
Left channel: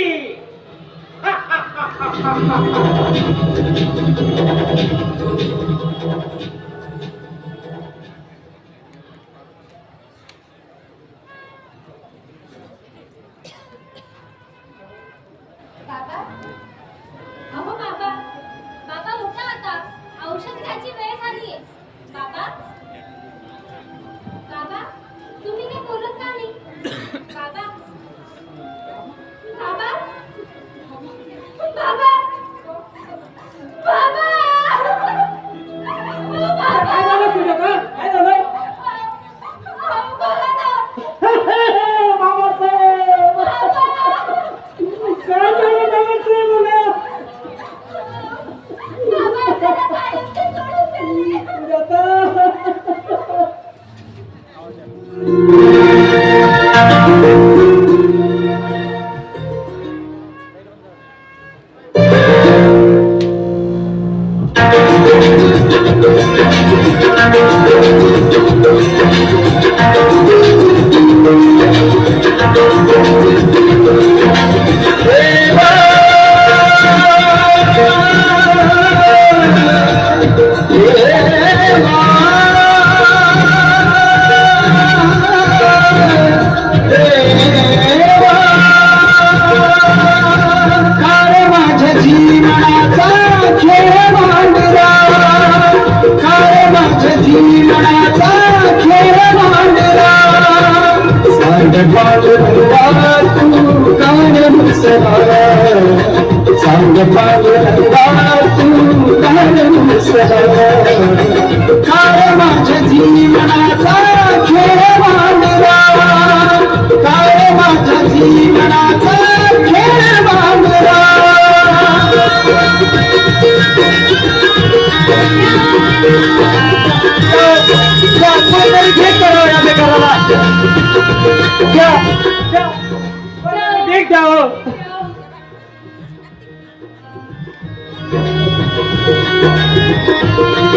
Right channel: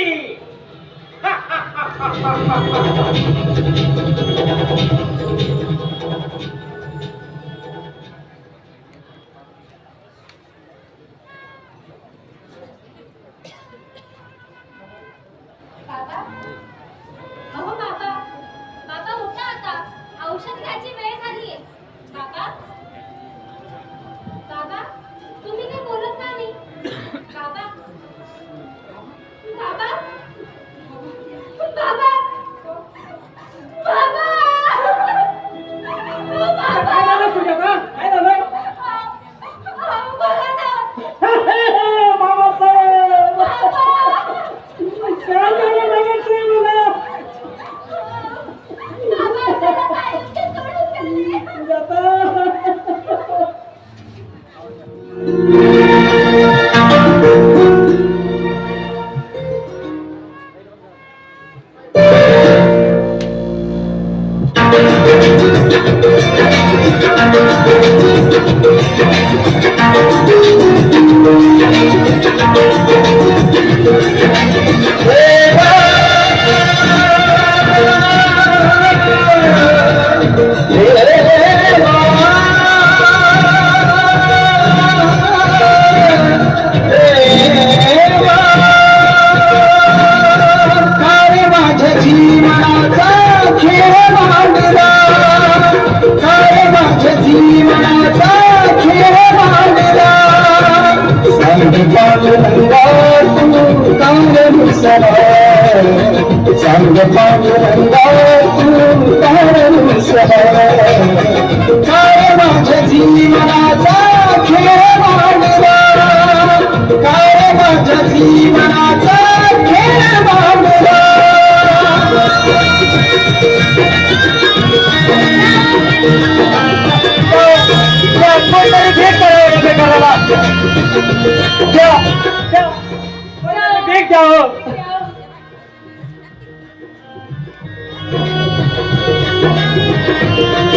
बाबा अहो बाबा बाबा उठा आता औषध घ्यायची वेळ झालीये. बाबा बाबा तुम्ही काय बोलत का नाही. बाबा बाबा बाबा बाबा काय झालं तुझं का? काय झालं? बोला ना. बाबासाहेब काय झालं नमस्कार बाबा त्याला कायमचे सोडून गेले.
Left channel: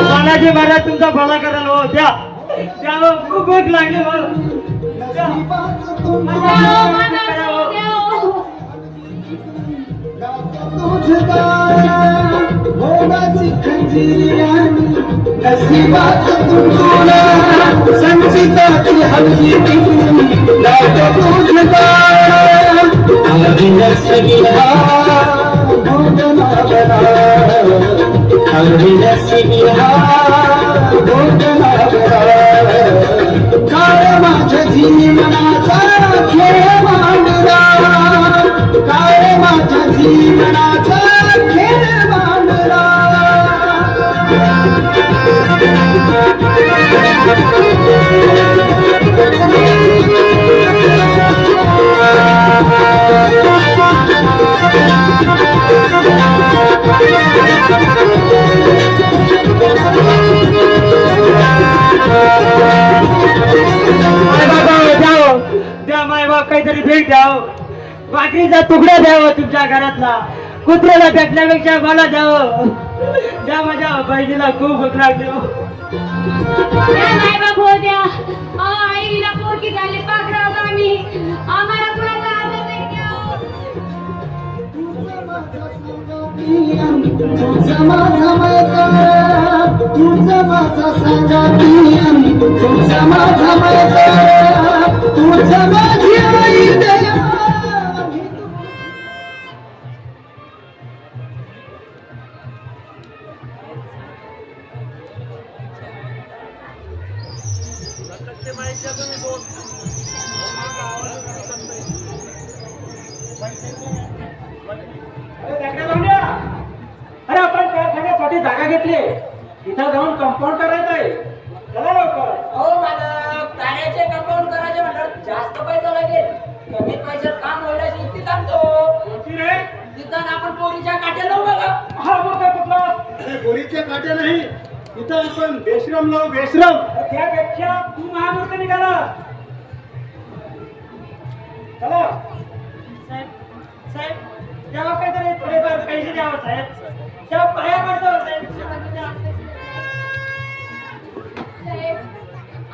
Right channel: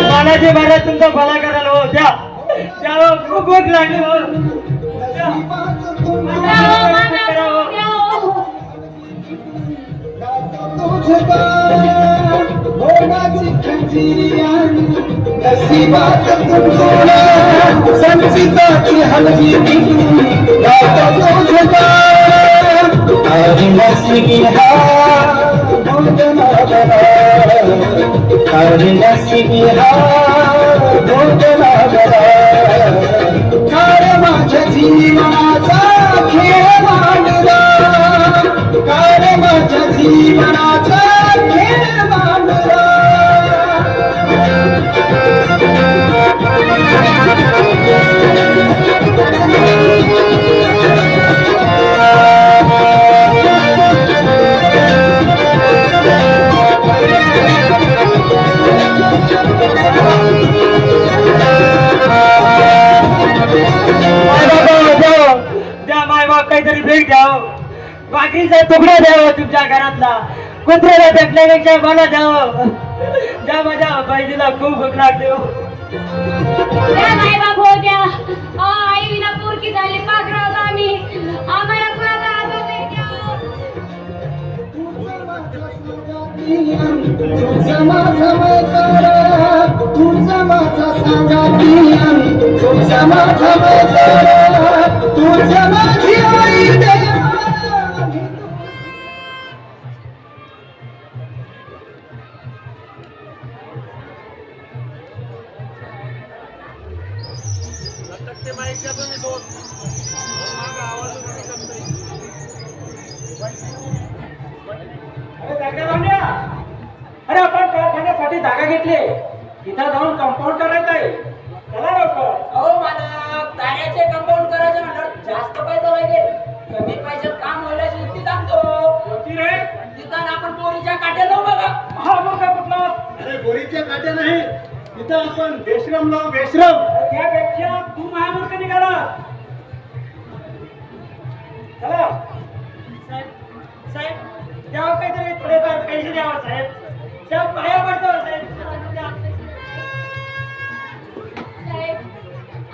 बालाजी महाराज तुमचा भला करायला हो. द्या द्या खूप भूक लागली हो. द्या. काहीतरी भेट द्यावं, भाकरीचा तुकडा द्यावं तुमच्या घरातला, कुत्र्याला भेटण्यापेक्षा मला द्यावं. द्या माझ्या बहिणीला खूप भूक लागली हो. द्या नाही बाबू द्या. आईला पोरकी झाली पागराव आम्ही, आम्हाला कुणाचा आदर नाही द्या. अरे आपण कारखान्यासाठी जागा घेतली, इथं जाऊन कंपाऊंड करायचं आहे. चला लवकर. अहो मालक, कार्याचे कंपाऊंड करायचे म्हटलं जास्त पैसा लागेल. कमी पैशात काम होण्याची युक्ती सांगतो. होती रे. तिथं आपण पोरीच्या काट्या लावू बघा. हा मग काय कुठला? अरे बोरीच्या काट्या नाही, तिथं आपण बेश्रम लावू, बेश्रम. त्यापेक्षा तू महामूर्ख निघाला. चला. साहेब, साहेब, द्यावं काहीतरी थोडेफार पैसे द्यावं साहेब. त्या पाया पडतो साहेब. साहेब,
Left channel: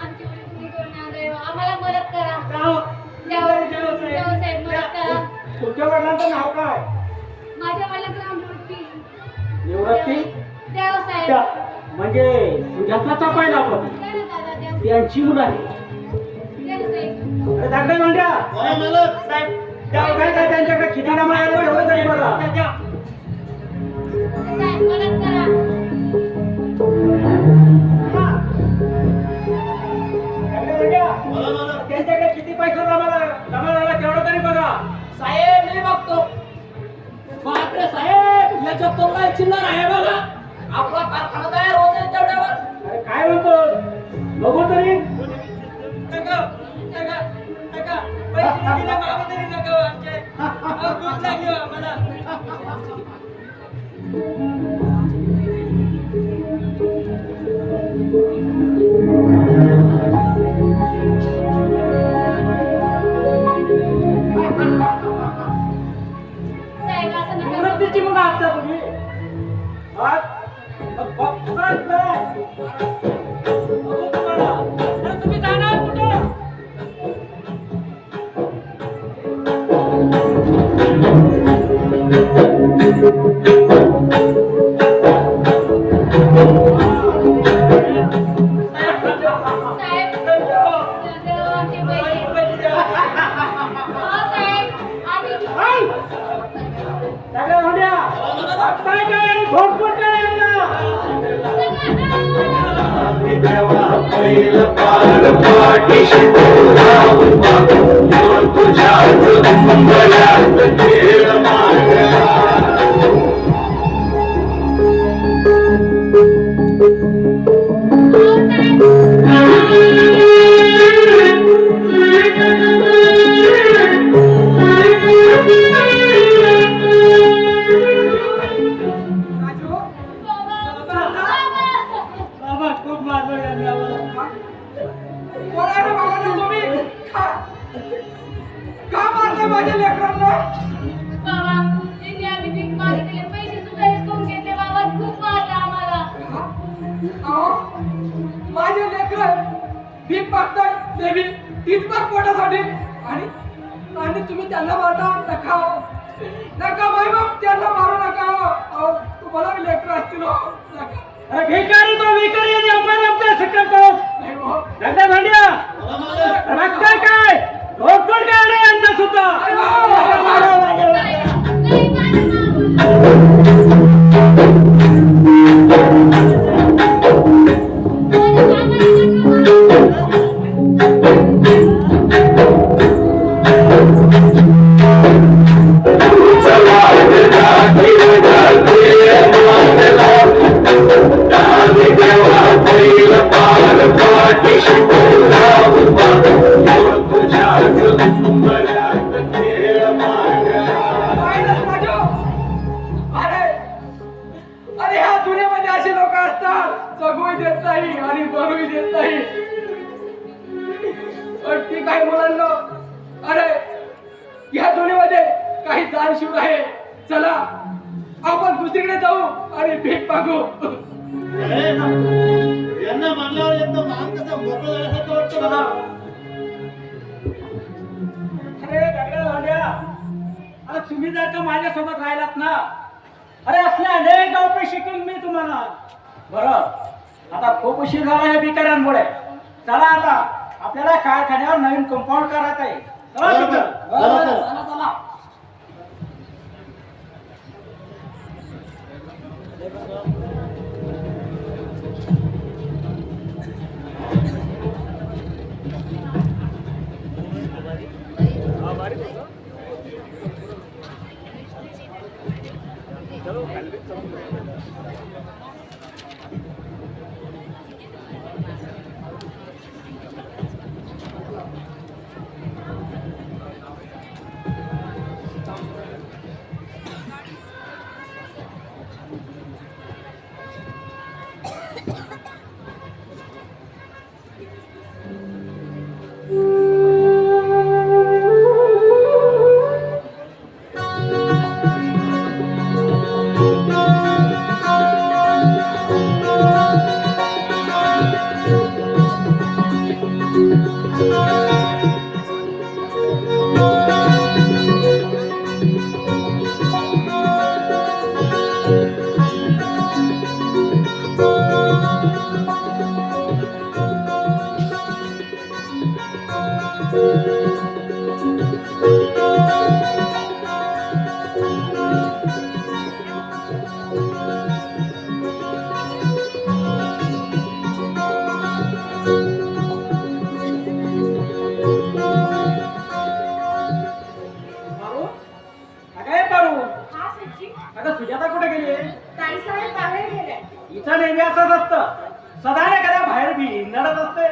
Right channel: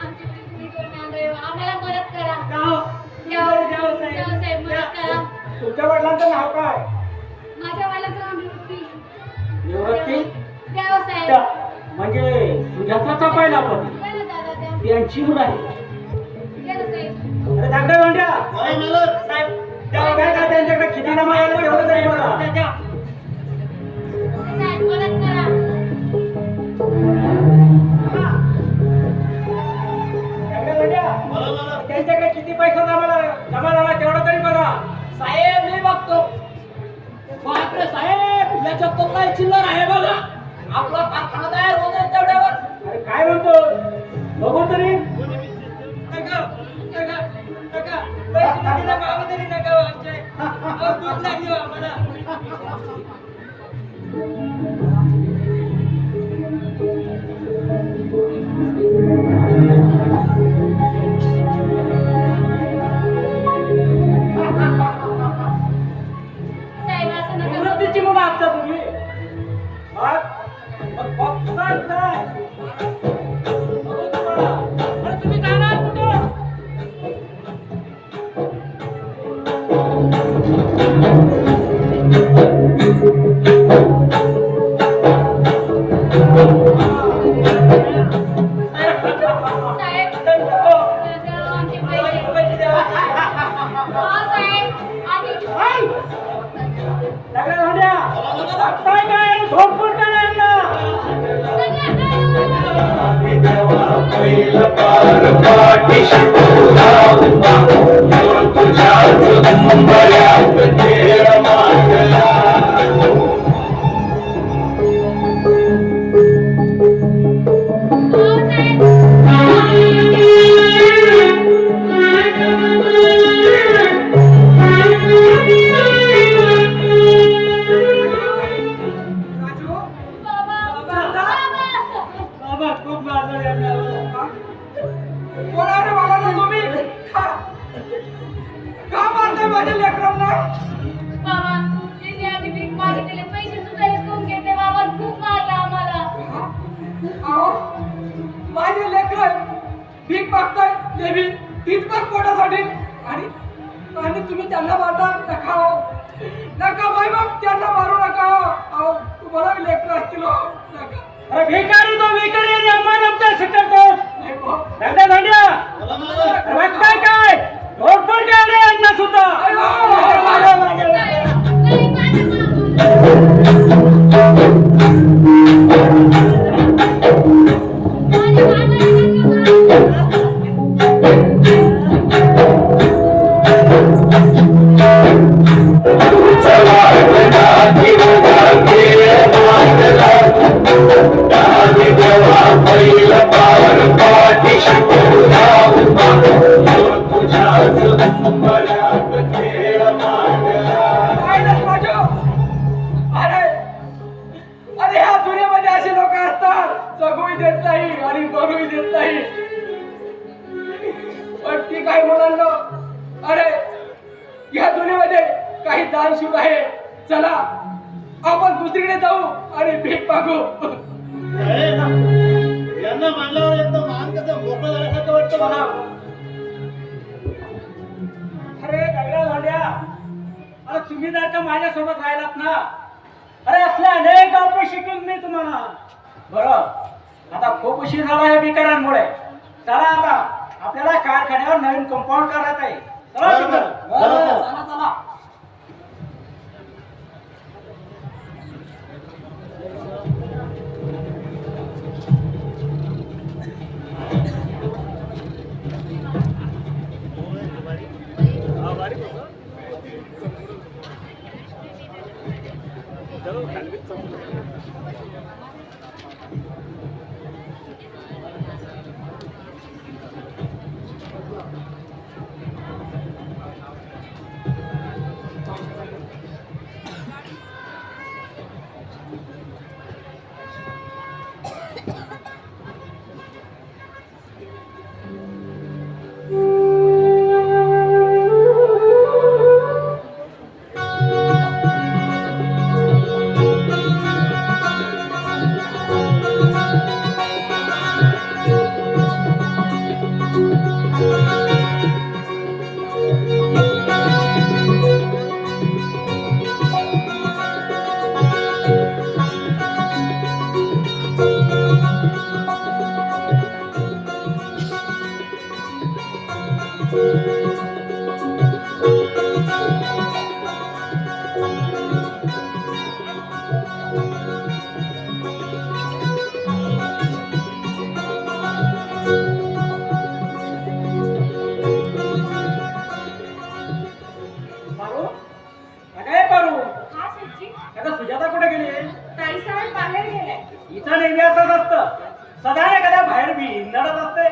आमची मुली तुम्ही करून आणले हो. आम्हाला मदत करा. द्यावं. द्यावं. द्यावं द्यावं साहेब, मदत करा. तुमच्या वडिलांचं नाव काय? माझ्या वाल्याचं नाव निवृत्ती. निवृत्ती? द्यावं साहेब. त्या- म्हणजे सुजाताचा पहिला पती. द्या ना दादा, द्या. त्यांची मुलं आहे. द्या ना साहेब. अरे धाकटे भांड्या. बोला मालक. साहेब, द्यावं काय काय त्यांच्याकडे किती नामं आहे ना तेवढं तरी बघा. साहेब, मदत करा. धाकटे भांड्या. बोला मालक. त्यांच्याकडे किती पैसा जमा झाला तेवढं तरी बघा. साहेब मी बघतो. बापरे साहेब, याच्यात तो काय चिल्लर आहे बघा. आपला कारखाना तयार होत आहे तेवढ्यावर. अरे काय म्हणतो बघू तरी. नका, नका, नका. पैसे दिले बाबा तरी नका हो आमचे. अहो, भूक लागली हो आम्हाला. साहेब, असं नका करू. निवृत्तीची मुलं असता तुम्ही. हा? मग बघताय काय? बघू तुम्हाला. अरे तुम्ही जाणार कुठं? साहेब, द्या आमचे पैसे. हो साहेब, आम्ही सगळ्या भांड्या. काय काय आणि घोडफोड काय आणला? पहिलं पार पाठीशी तुझ्याच उंबऱ्यात खेळ मागला. राजू, बाबा खूप मारलं यांनी आम्हाला. कोण आहे रे बाबांना तुम्ही? का मारताय माझ्या लेकरांना? बाबा, त्यांनी आम्ही भीक मागितलेले पैसे सुद्धा हिसकावून घेतले. बाबा खूप मारलं आम्हाला. अहो, माझे लेकर भीक मागताय ते बी तीच माग पोटासाठी. आणि तुम्ही त्यांना मारता. नका हो, नका माय बाप, त्यांना मारू नका हो. अहो, तुम्हाला बी लेकर असतील हो. नका. अरे भिकारी तो भिकारी आणि अपमान आमच्या करतो. नाही हो. सगळ्या भांड्या. बोला मालक. रक्ताय काय घोडफोड काय रे यांना सुद्धा. पहिलं पार पाठीशी तुझ्याच उंबऱ्यात खेळ मागला. काय नाही राजू. अरे अरे ह्या दुनियेमध्ये असे लोक असतात, जगूही देत नाही आणि बघूही देत नाही. पण ती काय मुलांना, अरे ह्या दुनियेमध्ये काही दानशूर आहे. चला आपण दुसरीकडे जाऊ आणि भीक मागू. साहेब, यांना मानल्यावर एकदम मान कसं मोकळं झाल्यासारखं वाटतं मला. अरे सगळ्या भांड्या. अरे तुम्ही जर का माझ्यासोबत राहिलात ना, अरे असले अनेक डावपे शिकून मी तुम्हाला. बरं आता खूप उशीर झाला आहे भिकाऱ्यांमुळे. चला आता आपल्याला कारखान्यावर नवीन कंपाऊंड करायचं आहे. चला तिकडं. चला, चला. चला, चला. बाहेर बी नडत असते.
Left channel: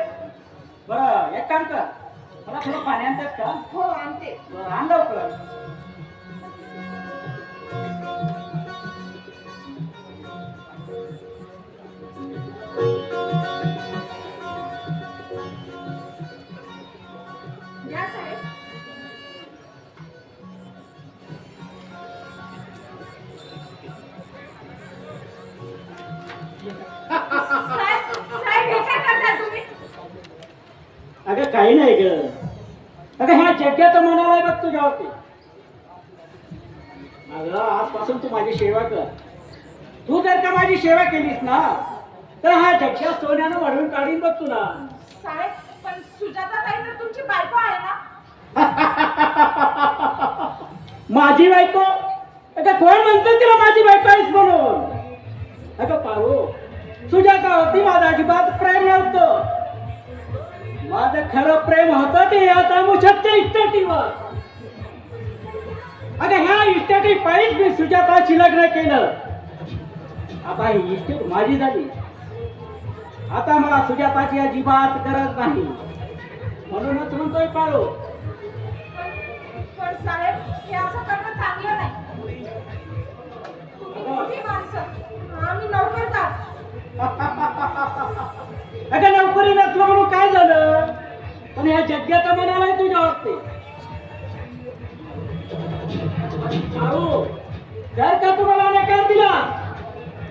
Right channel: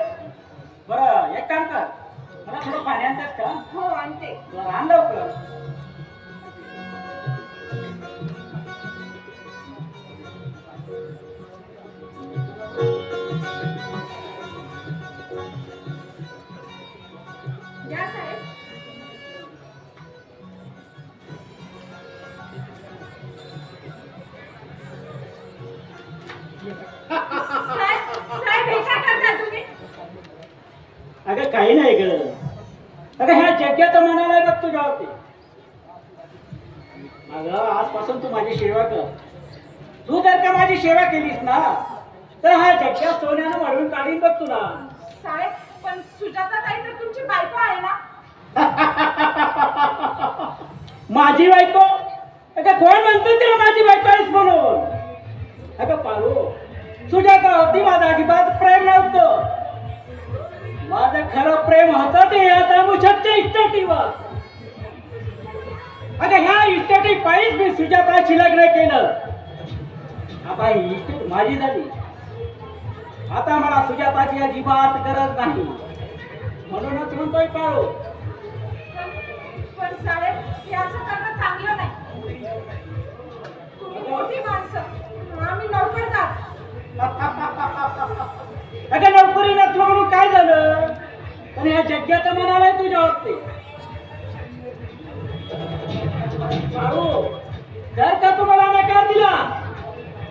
बरं एक काम कर, मला थोडं पाणी आणतेस का? हो आणते. बरं आण लवकर. या साहेब. साहेब हे काय करताय तुम्ही? अगं काही नाही ग. अगं ह्या जग्याचं म्हणाला आहे बघ तुझ्यावरती. अगं आजपासून तू माझी सेवा कर. तू जर का माझी सेवा केलीस ना तर हा जग्या सोन्यानं वाढवून काढीन बघ तुला. साहेब पण सुजाता ताई तर तुमची बायको आहे ना? माझी बायको? अगं कोण म्हणतो तिला माझी बायको आहेस म्हणून? अगं पारू, सुजाता होती माझं अजिबात प्रेम नव्हतं. माझं खरं प्रेम होतं ते या तळमुछटच्या इस्टेटीवर. अगं ह्या इस्टेटी पायीच मी सुजाताशी लग्न केलं. आता ही इस्टेट माझी झाली. आता मला सुजाताची अजिबात गरज नाही. म्हणूनच म्हणतोय पारू, पण साहेब हे असं करणं चांगलं नाही. तुम्ही मोठी माणसं, आम्ही नोकरदार. अगं नोकरी नसलं म्हणून काय झालं? पण या जग्याचं म्हणालाय तुझ्यावरती. पारू, जर का तुम्हाला नकार दिला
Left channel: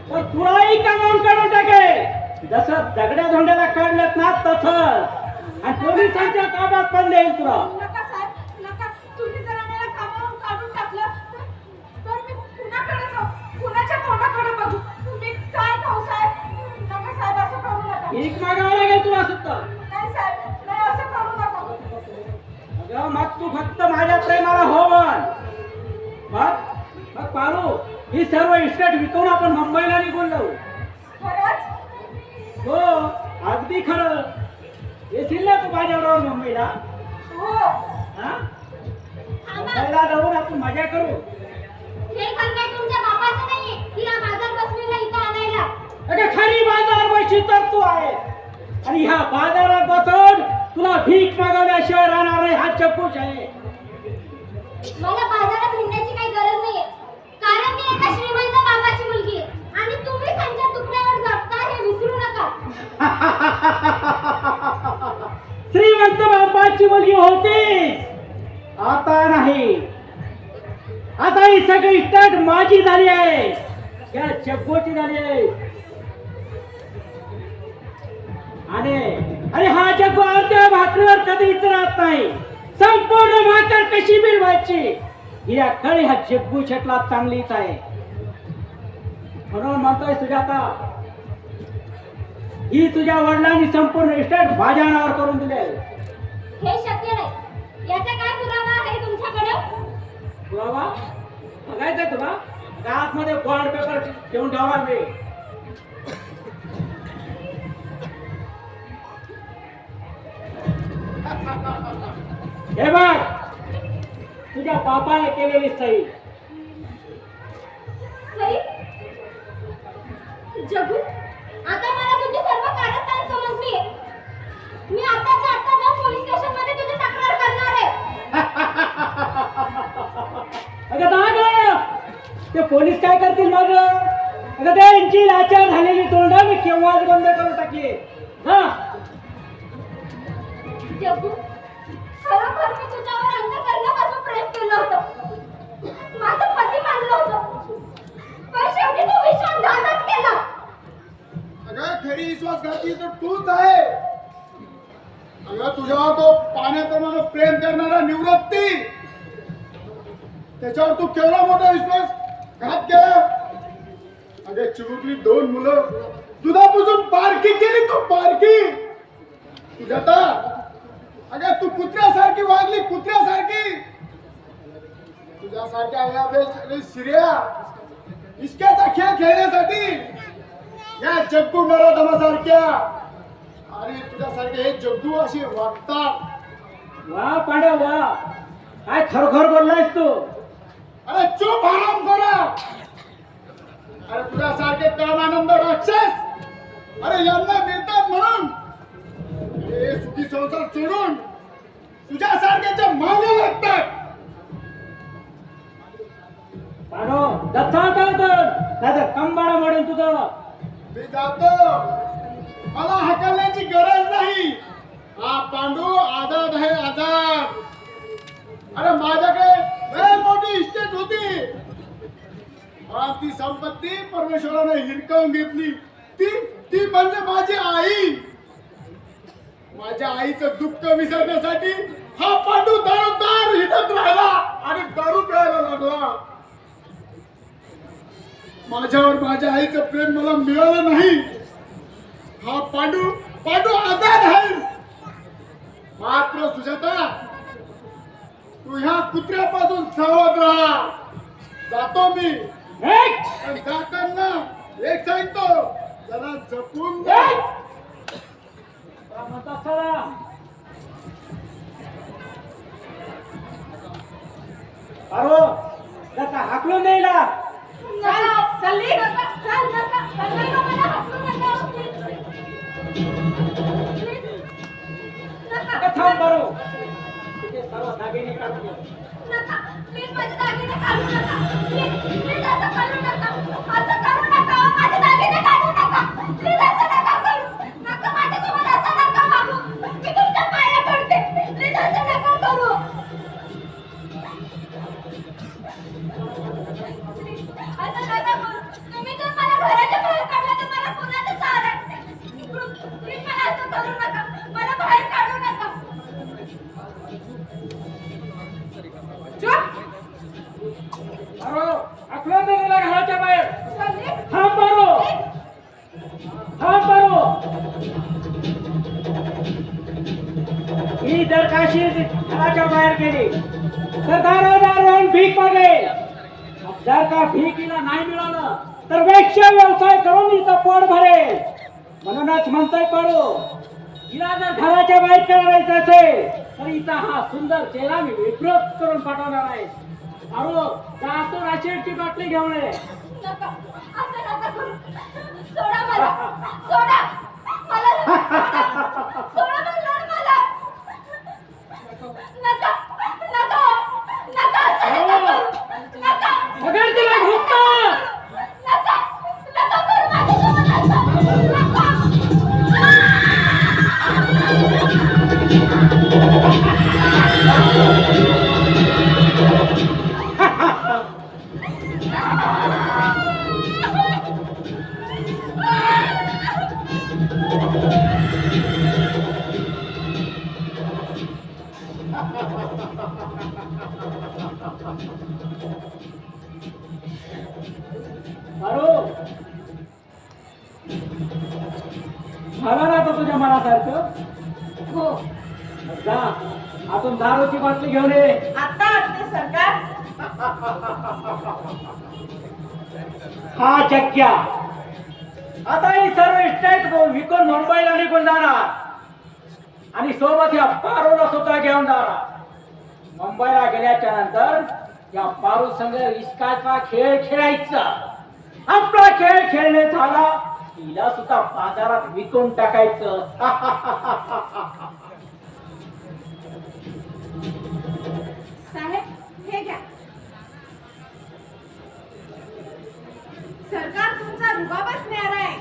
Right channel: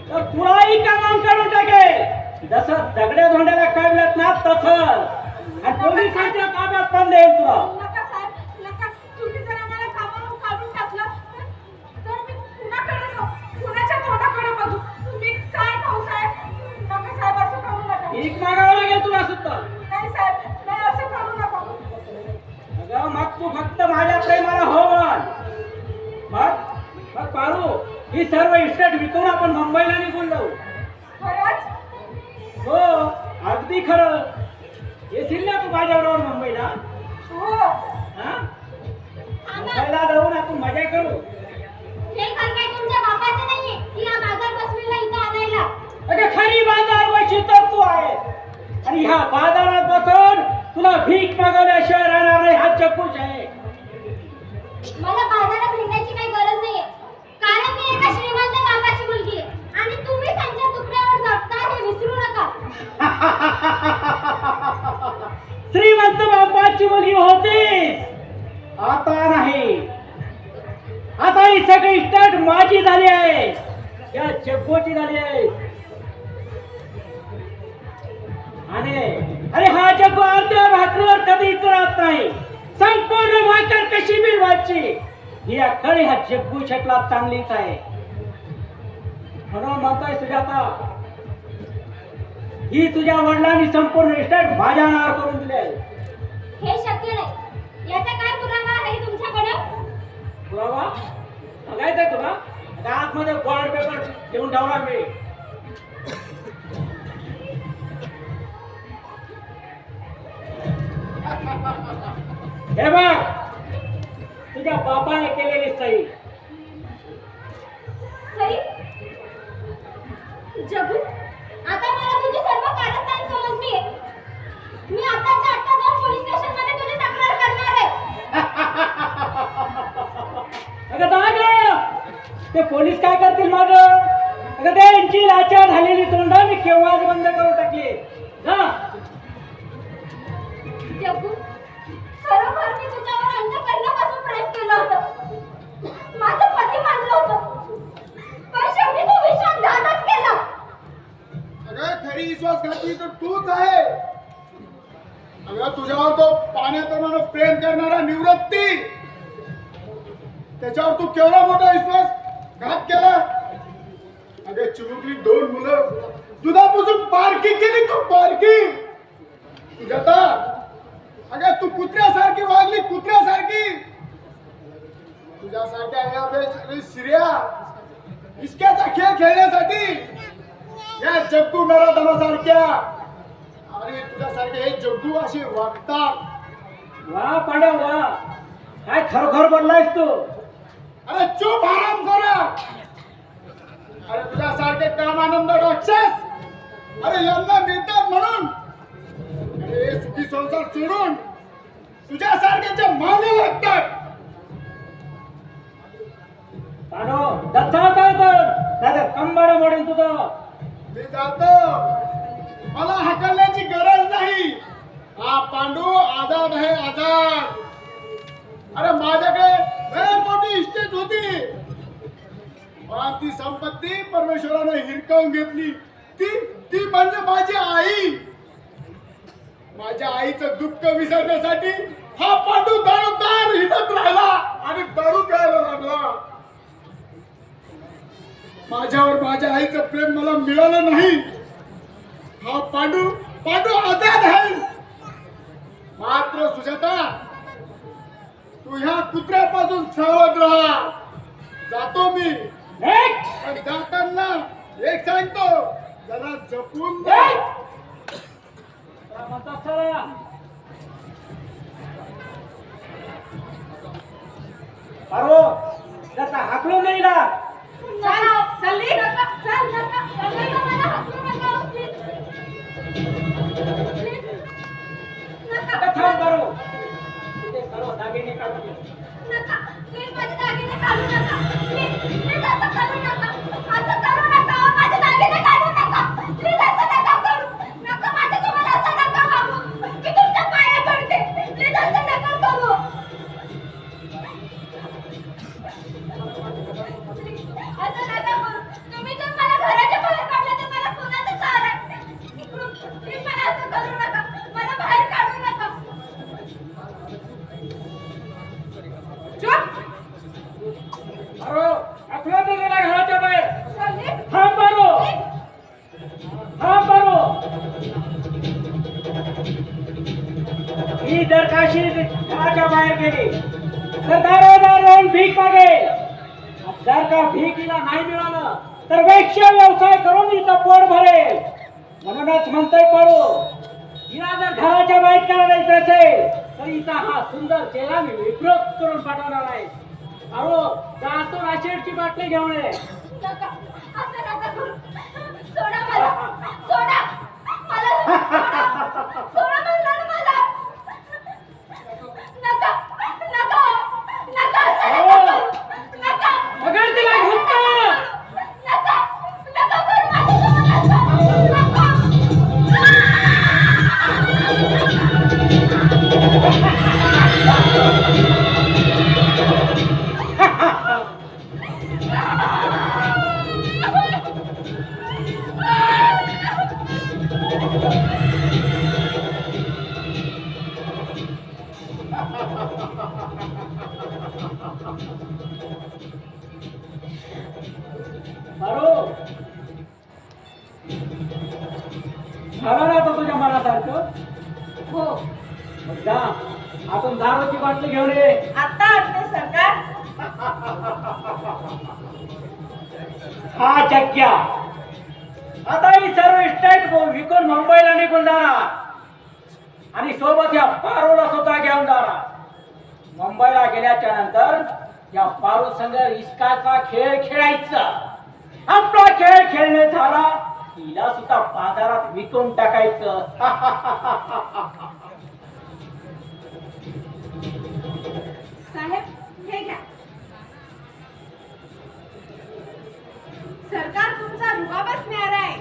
तर तुलाही कामावून काढून टाकेल. जसं दगड्या धोंड्याला काढलेत ना तसं. आणि पोलिसांच्या ताब्यात पण देईल तुला. नका साहेब नका. तुम्ही जर आम्हाला कामावरून काढून टाकलं तर मी कुणाकडे जाऊ, कुणाच्या तोंडाकडे बघू? तुम्ही काय खाऊ साहेब? नका साहेब असं करू नका. भीक मागावं लागेल तुला सुद्धा. नाही साहेब नाही असं करू नका. अगं मग तू फक्त माझ्या प्रेमाला हो म्हण. मग पारू, ही सर्व इस्टेट विकून आपण मुंबईला निघून जाऊ. खरंच? हो अगदी खरं. येशील ना तू माझ्याबरोबर मुंबईला? हो. हा? मुंबईला जाऊन आपण मजा करू. हे घर काय तुमच्या बापाचं नाहीये की हा बाजार बसलेला इथं आणायला. अगं खरी बाजार बशी तर तू आहे. आणि ह्या बाजारात बसून तुला भीक मागवल्याशिवाय राहणार नाही. हा चक्कूच आहे. मला बाजारात हिंडायची काही गरज नाहीये, कारण मी एका श्रीमंत बापाची मुलगी आहे आणि तुम्ही त्यांच्या तुकड्यावर जगता हे विसरू नका. श्रीमंत बापाची मुलगी होती, आता नाही. आता ही सगळी इस्टेट माझी झाली आहे. या जग्गोची झाली आहे. आणि अरे हा जग्गो अर्ध्या भाकरीवर कधीच राहत नाही. संपूर्ण भाकर कशी मिळवायची ही अक्कल ह्या जग्गू शेटला चांगलीच आहे. म्हणून म्हणतोय सुजाता, ही तुझ्या वडिलांनी संपूर्ण इस्टेट माझ्या नावावर करून दिली आहे. हे शक्य नाही. याचा काय पुरावा आहे तुमच्याकडे? पुरावा बघायचा तुला? आता आतमध्ये बॉन्ड पेपर घेऊन ठेवला मी. हे बघ, तुझ्या बापाने केलेली सही. सई जगू, आता मला तुझी सर्व कारस्थान समजली. मी आताच्या आत्ता जाऊन पोलीस स्टेशनमध्ये तुझी तक्रार करणार आहे. अगं जाग, ते पोलीस काय करतील माझं? अगं त्या यांची लाचार झालेली तोंड मी केव्हाच बंद करून टाकली. हा जगू, खरोखर मी तुझ्यावर अंतःकरणापासून प्रेम केलं होतं. माझं पती मानलं होतं, पण शेवटी तू विश्वासघातच केला. अगं खरी विश्वासघाती तर तूच आहे. अगं तुझ्यावर तो पाण्याप्रमाणे प्रेम करणारा निवृत्ती, त्याच्यावर तू केवढा मोठा विश्वासघात केला. अगं चिमुकली 2 मुलं दुधापासून बारकी केली तू, बारकी. सुजाता, अगं तू कुत्र्यासारखी वागली, कुत्र्यासारखी. तुझ्यासारख्या या श्रेया इश्काचा खेळ खेळण्यासाठी या जग्गू नराधमासारख्या आणि तुझ्यासारखे हे जग्गू असे वागतात. वा पांड्या वा, काय खरोखर बोललायस तू? अरे चूप आराम करा. अरे तुझ्यासारखे कामानंद राक्षस, अरे यांना निर्दान म्हणून त्याच्या मागे लागतात. पाडो दत्ता तर कंबाड मोडून तुझं. मी जातो, मला हकलण्याची गरज नाही. हा पांडू आझाद आहे, आझाद. अरे माझ्याकडे लय मोठी इस्टेट होती, पण ती संपत्ती परमेश्वराने हिरकावून घेतली. ती म्हणजे माझी आई. माझ्या आईचं दुःख विसरण्यासाठी हा पांडू दारोदार हिंडत राहिला आणि दारू प्यायला लागला. माझ्यावर माझ्या आईचं प्रेम मला मिळालं नाही. हा पांडू आझाद आहे. मात्र सुजाता, तू ह्या कुत्र्यापासून सावध राहा. जातो मी, पण जाताना एक सांगतो, जरा जपून जा. अरे त्याचा हाकलून येईला. चालली नका, चल नका, नका मला हाकलू नका. नका, थांब करू तिथे सर्व दागिने काढून घे. नका, प्लीज माझे दागिने काढू नका. प्लीज असं करू नका, असं करू नका. माझे दागिने काढू नका. प्लीज असं नका करू. नका, माझ्यासोबत असं नका वागू. मी तुमच्या पाया पडते. प्लीज असं नका करू. असं नका करू. तुम्ही जर मला घराच्या बाहेर काढलं तर मला कुणाचं सहारा? प्लीज मला असं करू नका. मला बाहेर काढू नका. चुप. अरे हाकलून दे मला घराच्या बाहेर. चालली. थांब मारो, थांब मारो. ही जर काशी घराच्या बाहेर गेली तर दारोदार येऊन भीक मागेल. जर का भीकीला नाही मिळालं तर वेश्या व्यवसाय करून हिचं पोट भरेल. म्हणूनच म्हणतोय पाडू, हिला जर घराच्या बाहेर करायचं असेल तर हिचा हा सुंदर चेहरा मी विकृत करून पाठवणार आहे. अहो जातो राशेडची बाटली घेऊन ये. नका, असं नका करू. सोडा मला. सोडा. मला सोडा. सोडा म्हणलं मला. नका. नका. नका, असं नका करू. नका. पकड तिला घुसता. नका. नका करू माझ्यासोबत असं. नका. मारो झालं ना तुझ्या मनासारखं. हो, मग जा आपण दारूची बाटली घेऊन ये. आता आणते सरकार. हा चक्क्या आता ही सर्व इस्टेट विकून मुंबईला निघून जाणार आणि सोबत या पारूला सुद्धा घेऊन जाणार. मुंबईला गेल्याच्या नंतर या पारू संघ इश्काचा खेळ खेळायचा. आपला खेळ खेळणे झाला तिला सुद्धा बाजारात विकून टाकायचं. साहेब, हे घ्या. सरकार तुमचा रुबाबच न्यारा आहे.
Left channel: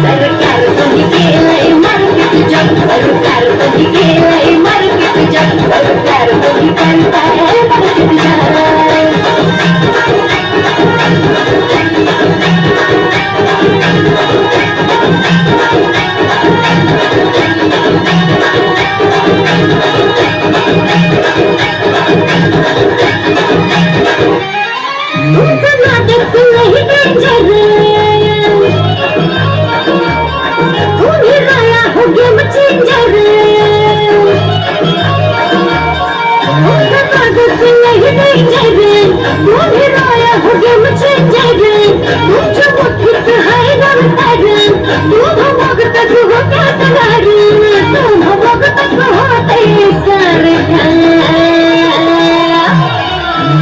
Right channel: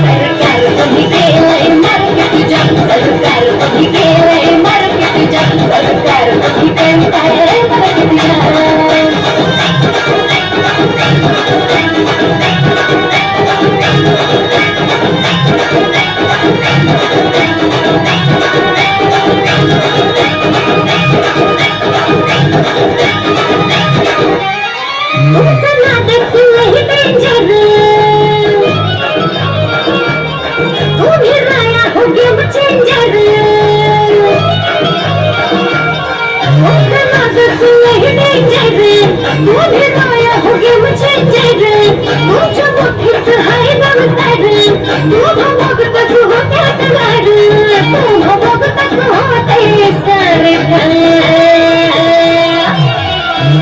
सरकार तुम्ही केलंय मार्केट होगे मुझे जैद तुमच्या मुठीत हाय नवसाद तू बघतच होत्या तलाड तू बघतच होते सरकार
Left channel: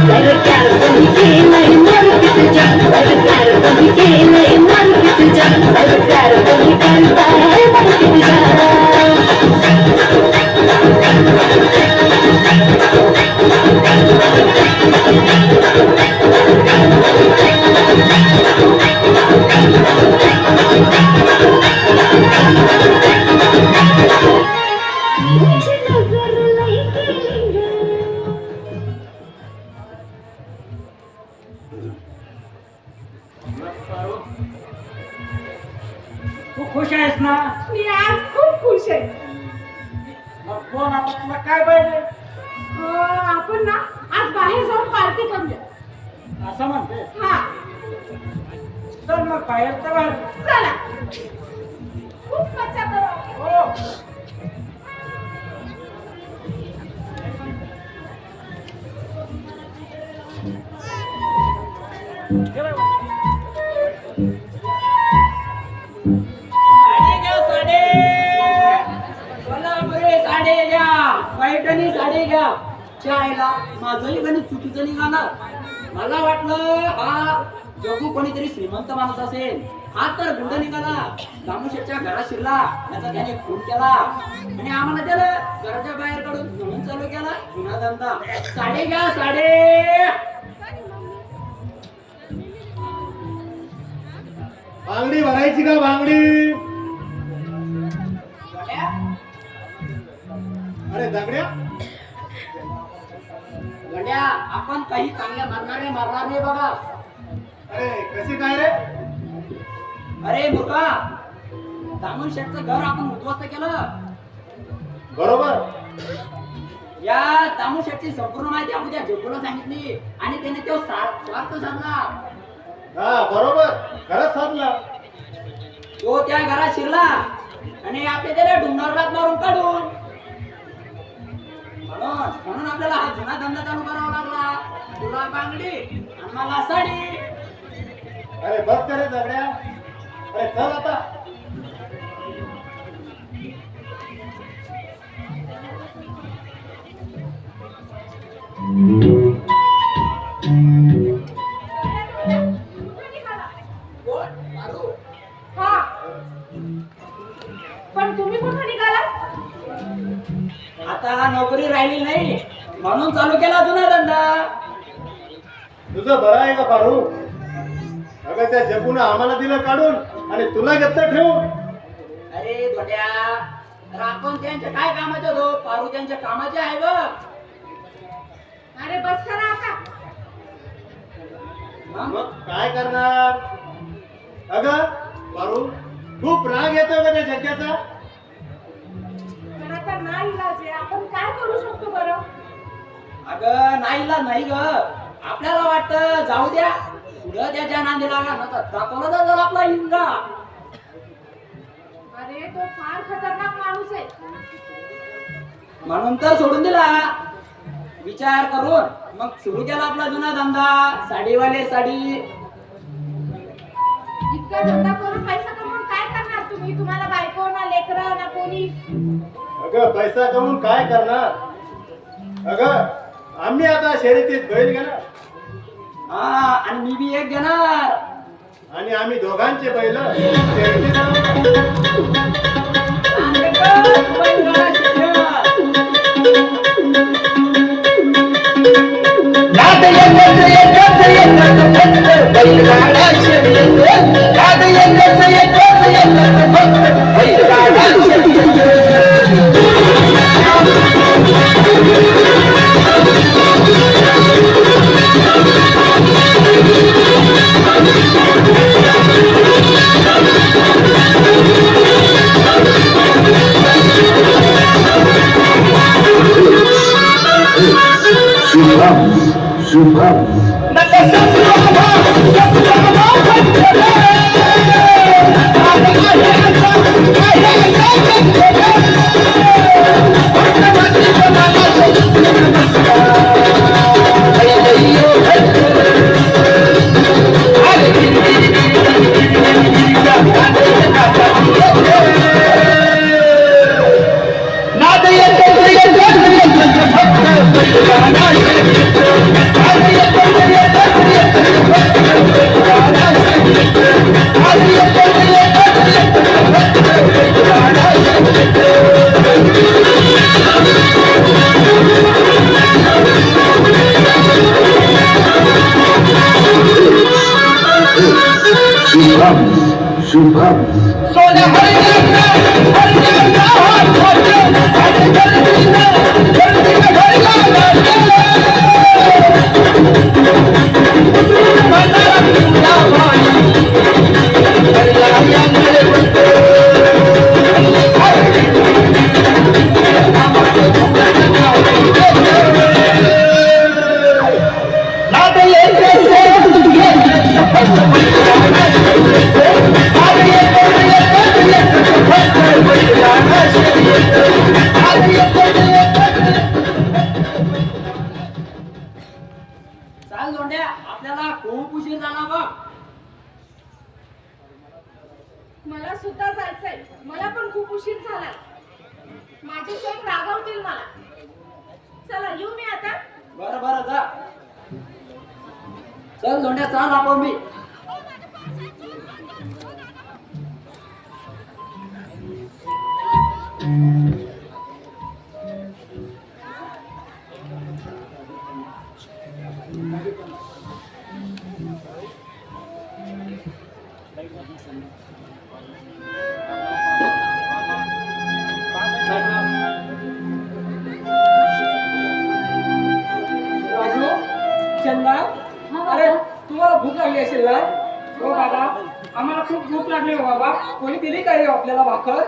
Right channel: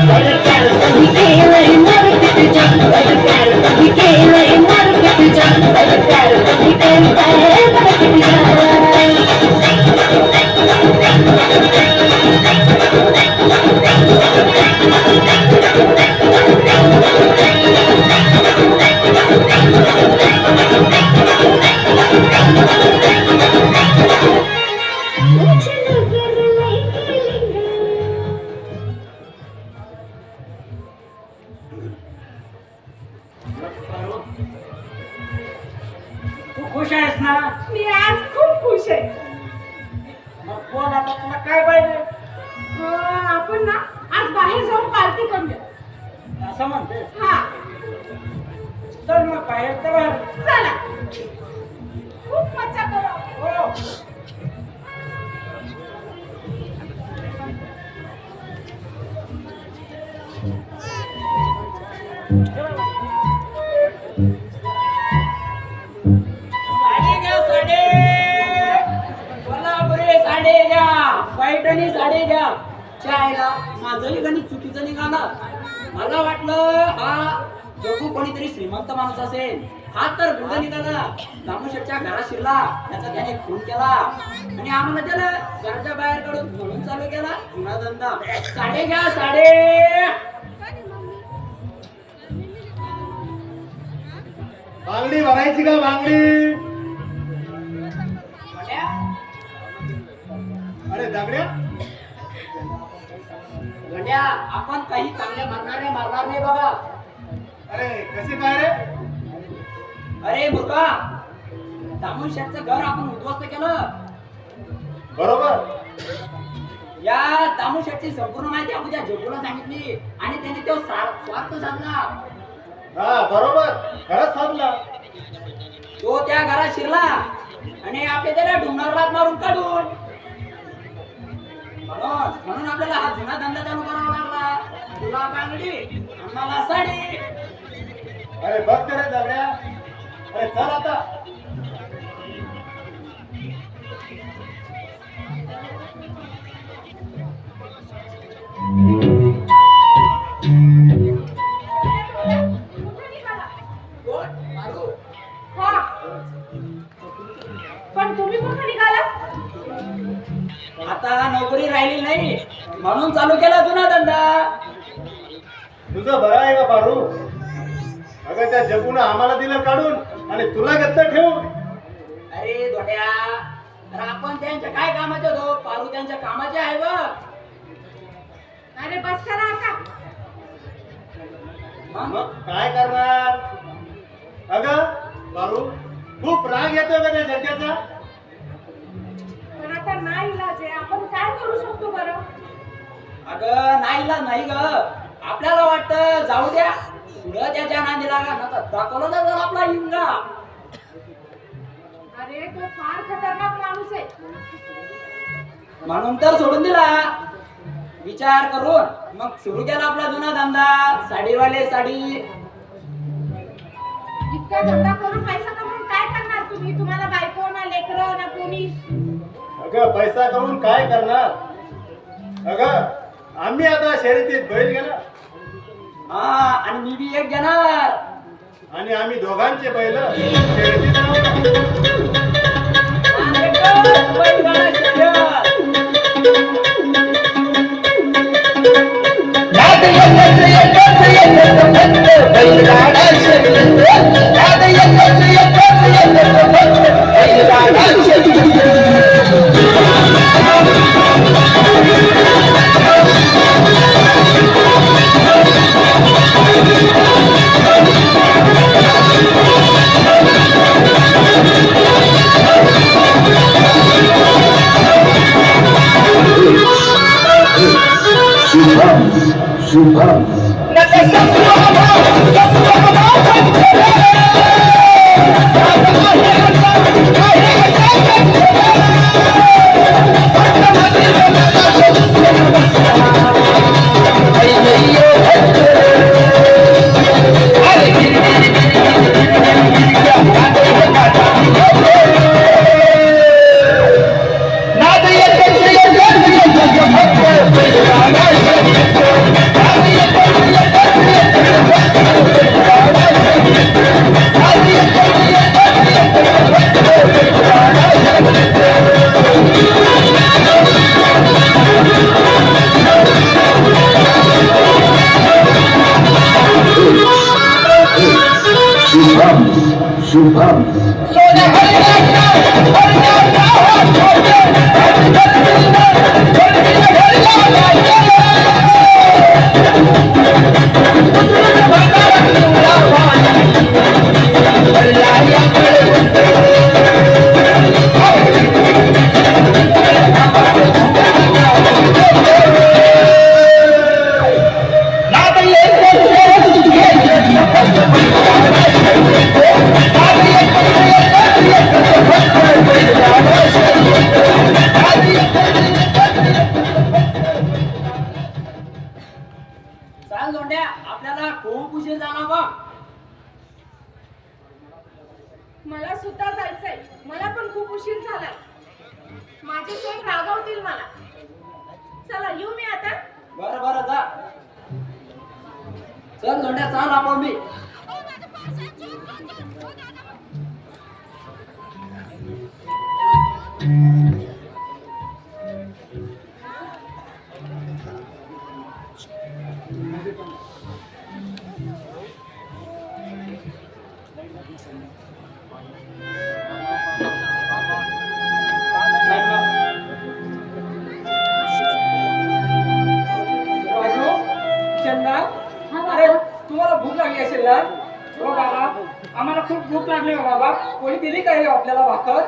सरकार तुम्ही केलंय नरक तुझ्या सरकार तुम्ही केलंय नरक तुझ्या सरकार तुम्ही केलंय नरक तुझ्या तू खुश आहेस ना? मी आज खूप खुश आहे. मग बोल आता तुला काय पाहिजे? आपण ना आज बाहेर जाऊन पार्टी करूया. असं म्हणते. हा चल मग बाहेर तर बाहेर. चला खूप मजा करू. हो. साडे घ्या साडे कोल्हापुरी साडे घ्या पैठणी साडे घ्या चायला माझंही गणित चुकीचं निघालं मला वाटलं हा जगू कोणीतरी श्रीमंत माणूस असेल हा तर गुंड निघाला दामोशेठच्या घरात शिरला त्याचा त्याने खून केला आणि आम्हाला दिलं घराच्या बाहेर काढून म्हणून चालू केला गुन्हा धंदा साडे घ्या साडे बांगडी भरायची का बांगडी? अरे दगड्या, गंड्या आपण काही चांगल्या मारणार नाही बघा. अरे कसे काय रे? अरे मुर्गा दामन शेठचं घर आपण उद्ध्वस्त केलं. बरोबर. या दामू शेठची संपूर्ण माहिती आपण त्या जग्गूला सांगितली आणि त्याने तो स्वार्थ साधला. हा बरोबर, खरंच साधला. तो त्या घरात शिरला आणि आपले त्याला डोंगरावर रात मारून काढून म्हणून आपल्याला हा जुना धंदा चालू करावा लागला. तुला बांगडी आम्हाला साडी. अरे बघ रे दगड्या. अरे चल आता. हा पण तुम्ही कुठे निघाला? आता नोकरी राहिली नाही म्हणून चालू केला जुना धंदा. तुझं बरं आहे का पारू? अगं त्या जगून आम्हाला दिलं काढून आणि तुला घेतलं ठेवून. अरे धोट्या अरे आपण त्यांच्या काय कामाचे होतो पारू त्यांच्या कामाचे आहे बघ. अरे बस करा आता. मग काय करणार? अगं पारू खूप राग येतो का त्या जग्याचा? पण आता नाही इलाज आहे. आपण काय करू शकतो बरं? अगं नाही ग आपल्याला वाटतं जाऊ द्या पुढं त्याच्या नांदीला दाखवलं तर आपला हिंगा. अरे तो फार खतरनाक माणूस आहे. म्हणून तर सोडून दिला. विचार करून मग सुरू केला आपला जुना धंदा साडीवाले साडी. इतका धंदा करून पैसा कमवून काय करणार तुम्ही? तुम्हाला बायको ना लेकरं ना कोणी. अगं पैसा कमवून काय करणार? अगं आम्ही आता शर्यतीत बैल घेणार हा आणि मी बी एक घेणार आणि आम्ही दोघांचे बैल शर्यतीत Hey, चाल जोंड्या, आपल्याला खूप उशीर झाला बघ. मला सुद्धा जायचंय. मला पण खूप उशीर झालाय. माझे सैन रागावतील मला. चला येऊ मी आता. बरं बरं जा. चल जोंड्या, चाल आपण मी. राजू, चंदा, अरे तुम्हाला भूक लागली असेल ना? हो बाबा, आम्हाला खूप भूक लागली हो बाबा. कोणी दिली का हे आपल्याला भाकर?